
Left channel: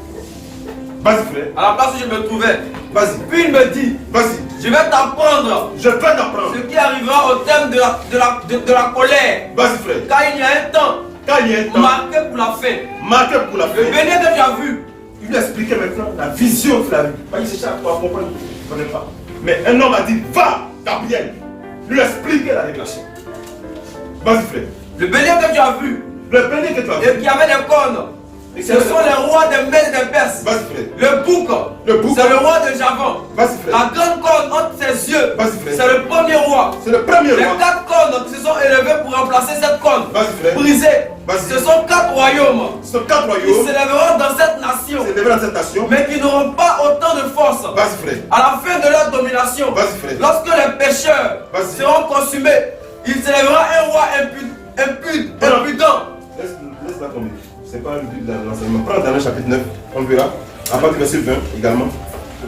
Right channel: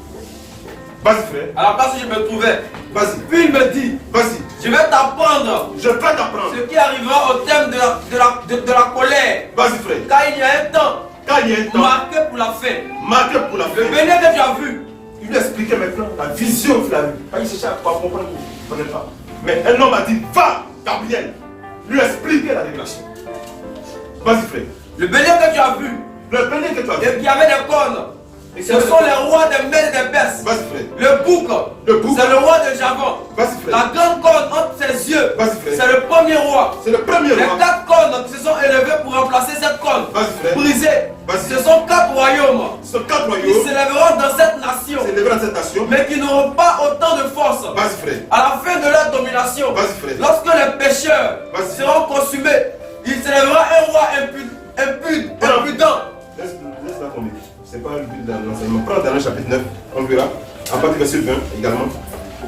Vas-y, frère. À la place où je me trouvais. Vas-y. Puis il me dit, Vas-y. je vais t'apprendre Je vais t'apprendre. ce qui arrivera au terme de la colère. Vas-y, frère. Car il y a un temps Quand il y a un temps marqué pour la fin. marqué pour la fin, Le béni que tu as vu. il lui expliquait maintenant la vision qu'il a eue. Il cherchait à comprendre, il ne comprenait pas. Mais un homme a dit, va, Gabriel, lui expliquer la révélation. Vas-y, frère. Le béni que tu as vu. Le béni que tu as Et vu. qui avait des cornes. Ce sont les rois des Mèdes et des Perses. Vas-y, frère. Le bouc, c'est le roi de Javan. Vas-y, frère. La grande corne entre ses yeux, Vas-y, frère. c'est le premier roi. C'est le premier Les roi. 4 cornes qui se sont élevées pour remplacer cette corne Vas-y, frère. brisée, Vas-y. ce sont 4 royaumes Ce sont 4 qui royaumes s'élèveront dans cette nation, qui s'élèveront dans cette nation. mais qui n'auront pas autant de force. Vas-y, frère. À la fin de leur domination, Vas-y, frère. lorsque les pécheurs Vas-y. seront consumés, il s'élèvera un roi impudent. Laisse-la tomber. C'est pas le but de l'enseignement. Prends Daniel chapitre 9, on verra. À partir du verset 20 également.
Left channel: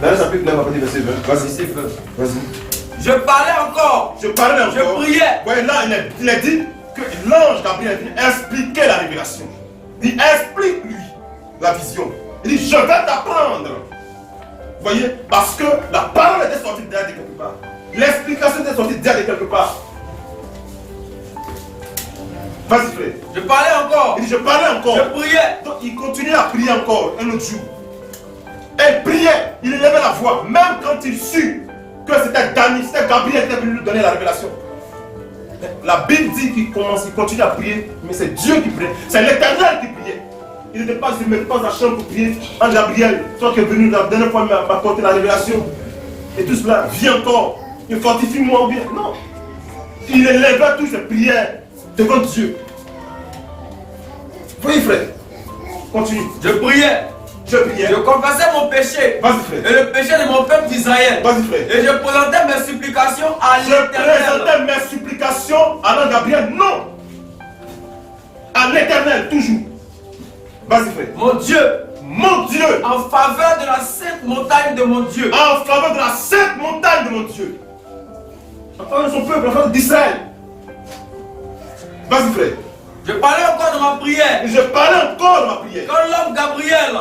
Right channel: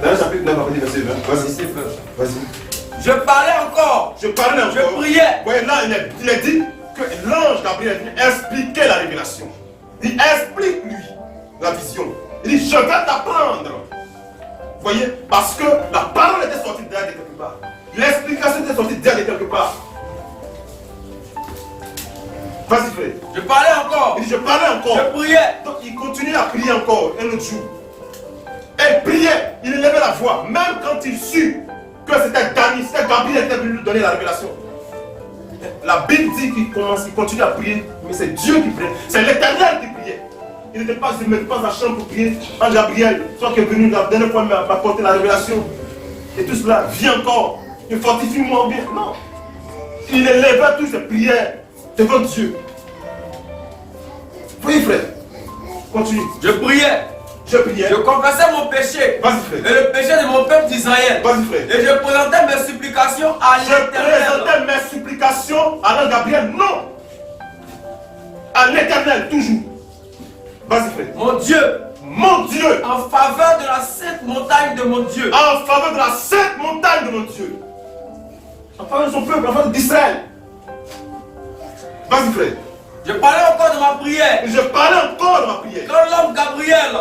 Daniel chapitre 9, à partir du verset 20. Vas-y. Vas-y. Je parlais encore. Je parlais encore. Je priais. Ouais, là, il a dit que l'ange Gabriel expliquait la révélation. Il explique-lui la vision. Il dit, je vais t'apprendre. Vous voyez, parce que la parole était sortie derrière de quelque part. L'explication était sortie derrière de quelque part. Vas-y, frère. Je parlais encore. Il dit, je parlais encore. Je priais. Donc, il continuait à prier encore un autre jour. Et il priait, il élevait la voix, même quand il sut que c'était Gabriel qui était venu lui donner la révélation. La Bible dit qu'il continue à prier, mais c'est Dieu qui priait. C'est l'Éternel qui priait. Il ne mettait pas dans la chambre pour prier. Ange Gabriel, toi qui es venu la dernière fois m'apporter la révélation. Et tout cela, viens encore. Il fortifie-moi ou bien. Non. Il élevait toutes ses prières devant Dieu. Voyez, frère. Continue. Je priais. Je priais. Je confessais mon péché. Vas-y, frère. Et le péché de mon peuple d'Israël. Vas-y, frère. Et je présentais mes supplications à Je l'Éternel. présentais mes supplications à l'ange Gabriel. Non. À l'Éternel, toujours. Vas-y, frère. Mon Dieu. Mon Dieu. En faveur de la sainte montagne de mon Dieu. En faveur de la sainte montagne de mon Dieu. En faveur de son peuple, en faveur d'Israël. Vas-y, frère. Je parlais encore de ma prière. Et je parlais encore de ma prière. Quand l'homme Gabriel,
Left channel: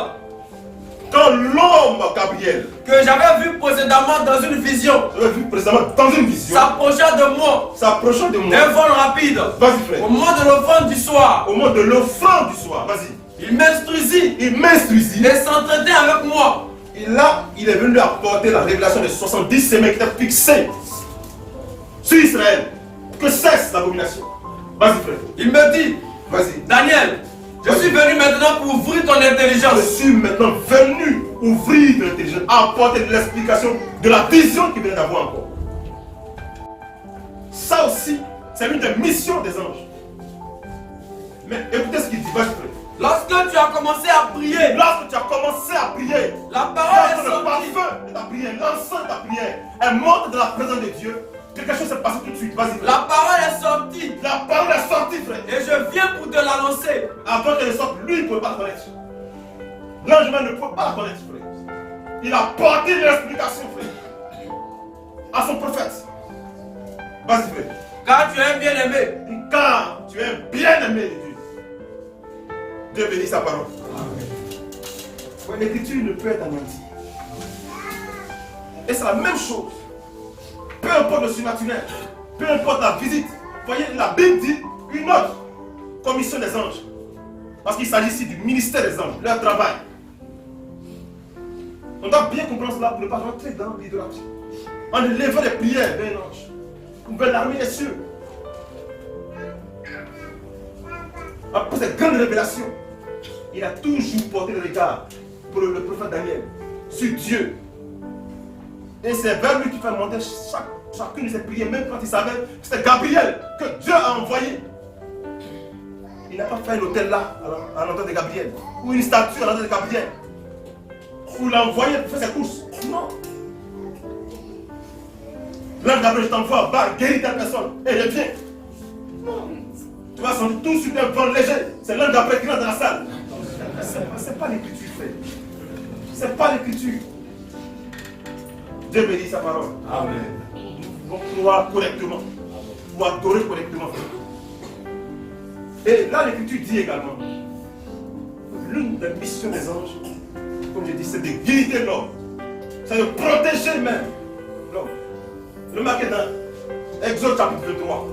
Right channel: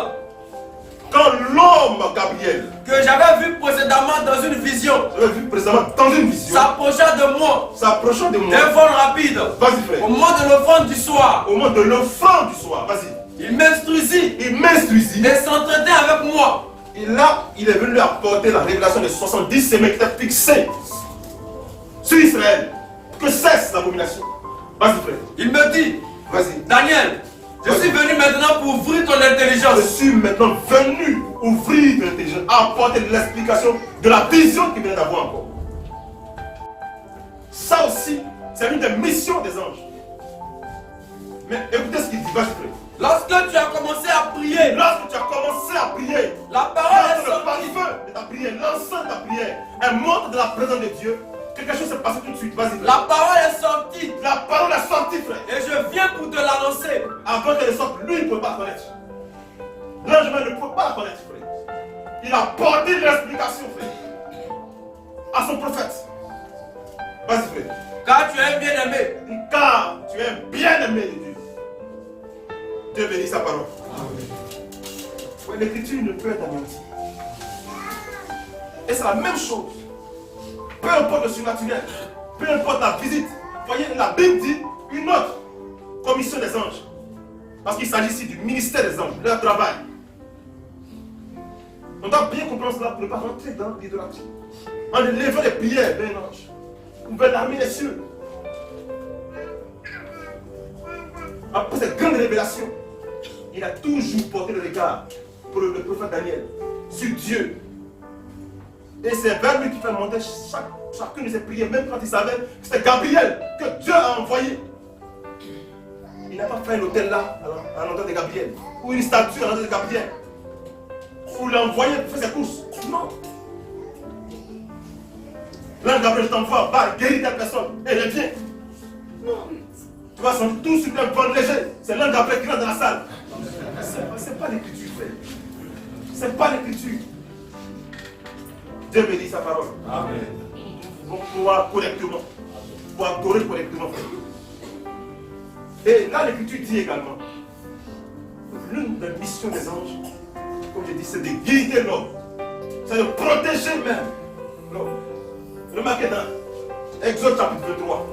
Quand l'homme Gabriel, que j'avais vu précédemment dans une vision, j'avais vu précédemment dans une vision, s'approcha de moi s'approchant de moi. d'un vol rapide. Vas-y, frère. Au moment de l'offrande du soir, Au moment de l'offrande du soir, vas-y. il m'instruisit Il m'instruisit. et s'entretint avec moi. Et là, il est venu apporter la révélation des 70 semaines qui étaient fixées sur Israël. Que cesse l'abomination. Vas-y, frère. Il me dit, Vas-y. Daniel, je suis venu maintenant pour ouvrir ton Je intelligence. suis maintenant venu ouvrir ton intelligence, apporter de l'explication de la vision qu'il vient d'avoir encore. Ça aussi, c'est l'une des missions des anges. Mais écoutez ce qu'il dit, vas-y, frère. Lorsque tu as commencé à prier, Lorsque tu as commencé à prier, la parole est le sortie. parfum de ta prière, l'encens de ta prière, elle monte de la présence de Dieu. Quelque chose s'est passé tout de suite, vas-y, frère. La parole est sortie. La parole est sortie, frère. Et je viens pour te l'annoncer. Avant qu'elle ne sorte, lui, il ne peut pas la connaître. L'ange même ne peut pas la connaître, frère. Il a porté l'explication, frère, à son prophète. Vas-y, frère. Car tu es un bien-aimé. Car tu es bien-aimé de Dieu. Dieu bénit sa parole. Ouais, l'écriture ne peut être anéantie. Et c'est la même chose. Peu importe le surnaturel, peu importe la visite. Voyez, la Bible dit une autre commission des anges. Parce qu'il s'agit ici du ministère des anges, leur travail. On doit bien comprendre cela pour ne pas rentrer dans l'idolâtrie. En élevant les prières vers un ange, ou vers l'armée des cieux. Après cette grande révélation, il a toujours porté le regard pour le prophète Daniel sur Dieu. Et c'est vers lui qui fait monter chacune de ses prières, même quand il savait que c'était Gabriel que Dieu a envoyé. Il n'a pas fait un hôtel là, à l'endroit de Gabriel, ou une statue à l'endroit de Gabriel, ou l'a envoyé pour faire ses courses. Non. L'ange Gabriel, je t'envoie, va guérir ta personne, et reviens. Non. Tu vas sentir tout sur un vent léger. C'est l'ange Gabriel qui rentre dans la salle. C'est pas l'écriture, frère. C'est pas l'écriture. Dieu bénit sa parole. Amen. Nous devons croire correctement, pour adorer correctement, frère. Et là, l'écriture dit également, l'une des missions des anges, comme je dis, c'est de guider l'homme. C'est de protéger même l'homme. Remarquez dans Exode chapitre 23,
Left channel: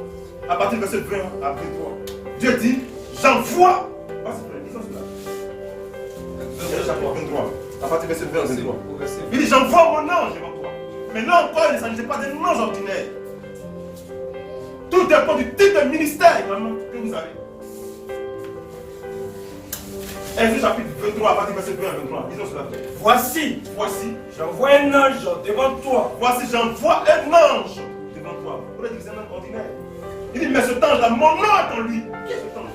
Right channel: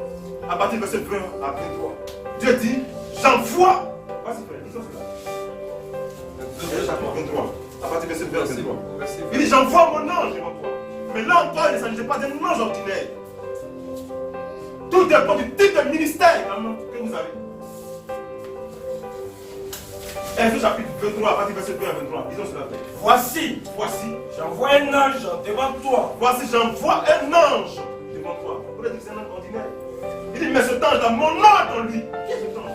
à partir du verset 20 à 23, Dieu dit, j'envoie. Vas-y frère, disons cela. Exode chapitre 23, à partir du verset 20 à 23. Il dit, j'envoie mon ange devant toi. Mais là encore, il ne s'agit pas d'un ange ordinaire. Tout dépend du type de ministère également que vous avez. Exode chapitre 23, à partir du verset 20 à 23. Disons cela. Voici, j'envoie un ange devant toi. Voici, j'envoie un ange devant toi. Vous pourrez dire que c'est un ange ordinaire. Il dit, mais cet ange-là, mon nom est en lui. Qui est cet ange?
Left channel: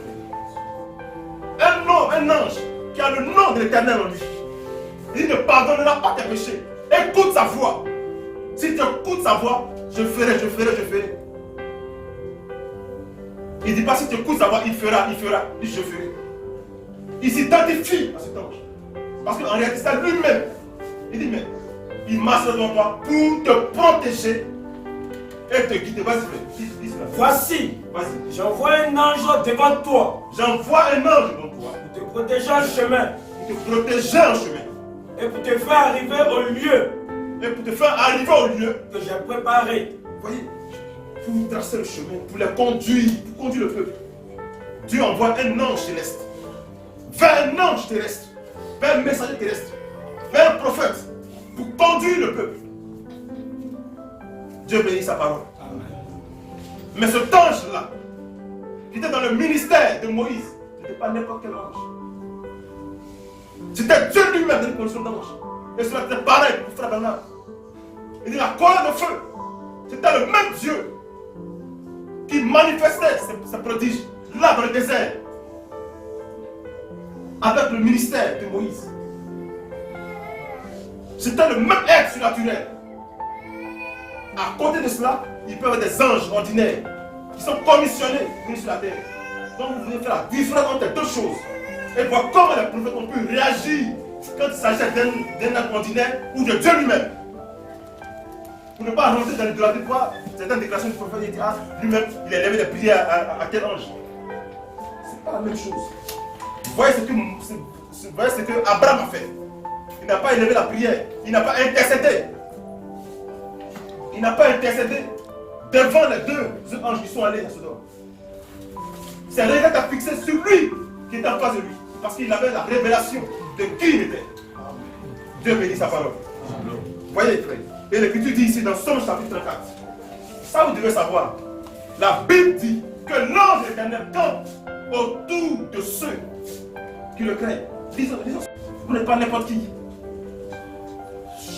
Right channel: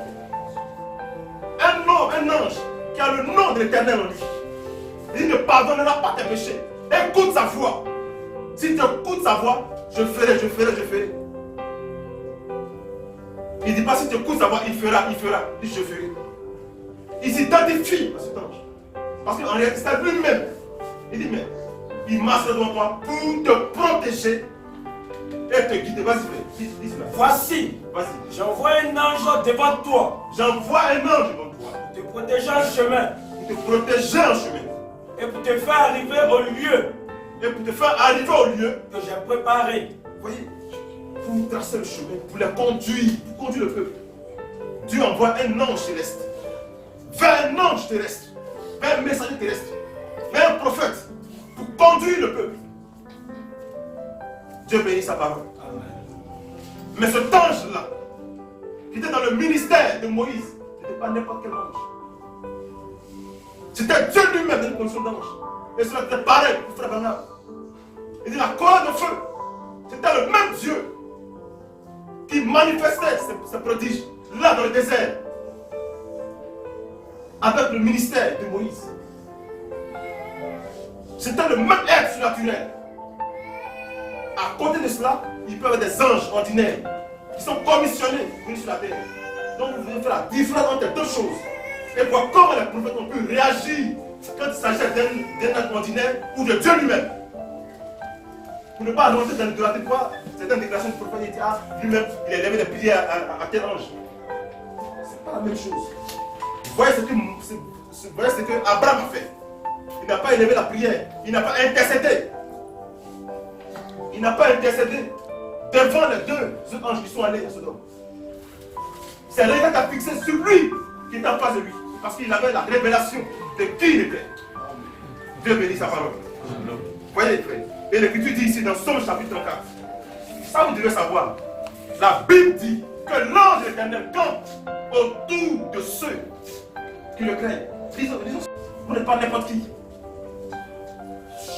Un ange qui a le nom de l'Éternel en lui. Il dit, ne pardonnera pas tes péchés. Écoute sa voix. Si tu écoutes sa voix, je ferai. Il ne dit pas si tu écoutes sa voix, il fera. Il dit, je ferai. Il s'identifie à cet ange. Parce qu'en réalité, c'est lui-même. Il dit, mais il marche devant toi pour te protéger et te guider. Vas-y, frère. Dis cela. Voici, Vas-y. j'envoie un ange devant toi. J'envoie un ange devant toi. Pour te protéger en chemin. Pour te protéger en chemin. Et pour te faire arriver au lieu Et pour te faire arriver au lieu. que j'ai préparé. Vous voyez, pour tracer le chemin, pour les conduire, pour conduire le peuple. Dieu envoie un ange céleste. Vers un ange terrestre. Vers un messager terrestre. Vers un prophète. Pour conduire le peuple. Dieu bénit sa parole. Amen. Mais cet ange-là, qui était dans le ministère de Moïse, n'était pas n'importe quel ange. C'était Dieu lui-même dans une condition d'ange. Et cela était pareil pour Frère Bernard. Il dit la colonne de feu. C'était le même Dieu qui manifestait ses prodiges là dans le désert. Avec le ministère de Moïse. C'était le même être surnaturel. À côté de cela, il peut y avoir des anges ordinaires qui sont commissionnés pour venir sur la terre. Donc vous devez faire la différence entre les deux choses. Et voir comment les prophètes ont pu réagir quand il s'agit d'un être ordinaire ou de Dieu lui-même. Pour ne pas rentrer dans l'idolâtrie, c'est une déclaration du prophète, il dit, ah, lui-même, il a élevé les prières à tel ange. C'est pas la même chose. Vous voyez ce que Abraham a fait. Il n'a pas élevé la prière. Il n'a pas intercédé. Il n'a pas intercédé devant les deux anges qui sont allés à Sodome. C'est le regard qui a fixé sur lui qui est en face de lui. Parce qu'il avait la révélation de qui il était. Dieu bénit sa parole. Vous voyez, frère. Et l'Écriture dit ici dans Somme chapitre 34. Ça vous devez savoir. La Bible dit que l'ange de l'Éternel campe autour de ceux qui le craignent. Disons, vous n'êtes pas n'importe qui.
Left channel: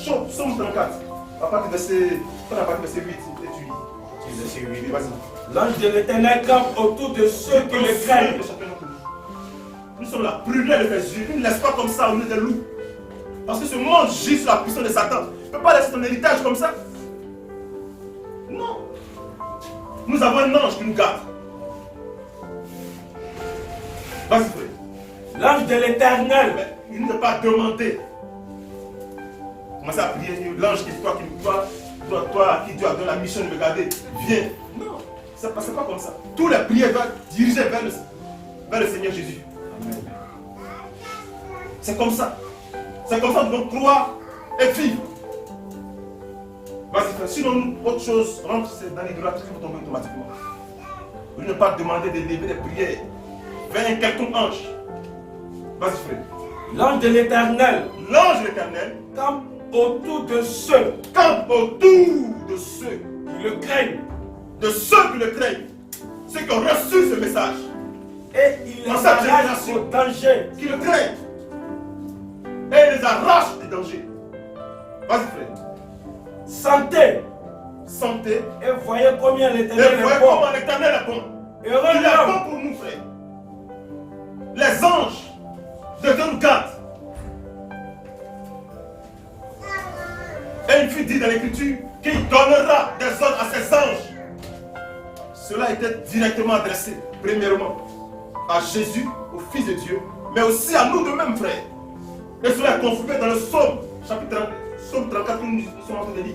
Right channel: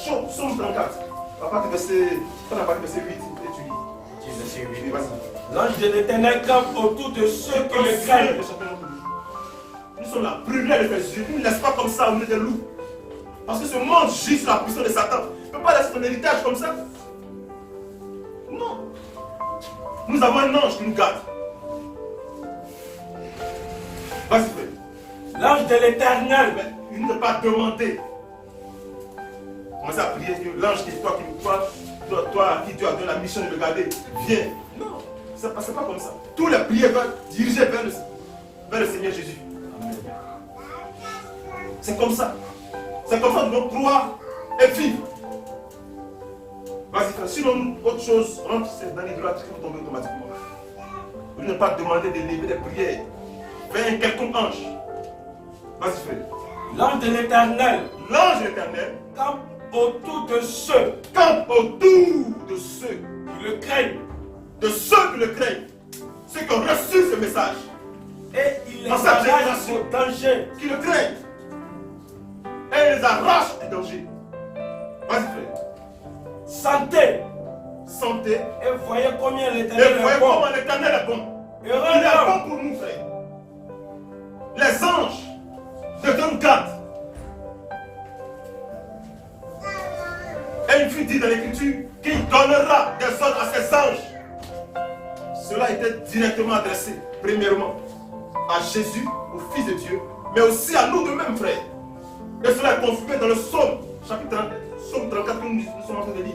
Somme 34. À partir du verset 8, étudie. Vas-y. L'ange de l'Éternel campe autour de ceux qui le craignent. Nous sommes la prunelle de tes yeux. Il ne laisse pas comme ça au milieu des loups. Parce que ce monde gît sur la puissance de Satan. Il ne peut pas laisser ton héritage comme ça. Non. Nous avons un ange qui nous garde. Vas-y, frère. L'ange de l'Éternel. Il ne peut pas demander. Commencez à prier. L'ange qui toi à qui Dieu a donné la mission de me garder, viens. Non. Ça ne passe pas comme ça. Tous les prières doivent diriger vers le Seigneur Jésus. C'est comme ça. C'est comme ça que nous devons croire et vivre. Vas-y, frère. Sinon, autre chose, rentre dans l'idolâtrie, vous tombez automatiquement. Vous ne pas demander de lever des prières vers un quelconque ange. Vas-y, frère. L'ange de l'Éternel. L'ange de l'Éternel campe autour de ceux. Campe autour de ceux qui le craignent. De ceux qui le craignent. Ceux qui ont reçu ce message. Et il les dans cette arrache génération au danger. qui le craignent. Et il les arrache du danger. Vas-y frère. Santé. Santé. Et voyez combien Et l'Éternel voyez est bon. comment l'Éternel est bon. Heureux Il est l'homme bon pour nous frère. Les anges de Dieu nous gardent. Et il fut dit dans l'Écriture qu'il donnera des ordres à ses anges. Cela était directement adressé, premièrement, à Jésus, au Fils de Dieu, mais aussi à nous de mêmes, frères. Et cela est confirmé dans le psaume, chapitre 30, psaume 34, que nous sommes en train de lire.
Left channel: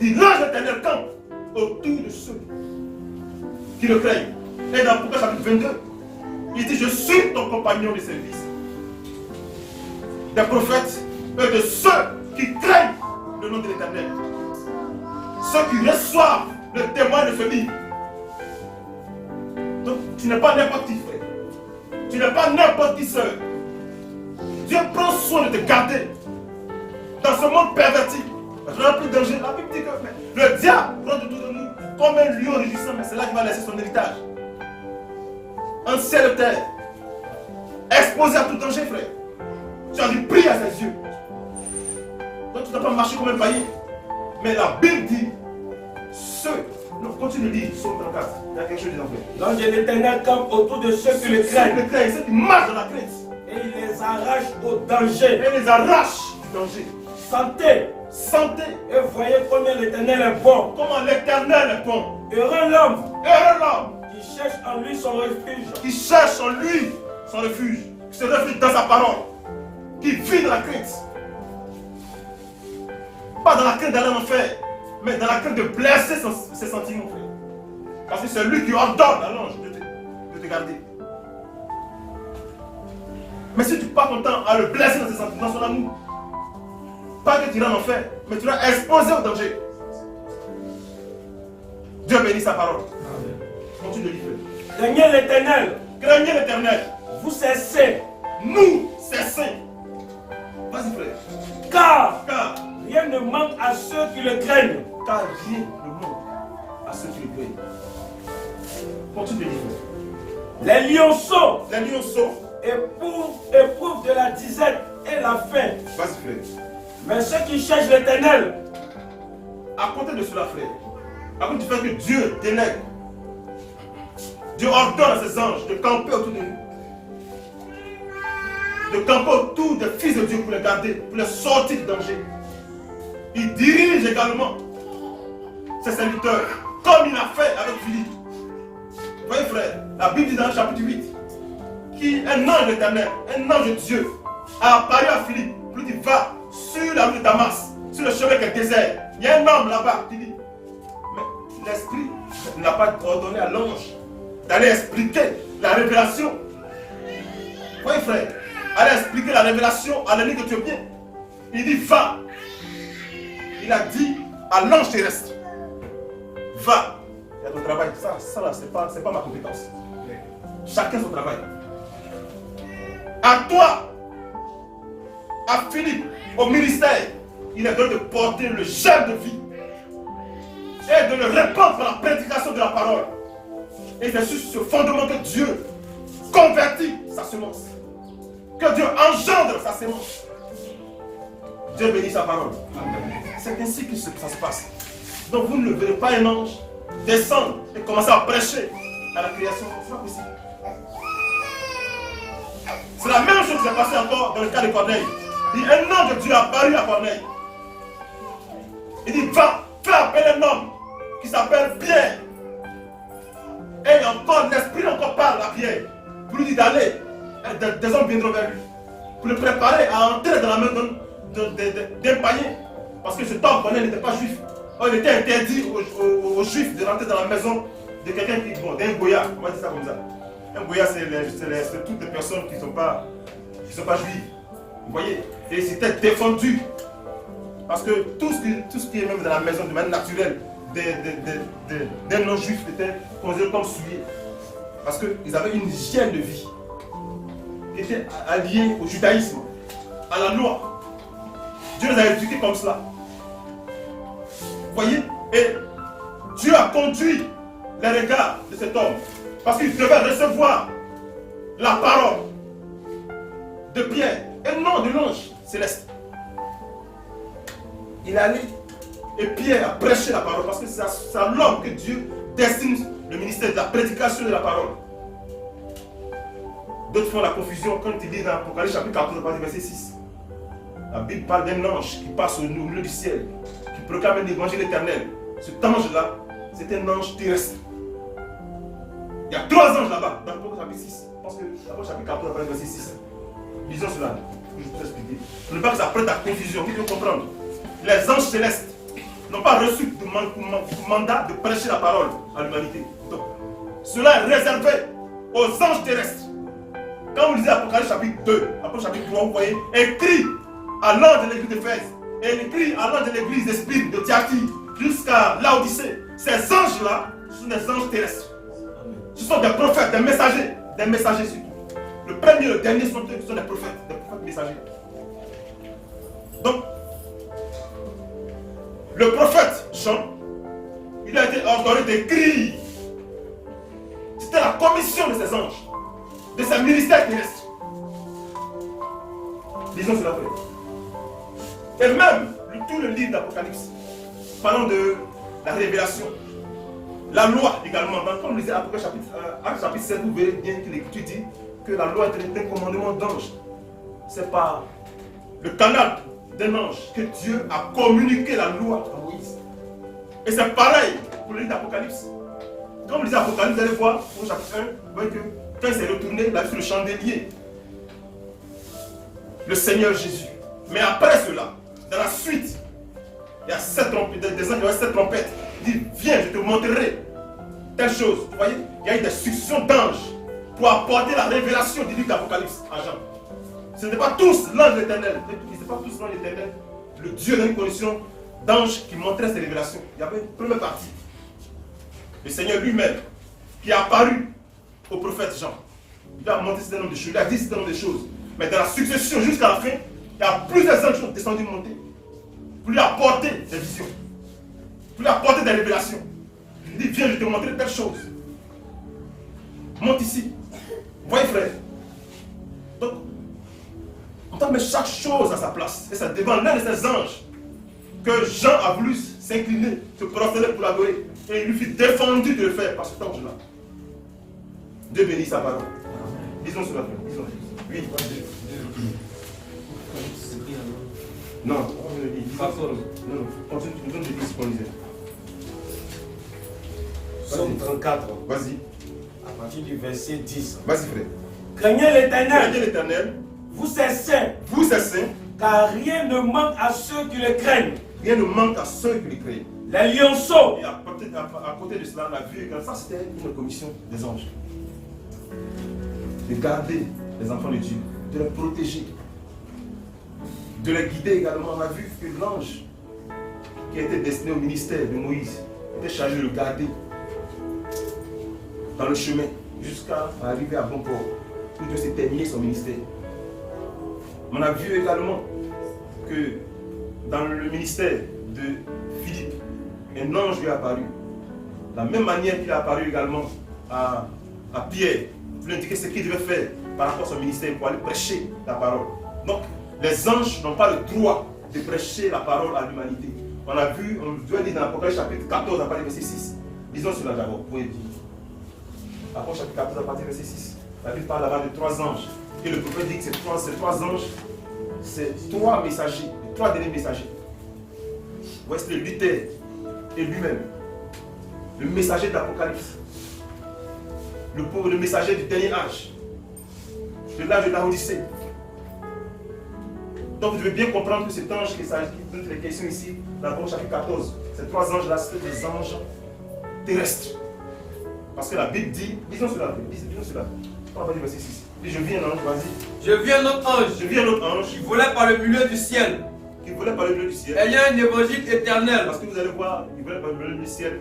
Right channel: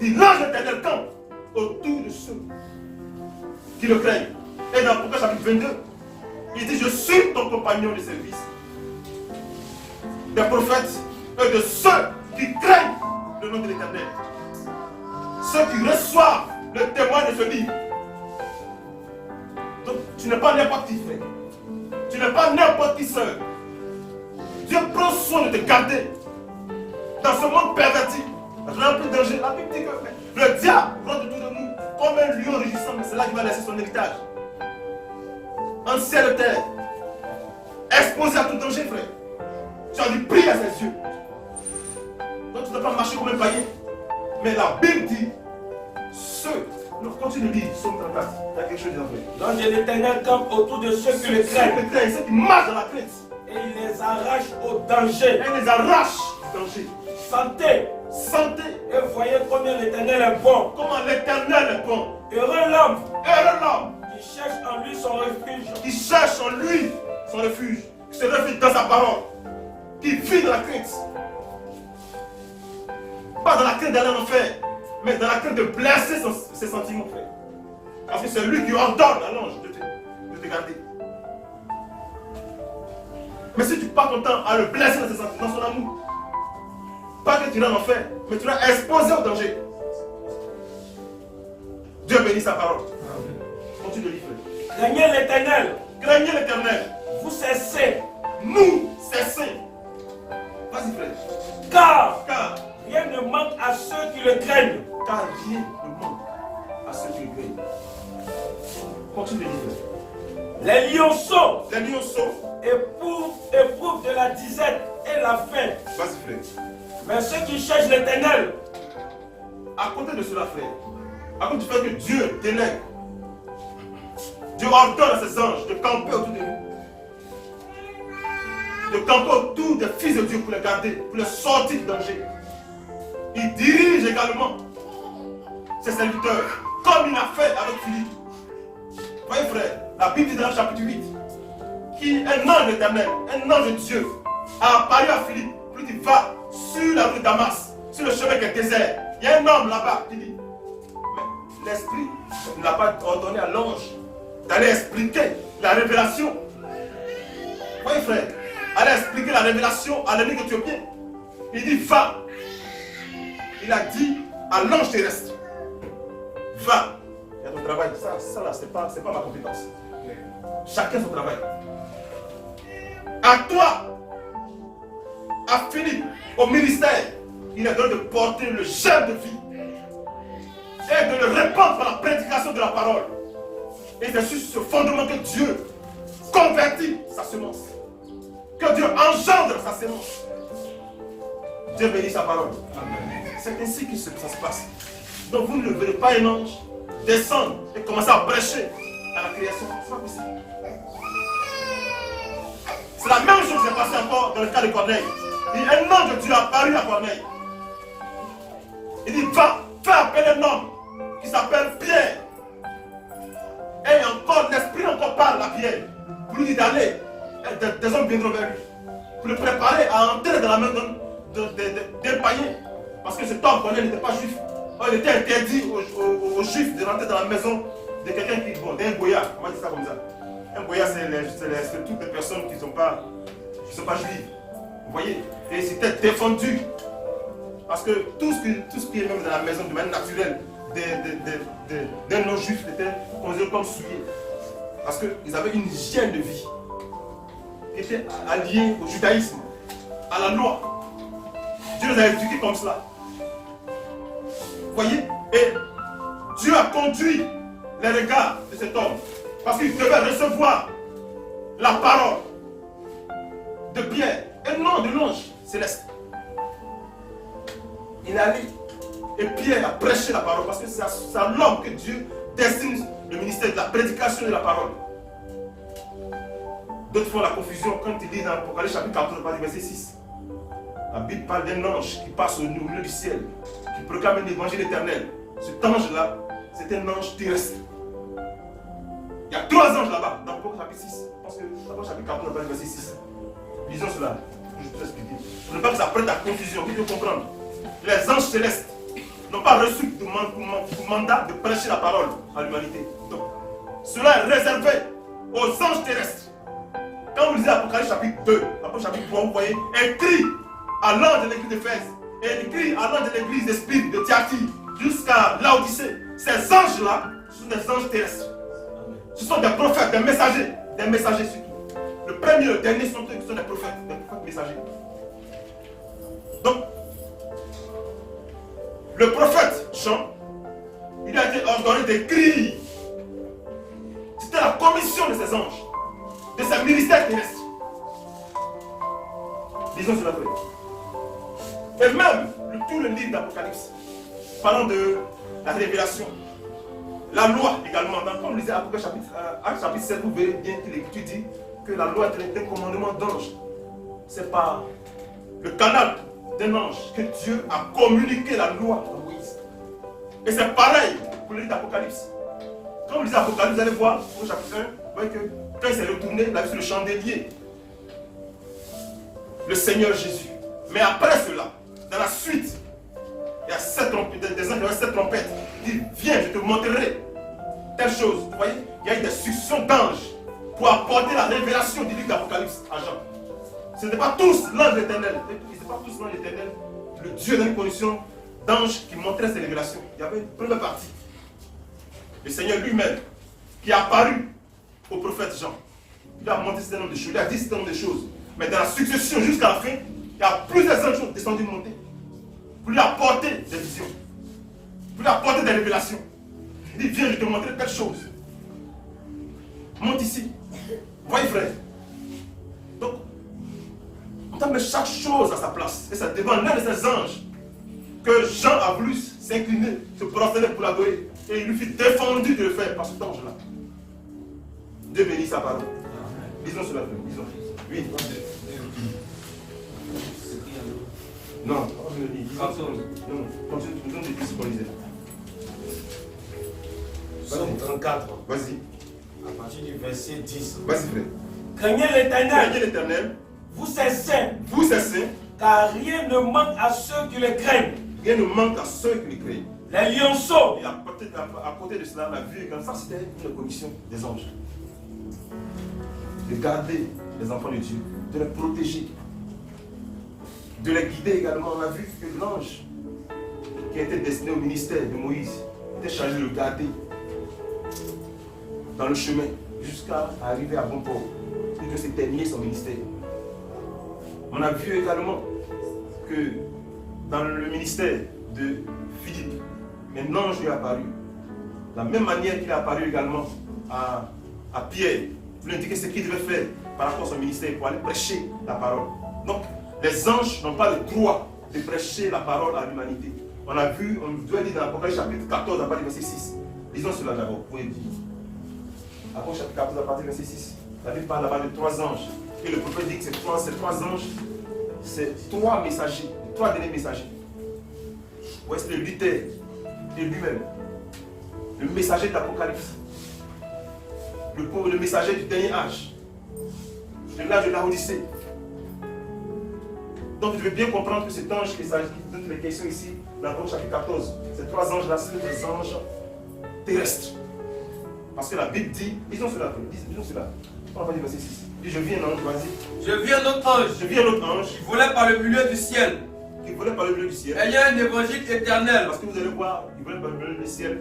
Il dit, l'ange éternel campe autour de ceux qui le craignent. Et dans Apocalypse chapitre 22, il dit, je suis ton compagnon de service. Des prophètes et de ceux qui craignent le nom de l'Éternel. Ceux qui reçoivent le témoin de ce livre. Donc, tu n'es pas n'importe qui, frère. Tu n'es pas n'importe qui, sœur. Dieu prend soin de te garder dans ce monde perverti, rempli de danger. La Bible dit que le diable rôde autour de nous comme un lion rugissant, mais c'est là qu'il va laisser son héritage. Un ciel de terre, exposé à tout danger, frère. Tu as dû prier à ses yeux. Donc tu ne dois pas marcher comme un païen. Mais la Bible dit, ceux, non, continue de lire, Psaume 34, il y a quelque chose dedans, frère. L'ange de l'Éternel campe autour de ceux qui le craignent. Ceux qui marchent dans la crainte. Et il les arrache au danger. Et il les arrache du danger. Santé. Santé. Et voyez combien l'Éternel est bon. Comment l'Éternel est bon. Heureux l'homme Heureux l'homme qui cherche en lui son refuge. qui cherche en lui son refuge, qui se réfugie dans sa parole, qui vit dans la crainte. Pas dans la crainte d'aller en enfer, mais dans la crainte de blesser ses sentiments, frère. Parce que c'est lui qui ordonne à l'ange de te garder. Mais si tu passes ton temps à le blesser dans ses sentiments, dans son amour, pas que tu iras en enfer, mais tu vas exposer au danger. Dieu bénit sa parole. Continue de lire. Craignez l'Éternel. Craignez l'Éternel. Vous cessez. Nous cessons. Vas-y frère. Car rien ne manque à ceux qui le craignent. Car rien ne manque à ceux qui le craignent. Continue de lire. Les lionceaux Les lionceaux. éprouvent de la disette et la faim. Vas-y frère. Mais ceux qui cherchent l'Éternel, À côté de cela, frère, à côté du fait que Dieu délègue, Dieu ordonne à ses anges de camper autour de nous. De camper autour des fils de Dieu pour les garder, pour les sortir du danger. Il dirige également ses serviteurs, comme il a fait avec Philippe. Vous voyez frère, la Bible dit dans le chapitre 8, qu'un ange éternel, un ange de Dieu, a apparu à Philippe. Puis il va sur la route de Damas, sur le chemin qui est désert. Il y a un homme là-bas qui dit, mais l'Esprit n'a pas ordonné à l'ange d'aller expliquer la révélation. Vous voyez frère, aller expliquer la révélation à l'ennemi éthiopien. Il dit, va. Il a dit à l'ange terrestre, va. Il y a ton travail. Ça là, c'est pas ma compétence. Chacun son travail. À toi, à Philippe, au ministère, il est donné de porter le germe de vie et de le répandre par la prédication de la parole. Et c'est sur ce fondement que Dieu convertit sa semence, que Dieu engendre sa semence. Dieu bénit sa parole. C'est ainsi que ça se passe. Donc vous ne verrez pas un ange descendre et commencer à prêcher à la création. Ce n'est pas possible. C'est la même chose qui s'est passée encore dans le cas de Corneille. Il dit, un ange de Dieu a apparu à Corneille. Il dit, va, fais appeler un homme qui s'appelle Pierre. Et encore, l'esprit encore parle à Pierre. Pour lui dire d'aller. Des hommes viendront vers lui. Pour le préparer à entrer dans la main d'un païen. Parce que cet homme, Corneille, n'était pas juif. Il était interdit aux juifs de rentrer dans la maison de quelqu'un qui, bon, d'un goya. On va dire ça comme ça. Un goya, c'est toutes les personnes qui ne sont pas juives. Vous voyez? Et c'était défendu. Parce que tout ce qui est même dans la maison de manière naturelle des non-juifs était considéré comme souillé. Parce qu'ils avaient une hygiène de vie qui était alliée au judaïsme, à la loi. Dieu les a éduqués comme cela. Vous voyez? Et Dieu a conduit les regards de cet homme. Parce qu'il devait recevoir la parole de Pierre et non de l'ange céleste. Il est allé et Pierre a prêché la parole parce que c'est à l'homme que Dieu destine le ministère de la prédication de la parole. D'autres font la confusion quand il dit dans Apocalypse chapitre 14, verset 6. La Bible parle d'un ange qui passe au milieu du ciel, qui proclame l'évangile éternel. Cet ange-là, c'est un ange terrestre. Il y a 3 anges là-bas, dans Apocalypse chapitre 6. Je pense que Apocalypse chapitre 14, verset 6. Lisons cela, je vais vous expliquer. Je ne veux pas que ça prête à confusion, qu'il faut comprendre. Les anges célestes n'ont pas reçu de mandat de prêcher la parole à l'humanité. Donc, cela est réservé aux anges terrestres. Quand vous lisez Apocalypse chapitre 2, Apocalypse chapitre 3, vous voyez écrit à l'ange de l'église d'Éphèse et écrit à l'ange de l'église d'Esprit de Thyatire jusqu'à Laodicée. Ces anges-là, ce sont des anges terrestres. Ce sont des prophètes, des messagers surtout. Le premier et le dernier sont des prophètes messagers. Donc, le prophète Jean, il a été ordonné d'écrire. C'était la commission de ces anges, de ces ministères terrestres. Lisons cela après. Et même tout le livre d'Apocalypse, parlant de la révélation, la loi également. Quand vous lisez Apocalypse chapitre 7, vous verrez bien que l'Écriture dit que la loi est un commandement d'ange. C'est par le canal d'un ange que Dieu a communiqué la loi à Moïse. Et c'est pareil pour le livre d'Apocalypse. Quand vous lisez Apocalypse, vous allez voir, au chapitre 1, vous voyez que quand il s'est retourné, il a vu sur le chandelier le Seigneur Jésus. Mais après cela, dans la suite, il y a 7 trompettes, des anges qui ont 7 trompettes. Il dit, viens, je te montrerai telle chose. Vous voyez, il y a eu des successions d'anges pour apporter la révélation du livre d'Apocalypse à Jean. Ce n'est pas tous l'ange éternel. Ce n'est pas tous l'ange éternel. Le Dieu dans une condition d'ange qui montrait ses révélations. Il y avait une première partie. Le Seigneur lui-même qui est apparu au prophète Jean. Il a montré un certain nombre de choses. Il a dit un certain nombre de choses. Mais dans la succession jusqu'à la fin, il y a plusieurs anges qui sont descendus monter pour lui apporter des visions, pour lui apporter des révélations. Il dit, viens, je te montrer telle chose. Monte ici. Voyez, frère. Donc, on doit mettre chaque chose à sa place. Et c'est devant l'un de ces anges que Jean a voulu s'incliner, se prosterner pour l'adorer. Et il lui fut défendu de le faire par cet ange-là. Dieu bénit sa parole. Disons cela, frère. Disons. Oui. Non, je le dis. Non, continue, nous donne des questions qu'on lisait. Psaume 34. Vas-y. À partir du verset 10. Vas-y, frère. Craignez l'Éternel. Craignez l'Éternel. Vous c'est saints. Vous, c'est saints. Car rien ne manque à ceux qui le craignent. Rien ne manque à ceux qui le craignent. Les lionceaux. Et à côté de cela, on a vu que ça, c'était une commission des anges. De garder les enfants de Dieu, de les protéger, de les guider également. On a vu que l'ange qui était destiné au ministère de Moïse était chargé de le garder dans le chemin jusqu'à arriver à bon port, où Dieu s'est terminé son ministère. On a vu également que dans le ministère de Philippe, un ange lui est apparu. De la même manière qu'il est apparu également à Pierre, pour lui indiquer ce qu'il devait faire par rapport à son ministère pour aller prêcher la parole. Donc, les anges n'ont pas le droit de prêcher la parole à l'humanité. On a vu, on doit dire dans l'Apocalypse chapitre 14, à partir du verset 6. Lisons cela d'abord, pour aider. Apocalypse chapitre 14, à partir du verset 6. La Bible parle là-bas de 3 anges. Et le prophète dit que ces trois anges, c'est 3 messagers, 3 derniers messagers. Voici le Luther et lui-même, le messager de l'Apocalypse, le messager du dernier âge, de l'âge de Laodicée. Donc vous devez bien comprendre que cet ange dont il est question ici, dans l'Apocalypse chapitre 14, ces 3 anges-là, c'est des anges terrestres. Parce que la Bible dit, lisons cela, on va dire verset 6. Je vis un ange, vas-y. Je vis un autre ange. Je vis un autre ange Qui volait par le milieu du ciel. qui volait par le milieu du ciel. Ayant un évangile éternel. Parce que vous allez voir, il volait par le milieu du ciel.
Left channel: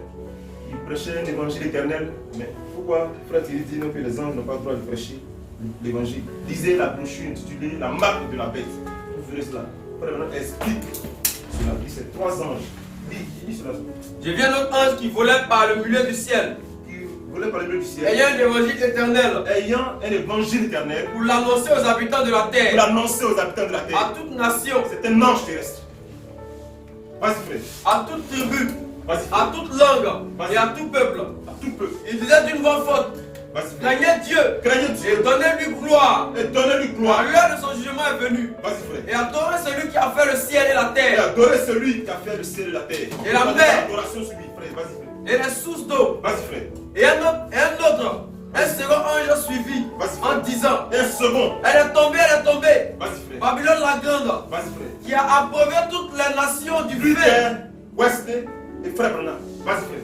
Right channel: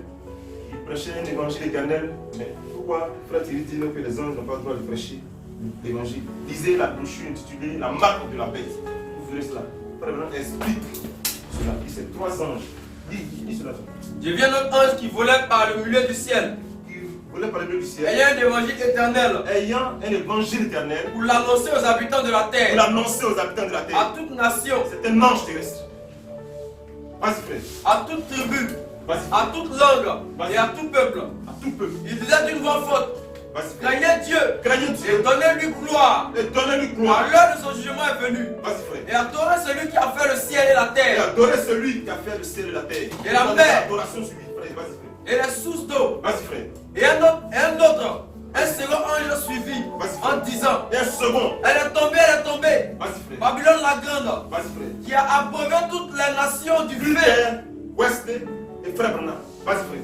Il prêchait un évangile éternel. Mais pourquoi frère Thierry dit que les anges n'ont pas le droit de prêcher l'évangile? Lisez la brochure intitulée La marque de la bête. Vous verrez cela. Frère maintenant explique cela. Il dit c'est 3 anges. Dis cela. Je vis un autre ange qui volait par le milieu du ciel. Qui Vous voulez parler du ciel. ayant un évangile éternel Ayant un évangile éternel. pour l'annoncer aux habitants de la Pour terre, l'annoncer aux habitants de la à terre. toute nation, C'est un ange terrestre. Vas-y frère. à toute tribu, Vas-y à frère. toute langue et à tout peuple. À tout peuple. Il disait d'une voix forte, Vas-y frère. craignez Dieu Craignez et Dieu. donnez-lui gloire. Et donnez-lui Car gloire. l'heure de son jugement est venue. Vas-y frère. Et adorez celui qui a fait le ciel et la Et terre, adorez celui qui a fait le ciel et la terre. Et la Donne mer. l'adoration sur lui, frère. Vas-y frère. et les sources d'eau. Vas-y frère. Et un autre, un second ange suivi Vas-y, en frère. disant, Et un second. elle est tombée, Vas-y frère. Babylone la grande, Vas-y frère. qui a approuvé toutes les nations du feu, Luther, Wesley et frère Branham. Vas-y frère.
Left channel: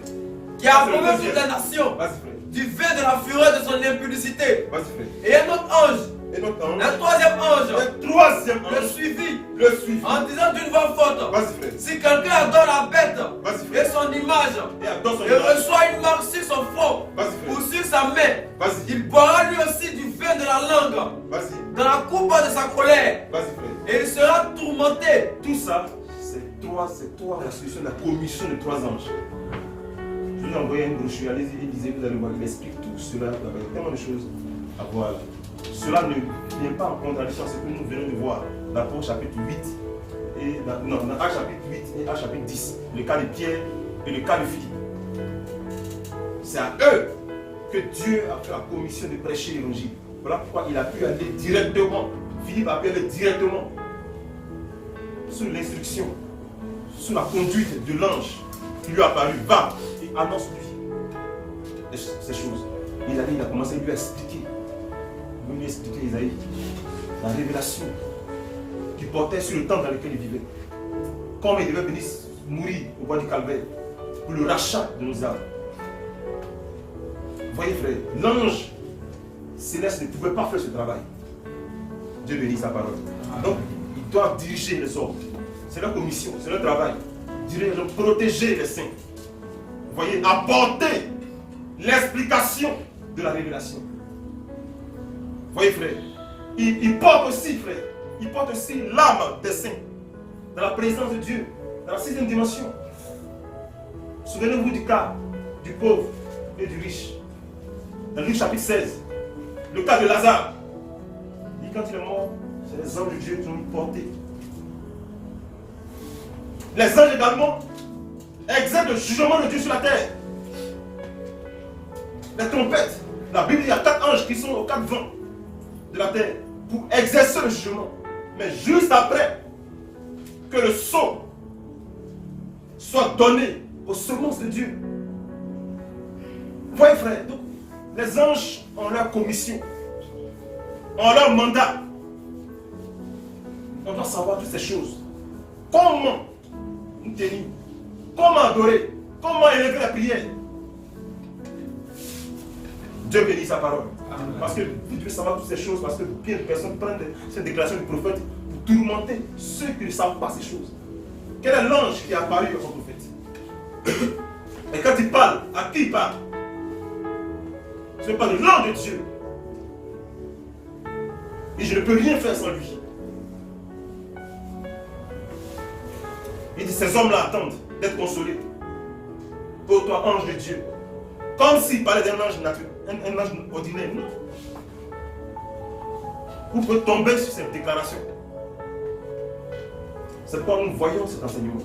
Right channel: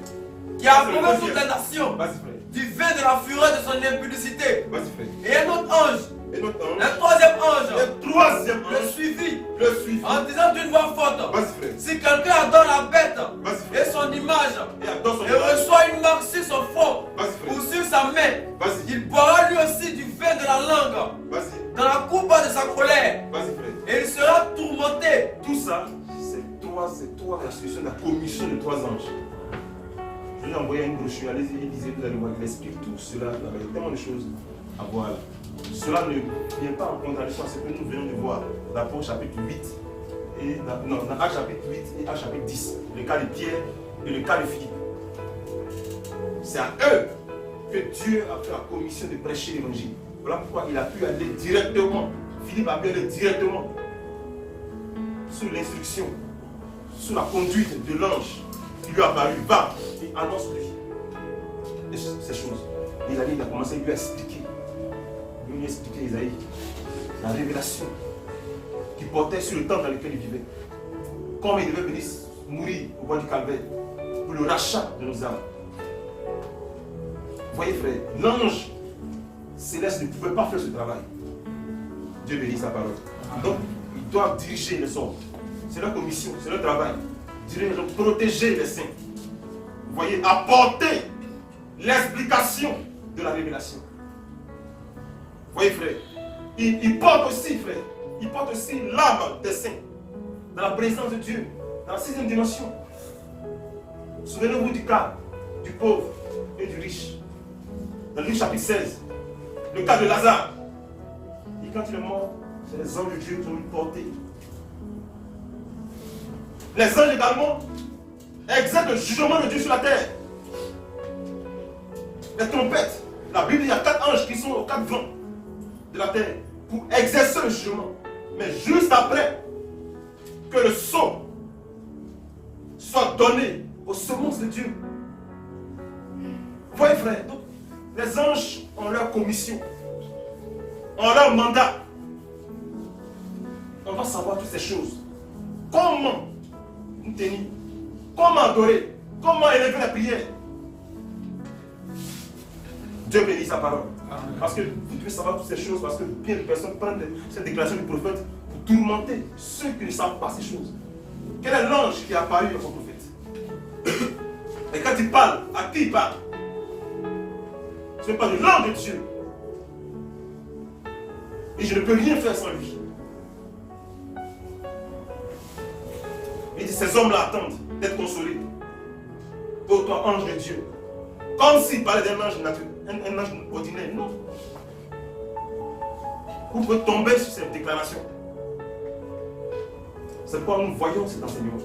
qui a C'est le approuvé deuxième. toutes les nations Vas-y frère. du feu de la fureur de son impudicité. Vas-y frère. Et un autre ange, Et notre ange. un troisième ange, Le troisième le ange. suivit Le suivi. en disant d'une voix forte, Vas-y frère. si quelqu'un adore la bête Vas-y et frère. son image, Et adore son et image. reçoit une marque sur son front Vas-y ou frère. sur sa main, Vas-y. il boira lui aussi du vin de la langue Vas-y. dans la coupe de sa colère, Vas-y frère. et il sera tourmenté. Tout ça, c'est trois institutions de la commission de trois anges. Je vous ai envoyé une brochure, allez-y, lisez, vous allez voir, il explique tout cela. Là-bas. Il y a tellement de choses à voir là. Cela ne vient pas en contradiction à ce que nous venons de voir dans Apôtres chapitre 8 et dans Actes chapitre 8 et Actes chapitre 10. Le cas de Pierre et le cas de Philippe. C'est à eux que Dieu a fait la commission de prêcher l'évangile. Voilà pourquoi il a pu aller directement. Philippe a pu aller directement sous l'instruction, sous la conduite de l'ange qui lui a apparu. Va et annonce-lui ces choses. Il a commencé à lui expliquer. Lui expliquer Isaïe, la révélation qui portait sur le temps dans lequel il vivait. Comme il devait venir mourir au bois du Calvaire pour le rachat de nos âmes. Voyez frère, l'ange céleste ne pouvait pas faire ce travail. Dieu bénit sa parole. Donc, ils doivent diriger les hommes. C'est leur commission, c'est leur travail. Diriger, protéger les saints. Vous voyez, apporter l'explication de la révélation. Vous voyez frère, il porte aussi frère, il porte aussi l'âme des saints dans la présence de Dieu, dans la sixième dimension. Souvenez-vous du cas du pauvre et du riche. Dans Luc chapitre 16, le cas de Lazare. Et quand il est mort, c'est les anges de Dieu qui l'ont porté. Les anges également exercent le jugement de Dieu sur la terre. Les trompettes. La Bible, il y a 4 anges qui sont aux 4 vents de la terre pour exercer le jugement. Mais juste après que le sceau soit donné aux semences de Dieu. Vous voyez frère, donc, les anges ont leur commission, ont leur mandat. On doit savoir toutes ces choses. Comment nous tenir, comment adorer, comment élever la prière. Dieu bénit sa parole. Amen. Parce que vous devez savoir toutes ces choses, parce que bien de personnes prennent cette déclaration du prophète pour tourmenter ceux qui ne savent pas ces choses. Quel est l'ange qui est apparu au prophète? Et quand il parle, à qui il parle? Ce n'est pas de l'ange de Dieu. Et je ne peux rien faire sans lui. Il dit, ces hommes-là attendent d'être consolés. Ô toi, ange de Dieu. Comme s'il parlait d'un ange naturel, un ange ordinaire. Non. Vous pouvez tomber sur cette déclaration. C'est pourquoi nous voyons cet enseignement.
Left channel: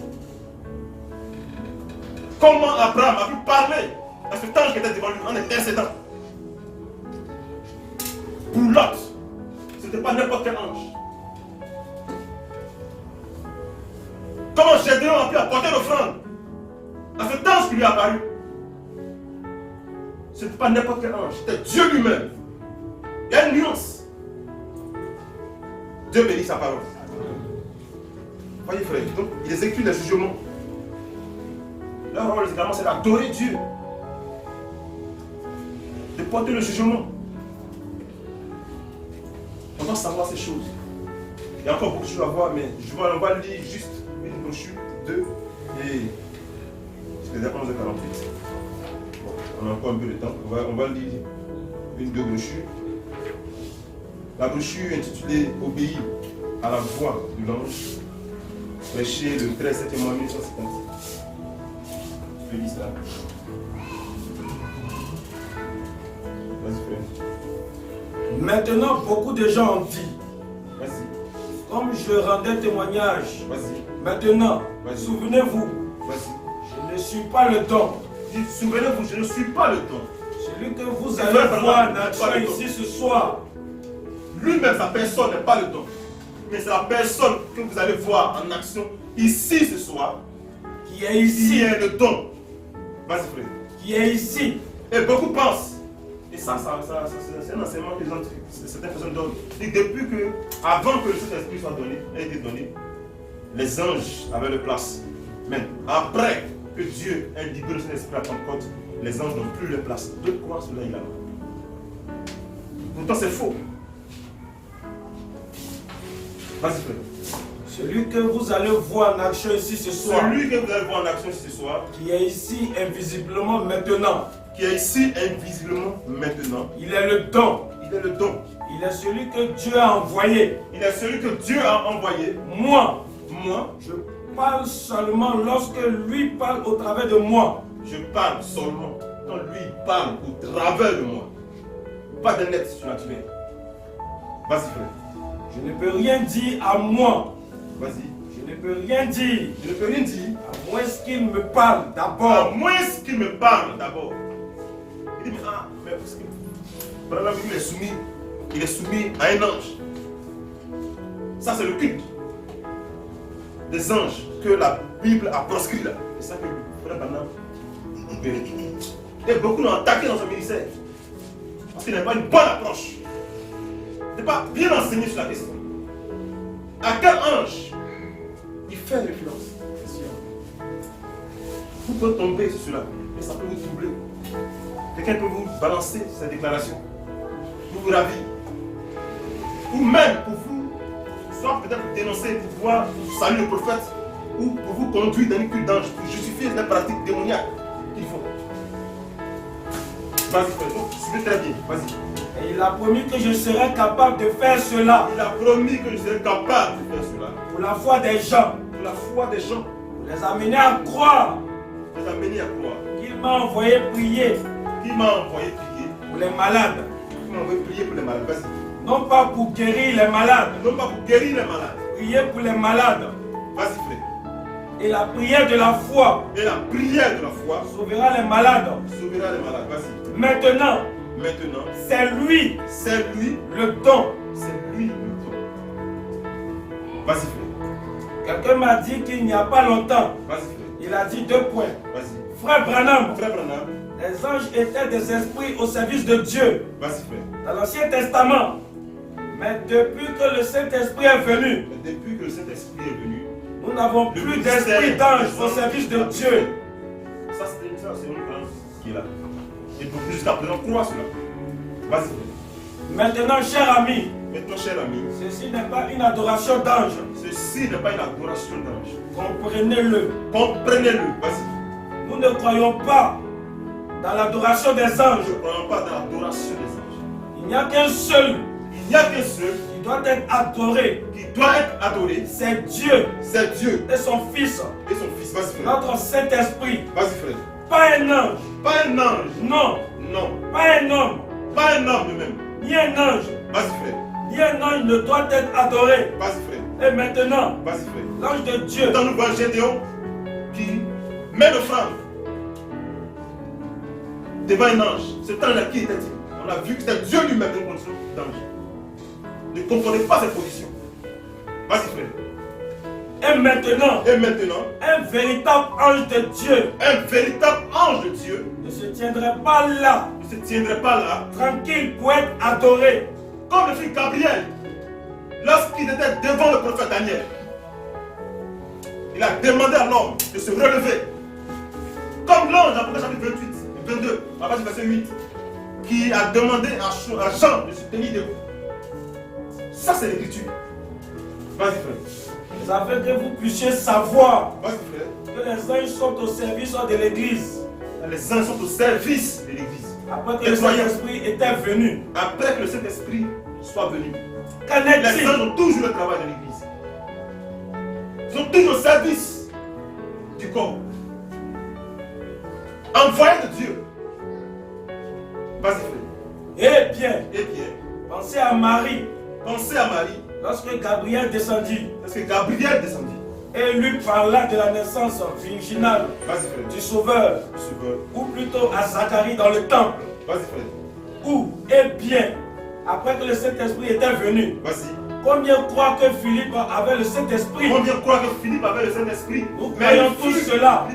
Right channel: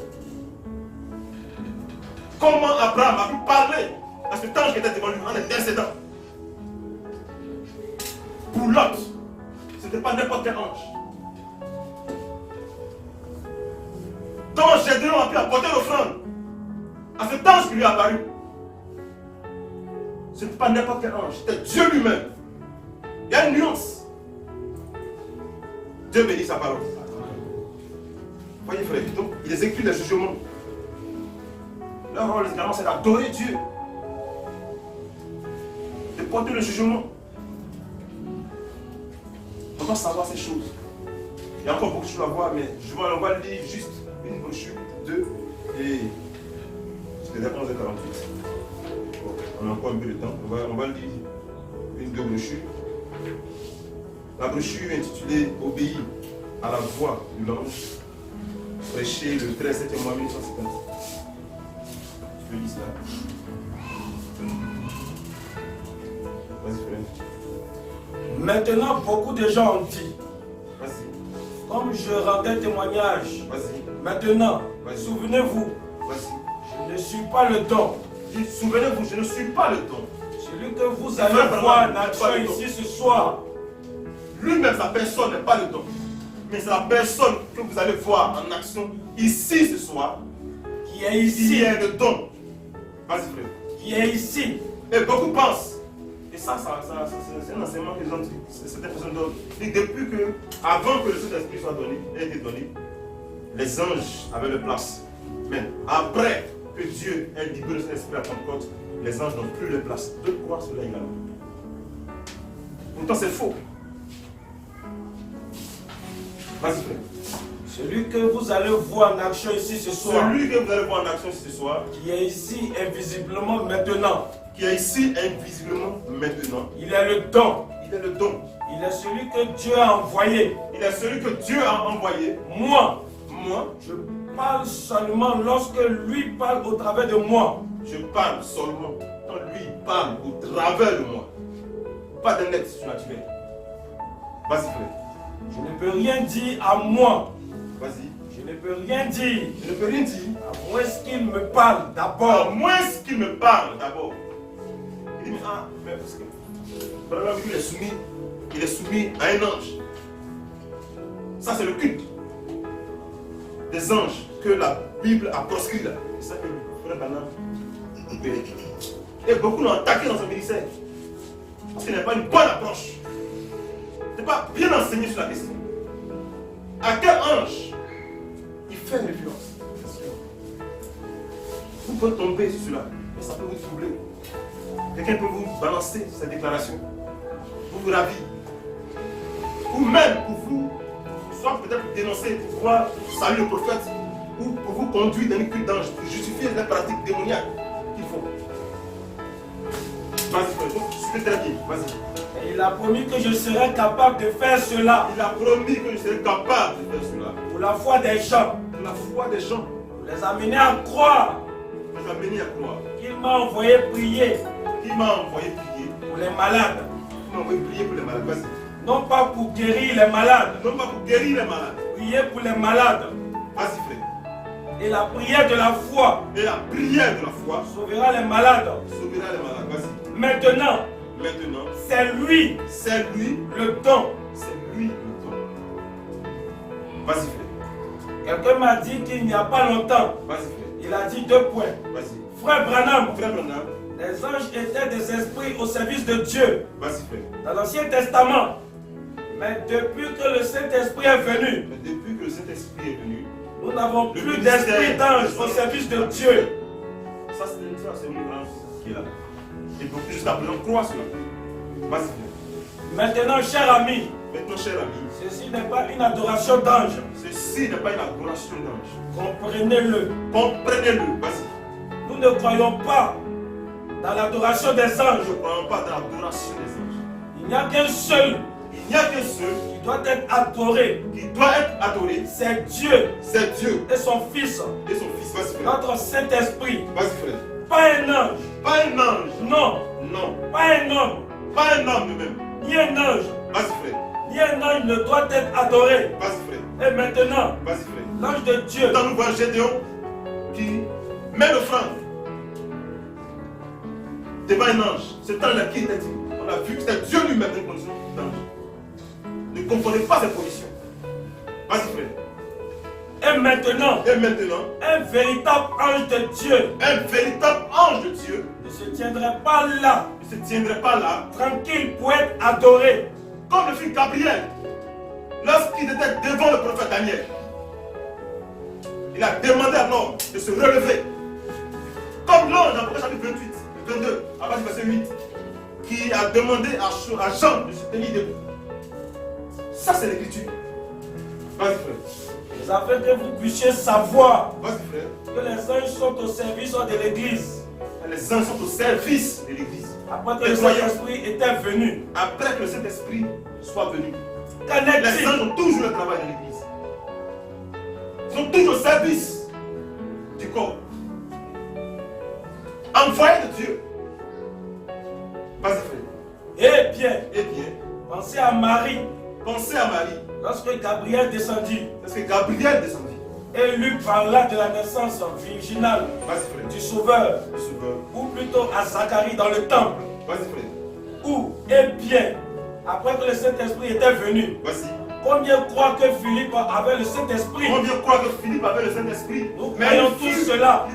Comment Abraham a pu parler à cet ange qui était devant lui en intercédant. Pour l'autre, ce n'était pas n'importe quel ange. Comment Gédéon a pu apporter l'offrande à cet ange qui lui est apparu. Ce n'était pas n'importe quel ange, c'était Dieu lui-même. Il y a une nuance. Dieu bénit sa parole. Voyez frère, donc il exécute les jugements. Leur rôle également c'est d'adorer Dieu. De porter le jugement. On doit savoir ces choses. Il y a encore beaucoup de choses à voir, mais on va lire juste une brochure, 2 et c'est déjà 11h48. Bon, on a encore un peu de temps. On va lire deux brochures. La brochure intitulée Obéir à la voix de l'ange, prêchée le 13 septembre 1950. Je lis cela. Vas-y, frère. Maintenant, beaucoup de gens ont dit, Vas-y. comme je rendais témoignage, Vas-y. maintenant, Vas-y. souvenez-vous, Vas-y. je ne suis pas le don. Dis, souvenez-vous, je ne suis pas le temps. Celui que vous C'est allez vrai, voir Branham, en n'est action pas le don. ici ce soir, Lui-même, sa personne n'est pas le don. Mais c'est la personne que vous allez voir en action ici ce soir qui est qui ici, est le don. Vas-y, frère. qui est ici, Et beaucoup pensent. Et ça c'est un enseignement que certaines personnes donnent. Et depuis que, avant que le Saint-Esprit soit donné, ait été donné, les anges avaient leur place. Mais après que Dieu ait libéré le Saint-Esprit à Pentecôte, les anges n'ont plus leur place. De quoi cela également? Pourtant, c'est faux. Vas-y, frère. celui que vous allez voir en action ici ce soir, Celui que vous allez voir en action ici ce soir, qui est ici invisiblement maintenant, qui est ici invisiblement maintenant, il est le don. il est le don. Il est celui que Dieu a envoyé. Il est celui que Dieu a envoyé. Moi, Moi, je parle seulement lorsque lui parle au travers de moi. je parle seulement quand lui parle au travers de moi. Pas d'un être surnaturel. Vas-y, frère. Je ne peux rien dire à moi. Vas-y. Je ne peux rien dire. Je ne peux rien dire. À moins qu'il me parle À d'abord. moins qu'il me parle d'abord. Il dit, mais parce que Branham, il est soumis à un ange. Ça, c'est le culte des anges que la Bible a proscrit là. C'est ça que le frère Branham opérait. Et beaucoup l'ont attaqué dans son ministère. Parce qu'il n'a pas une bonne approche. Il n'est pas bien enseigné sur la question. À quel ange il fait référence? Vous pouvez tomber sur cela, mais ça peut vous troubler. Quelqu'un peut vous balancer sa déclaration, pour vous ravir, ou même pour vous, soit peut-être vous dénoncer, pour pouvoir saluer le prophète, ou pour vous conduire dans une culte d'ange, pour justifier les pratiques démoniaques qu'il faut. Vas-y, frère, donc, suivez très bien, vas-y. Et il a promis que je serais capable de faire cela Il a promis que je serais capable de faire cela. pour la foi des gens, Pour la foi des gens, pour les amener à croire les amener à croire. qu'il m'a envoyé prier Qui m'a envoyé prier? pour les malades. Qui m'a envoyé prier pour les malades? Vas-y. Non pas pour guérir les malades, Non pas pour guérir les malades. prier pour les malades. Vas-y, frère. Et la prière de la foi Et la prière de la foi sauvera les malades. sauvera les malades. Vas-y. Maintenant, Maintenant, c'est lui c'est lui, le don. c'est lui le don. Vas-y, frère. Quelqu'un m'a dit qu'il n'y a pas longtemps, Vas-y, frère. il a dit 2 points. Vas-y. Frère Branham, Frère Branham, les anges étaient des esprits au service de Dieu vas-y, frère. dans l'Ancien Testament. Mais depuis que le Saint-Esprit est venu, Mais depuis que le Saint-Esprit est venu, nous n'avons le plus ministère d'esprit d'ange des au anges service de a été Dieu. fait. Ça, c'est une grande qui est là. Et donc, jusqu'à présent, crois cela. Vas-y, frère. Maintenant, cher ami, Maintenant, cher ami, ceci n'est pas une adoration d'ange. ceci n'est pas une adoration d'ange. Comprenez-le. Comprenez-le. Vas-y. Nous ne croyons pas dans l'adoration des Nous anges. ne croyons pas dans l'adoration des anges. Il n'y a qu'un seul Il n'y a qu'un seul qui doit être adoré. qui doit être adoré, C'est Dieu c'est Dieu et son Fils, et son Fils. Vas-y, frère. notre Saint-Esprit. Vas-y, frère. Pas un ange. Pas un ange. Non, Non. pas un homme. Pas un homme lui-même. Ni un ange. Vas-y, frère. Ni un ange ne doit être adoré. Vas-y, frère. Et maintenant, Vas-y, frère. l'ange de Dieu, Quand nous voyons Gédéon qui met l'offrande devant un ange, ce temps-là qui était-il? On a vu que c'était Dieu lui-même dans une condition d'ange. Ne comprenez pas cette position. Vas-y, frère. et maintenant, Et maintenant, un véritable ange de Dieu un véritable ange de Dieu ne se tiendrait pas là, ne se tiendrait pas là, tranquille pour être adoré. comme le fils Gabriel, lorsqu'il était devant le prophète Daniel. Il a demandé à l'homme de se relever. Comme l'ange, dans Apocalypse chapitre 28, 22, à partir du verset 8, qui a demandé à Jean de se tenir debout. Ça, c'est l'écriture. Vas-y, frère. Afin que vous puissiez savoir Vas-y, frère. que les anges sont au service de l'Église. Les anges sont au service de l'Église. Après que Les le croyants. Saint-Esprit était venu. Après que le Saint-Esprit soit venu, Qu'en les est-il? anges ont toujours le travail de l'Église. Ils sont toujours au service du corps. Envoyés de Dieu. Vas-y, frère. Eh bien, Eh bien, pensez à Marie, pensez à Marie, lorsque Gabriel descendit parce que Gabriel descendit. et lui parla de la naissance virginale Vas-y, frère. du Sauveur, Le Sauveur. ou plutôt à Zacharie dans le temple, Vas-y, frère. où, eh bien, après que le Saint-Esprit était venu, Vas-y. combien croient que Philippe avait le Saint-Esprit? Combien croient que Philippe avait le Saint-Esprit? Nous Mais croyons il tous fut- cela.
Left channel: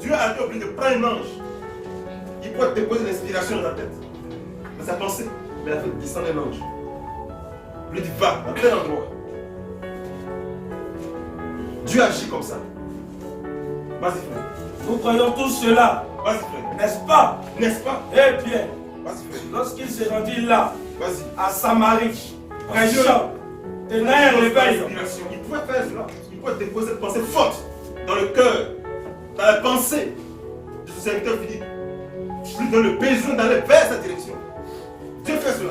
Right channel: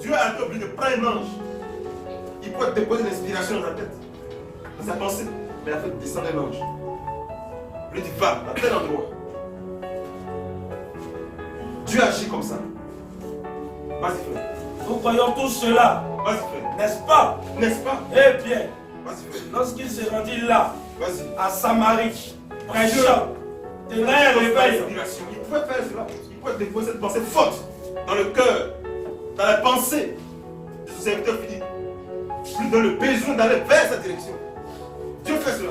Dieu a été obligé de prendre un ange. Il peut te déposer l'inspiration dans ta tête, dans sa pensée. Mais il a fait descendre un ange. Il lui dit, va à tel endroit. Dieu agit comme ça. Vas-y, frère. Nous croyons tous cela, Vas-y, frère. n'est-ce pas? N'est-ce pas? Eh bien, Vas-y, frère. lorsqu'il s'est rendu là, Vas-y. à Samarie, prêchant, tenant un réveil, L'inspiration. Il pouvait faire cela. Il pouvait déposer cette pensée forte dans le cœur, dans la pensée de ce serviteur Philippe. Lui donne le besoin d'aller vers cette direction. Dieu fait cela.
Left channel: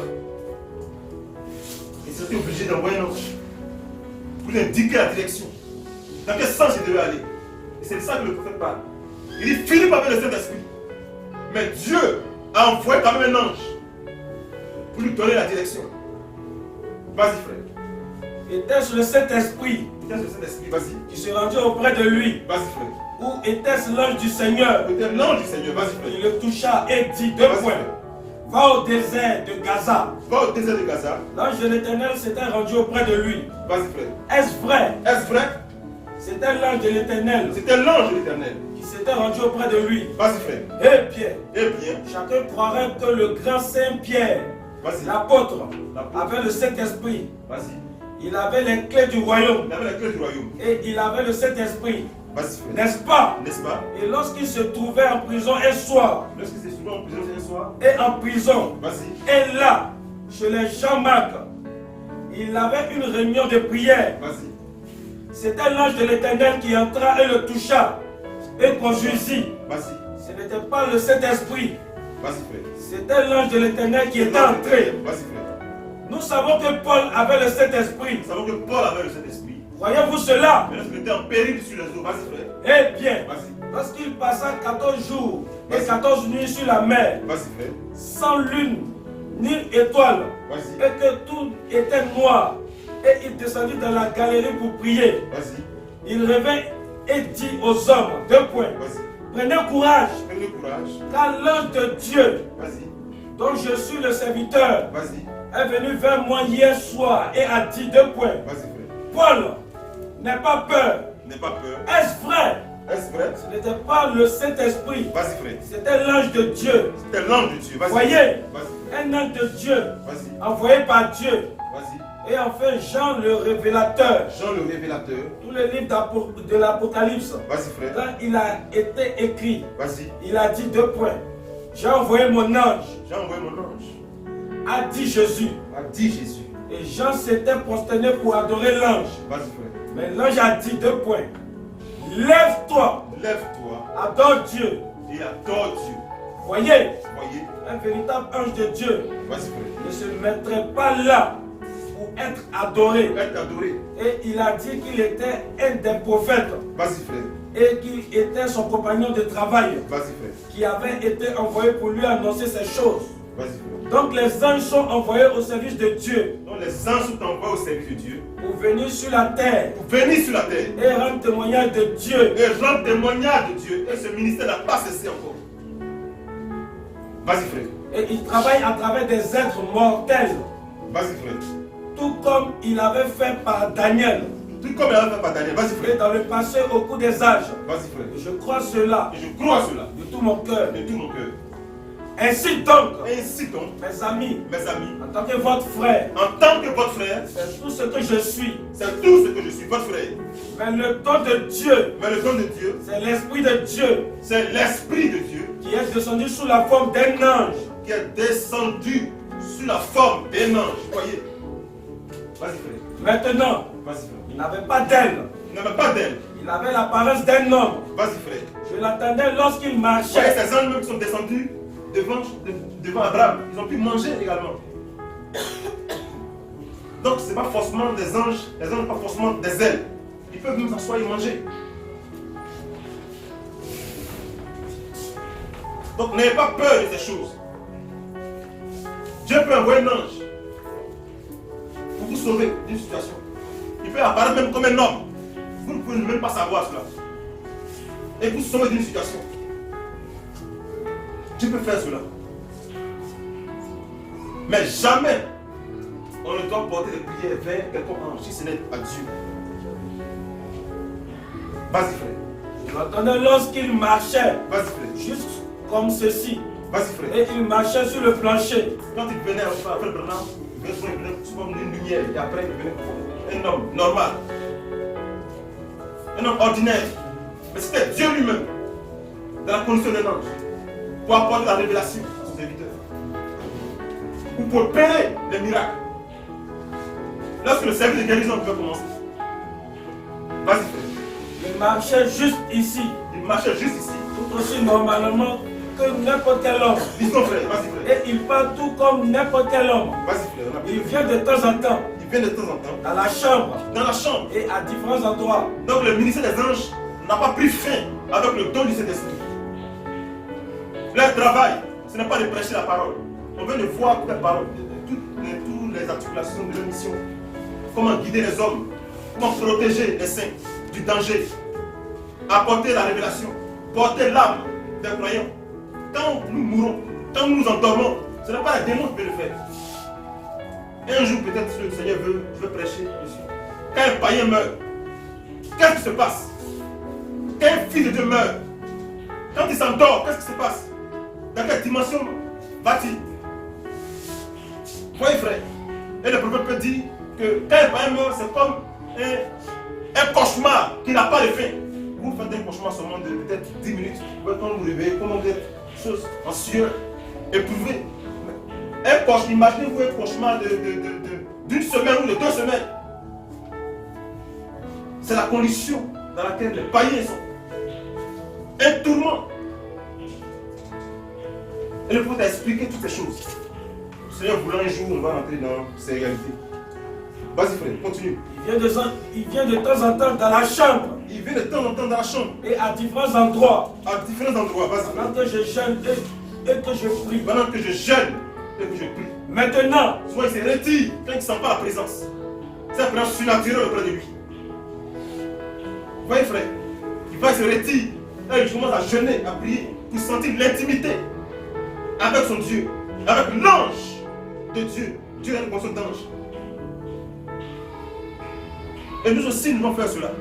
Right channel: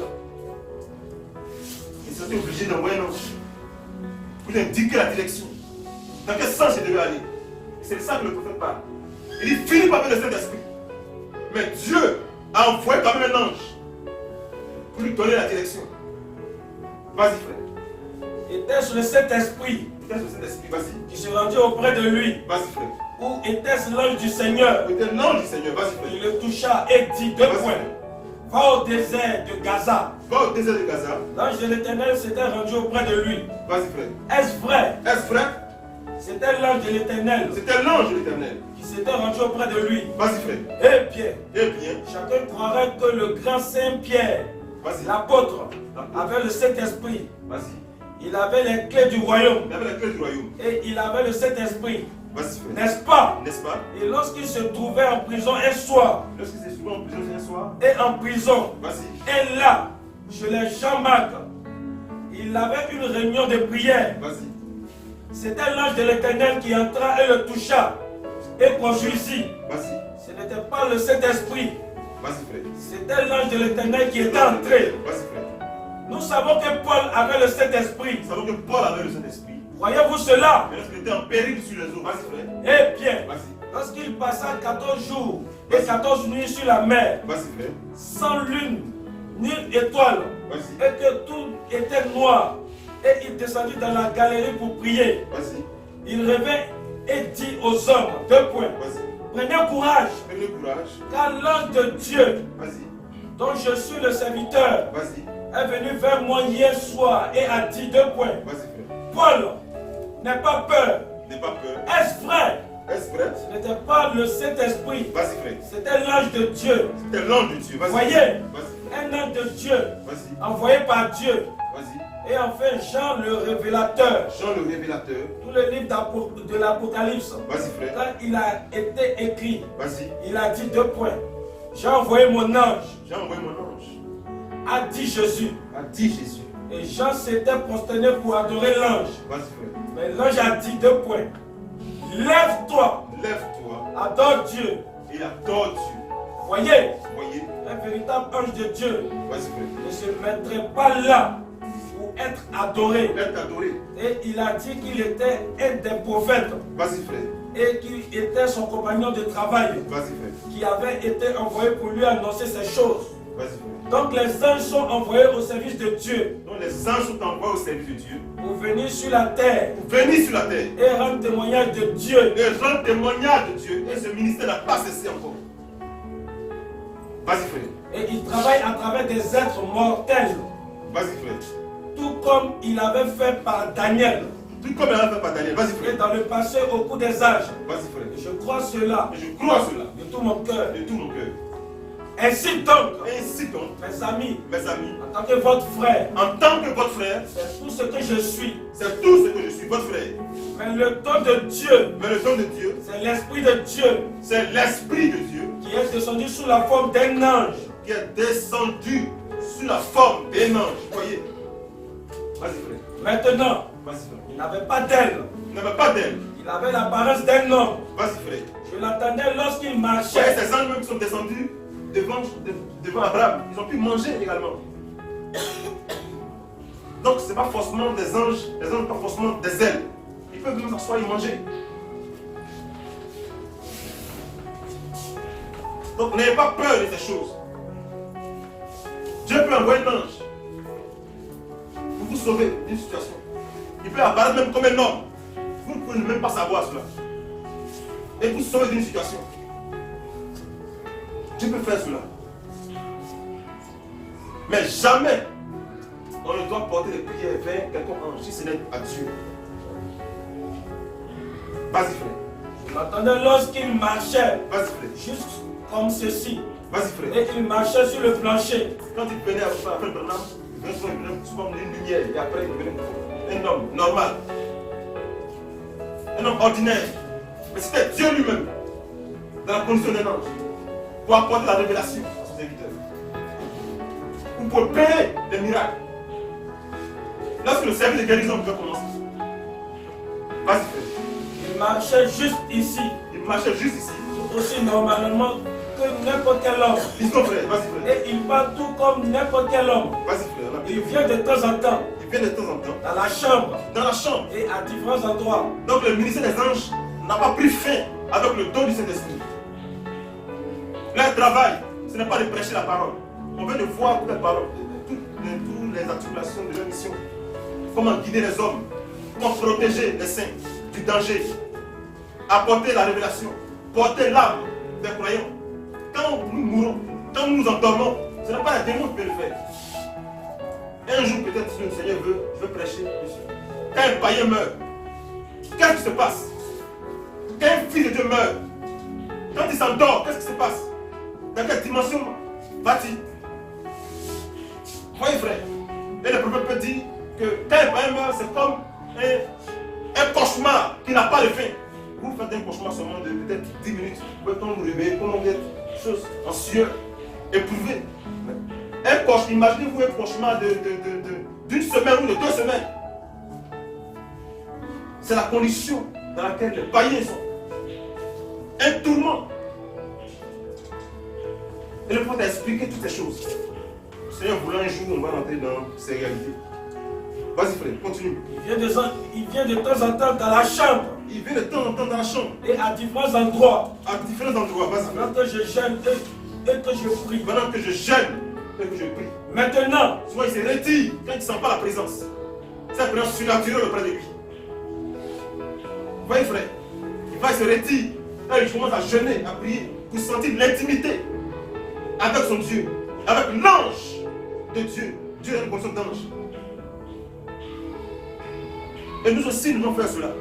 Et il s'était obligé d'envoyer un ange pour lui indiquer la direction. Dans quel sens il devait aller. Et c'est de ça que le prophète parle. Il dit Philippe avait le Saint-Esprit. Mais Dieu a envoyé quand même un ange pour lui donner la direction. Vas-y, frère. était-ce le Saint-Esprit Était-ce le Saint-Esprit? Vas-y. qui se rendit auprès de lui, Vas-y, frère. ou était-ce l'ange du Seigneur Peut-être l'ange du Seigneur. Vas-y, qui frère. le toucha et dit, deux Vas-y, points, frère. va au désert de Gaza. Va au désert de Gaza. L'ange de l'Éternel s'était rendu auprès de lui. Vas-y, frère. Est-ce vrai? Est-ce vrai? C'était l'ange de l'Éternel C'était l'ange de l'Éternel. qui s'était rendu auprès de lui. Vas-y, frère. Eh bien, Eh bien, chacun croirait que le grand Saint-Pierre, vas-y. l'apôtre, L'apôtre. avait le Saint-Esprit. Vas-y. Il avait les clés du royaume Il avait la clé du royaume. et il avait le Saint-Esprit. Vas-y, frère. N'est-ce pas? N'est-ce pas? Et lorsqu'il se trouvait en prison un soir, Lorsqu'il s'est souvent en prison un soir, et en prison, vas-y. et là, chez les Jean-Marc, il avait une réunion de prière. Vas-y. C'était l'ange de l'Éternel qui entra et le toucha et conduisit. Vas-y. Ce n'était pas le Saint-Esprit, Vas-y, frère. c'était l'ange de l'Éternel qui était entré. Vas-y, frère. Nous savons que Paul avait le Saint-Esprit. Nous savons que Paul avait le Saint-Esprit. Voyez-vous cela? Mais lorsqu'il était en péril sur les eaux, vas-y, frère. Eh bien, Vas-y. lorsqu'il passa 14 jours et 14 nuits sur la mer, Vas-y, frère. sans lune ni étoile, Vas-y. et que tout était noir, et il descendit dans la galerie pour prier, Vas-y. il revint et dit aux hommes, deux points, Vas-y. prenez courage, Prenez courage. car l'ange de Dieu, Vas-y. dont je suis le serviteur, Vas-y. est venu vers moi hier soir et a dit, deux points, Vas-y, frère. Paul, n'aie pas peur, N'aie pas peur. est-ce vrai? Est-ce vrai? Ce n'était pas le Saint-Esprit, Vas-y, frère. c'était l'ange de Dieu. C'était l'ange de Dieu. Vas-y. Voyez, Vas-y. un ange de Dieu, Vas-y. envoyé par Dieu, Vas-y. et enfin Jean le révélateur, Jean le révélateur. tout le livre de l'Apocalypse, Vas-y, frère. quand il a été écrit, Vas-y. il a dit deux points. J'ai envoyé mon ange, J'ai envoyé mon ange. a dit Jésus. A dit Jésus. Et Jean s'était prosterné pour adorer l'ange. Vas-y, frère. Mais l'ange a dit deux points. Lève-toi, Lève-toi adore Dieu. et adore Dieu. Voyez, Voyez. un véritable ange de Dieu Vas-y, frère. ne se mettrait pas là pour être adoré. Être adoré. Et il a dit qu'il était un des prophètes Vas-y, frère. et qu'il était son compagnon de travail Vas-y, frère. qui avait été envoyé pour lui annoncer ces choses. Vas-y, frère. Donc les anges sont envoyés au service de Dieu Donc les anges sont envoyés au service de Dieu pour venir sur la terre pour venir sur la terre et rendre témoignage de Dieu. et rendre témoignage de Dieu. Et ce ministère n'a pas cessé encore. Vas-y, frère. Et il travaille à travers des êtres mortels, Vas-y, frère. tout comme il avait fait par Daniel. Tout comme il a fait par Daniel. Vas-y, Et frère. dans le passé, au cours des âges, Vas-y, frère. je crois cela Et je crois à cela de tout mon cœur. de tout mon cœur. Ainsi donc, Ainsi donc, mes amis, mes amis, en tant que votre frère, en tant que votre frère, c'est tout ce que je suis. c'est tout ce que je suis, votre frère. Mais le don de Dieu, Mais le don de Dieu, c'est l'Esprit de Dieu c'est l'Esprit de Dieu qui est descendu sous la forme d'un ange. qui est descendu sous la forme d'un ange. Voyez. Vas-y, frère. Maintenant, Vas-y, frère. il n'avait pas d'aile. Il n'avait pas d'aile. Il avait l'apparence d'un homme. Vas-y, frère. Je l'attendais lorsqu'il Voyez marchait. ces anges même qui sont descendus devant Abraham. Ils ont pu manger également. Donc, ce n'est pas forcément des anges. Les anges n'ont pas forcément des ailes. Ils peuvent même s'asseoir et manger. Donc, n'ayez pas peur de ces choses. Dieu peut envoyer un ange pour vous sauver d'une situation. Il peut apparaître même comme un homme. Vous ne pouvez même pas savoir cela. Et vous sauver d'une situation. Dieu peut faire cela. Mais jamais on ne doit porter des prières vers quelqu'un ange si ce n'est à Dieu. Vas-y frère. Je l'entendais lorsqu'il marchait, Vas-y frère. juste comme ceci. Vas-y frère. Et il marchait sur le plancher. Quand il venait après Branham, il venait comme une lumière. Et après il venait un homme normal. Un homme ordinaire. Mais c'était Dieu lui-même. Dans la condition d'un ange. Pour apporter la révélation à son serviteur. Ou pour opérer les miracles. Lorsque le service de guérison peut commencer. Vas-y frère. Il marchait juste ici. Il marchait juste ici. Tout aussi normalement que n'importe quel homme. Dis-donc frère, vas-y frère. Et il parle tout comme n'importe quel homme. Vas-y frère. On a Il besoin. vient de temps en temps Il vient de temps en temps à la chambre dans la chambre. et à différents endroits. Donc le ministère des anges n'a pas pris fin avec le don du Saint-Esprit. Leur travail, ce n'est pas de prêcher la parole. On veut de voir toutes les paroles, toutes les articulations de leur mission. Comment guider les hommes, comment protéger les saints du danger, apporter la révélation, porter l'âme des croyants. Quand nous mourons, quand nous nous endormons, ce n'est pas les démons qui peuvent le faire. Un jour peut-être si le Seigneur veut, je veux prêcher dessus. Quand un païen meurt, qu'est-ce qui se passe? Quand un fils de Dieu meurt, quand il s'endort, qu'est-ce qui se passe? Dans quelle dimension va-t-il? Voyez frère, et le prophète peut dire que quand un païen meurt, c'est comme un cauchemar qui n'a pas de fin. Vous faites un cauchemar seulement de peut-être 10 minutes, quand vous vous réveillez, comment vous êtes chose en sueur, éprouvé. Un cauchemar, imaginez-vous un cauchemar d'une semaine ou de 2 semaines. C'est la condition dans laquelle les païens sont. Un tourment. Et le prophète a expliqué toutes ces choses. Le Seigneur voulant un jour, on va rentrer dans ces réalités. Vas-y frère, continue. Il vient de temps en temps dans la chambre Il vient de temps en temps dans la chambre, et à différents endroits. à différents endroits. Vas-y frère. Pendant que je jeûne et que je prie. Pendant que je jeûne et que je prie. Maintenant, Souvent il se retire quand il ne sent pas la présence. C'est la présence surnaturelle auprès de lui. Vous voyez frère, il va se retirer. Là il commence à jeûner, à prier, pour sentir l'intimité avec son Dieu, avec l'ange de Dieu. Dieu est une condition d'ange. Et nous aussi, nous devons faire cela.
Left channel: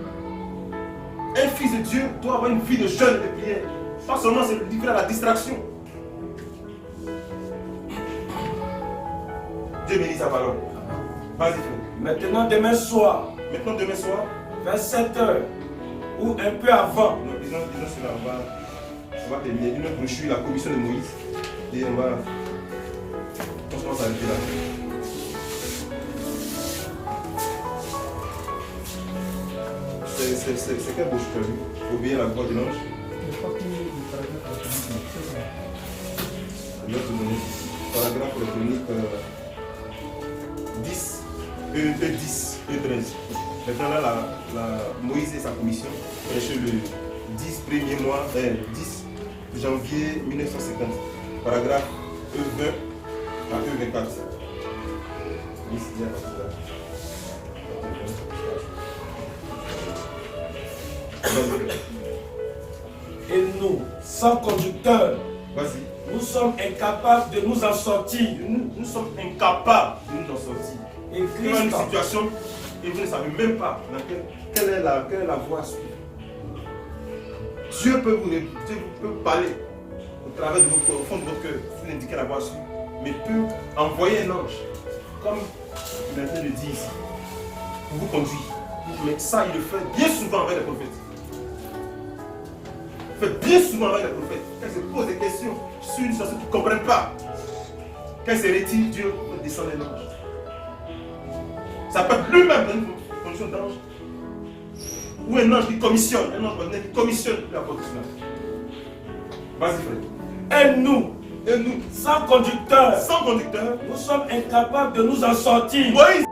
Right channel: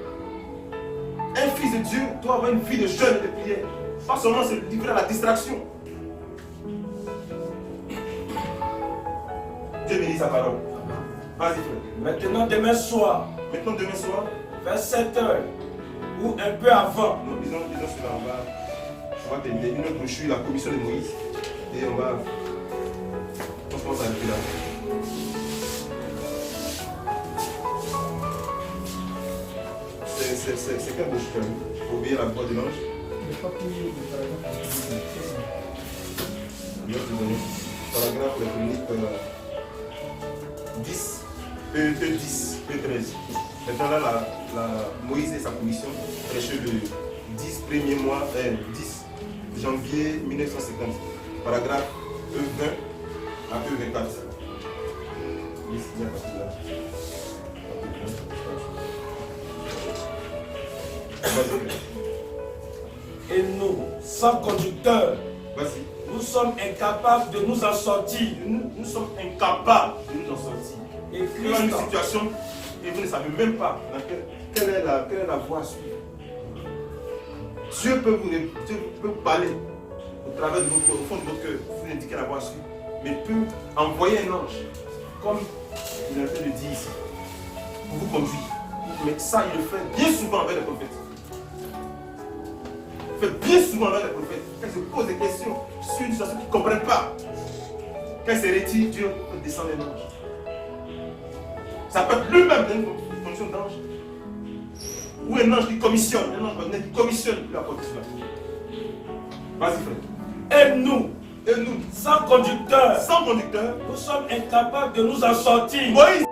Un fils de Dieu doit avoir une vie de jeûne et de prière. Pas seulement se livrer à la distraction. Dieu bénit sa parole. Vas-y frère. maintenant demain soir, Maintenant demain soir, vers 7 heures ou un peu avant, disons cela, on va terminer une brochure, la commission de Moïse. Et on se commence à arrêter là. C'est quel brochure tu as vu? Obéir à la voix de l'ange. Je vais te donner paragraphe électronique 10, E10, E13. Maintenant là, Moïse et sa commission prêchaient le 10 premier mois, 10 janvier 1950. Paragraphe E20 à E24. 10, bien parti là. et nous, sans conducteur, Vas-y. nous sommes incapables de nous en sortir. Nous sommes incapables de nous en sortir. Et Vous avez une Christ, situation et vous ne savez même pas dans quelle est la voie à suivre. Dieu peut vous parler au travers de votre cœur, au fond de votre cœur, vous indiquer la voie à suivre, mais peut envoyer un ange, comme il est en train de dire ici, pour vous conduire. Mais ça, il le fait bien souvent avec les prophètes. Il fait bien souvent avec les prophètes. Quand ils se posent des questions sur une situation qu'ils ne comprennent pas, quand ils se retirent, Dieu peut descendre un ange. Ça peut être lui-même dans une condition d'ange. Ou un ange qui commissionne, un ange qui commissionne pour apporter cela. Vas-y frère. et nous, Et nous, sans conducteur, sans conducteur, nous sommes incapables de nous en sortir. Moïse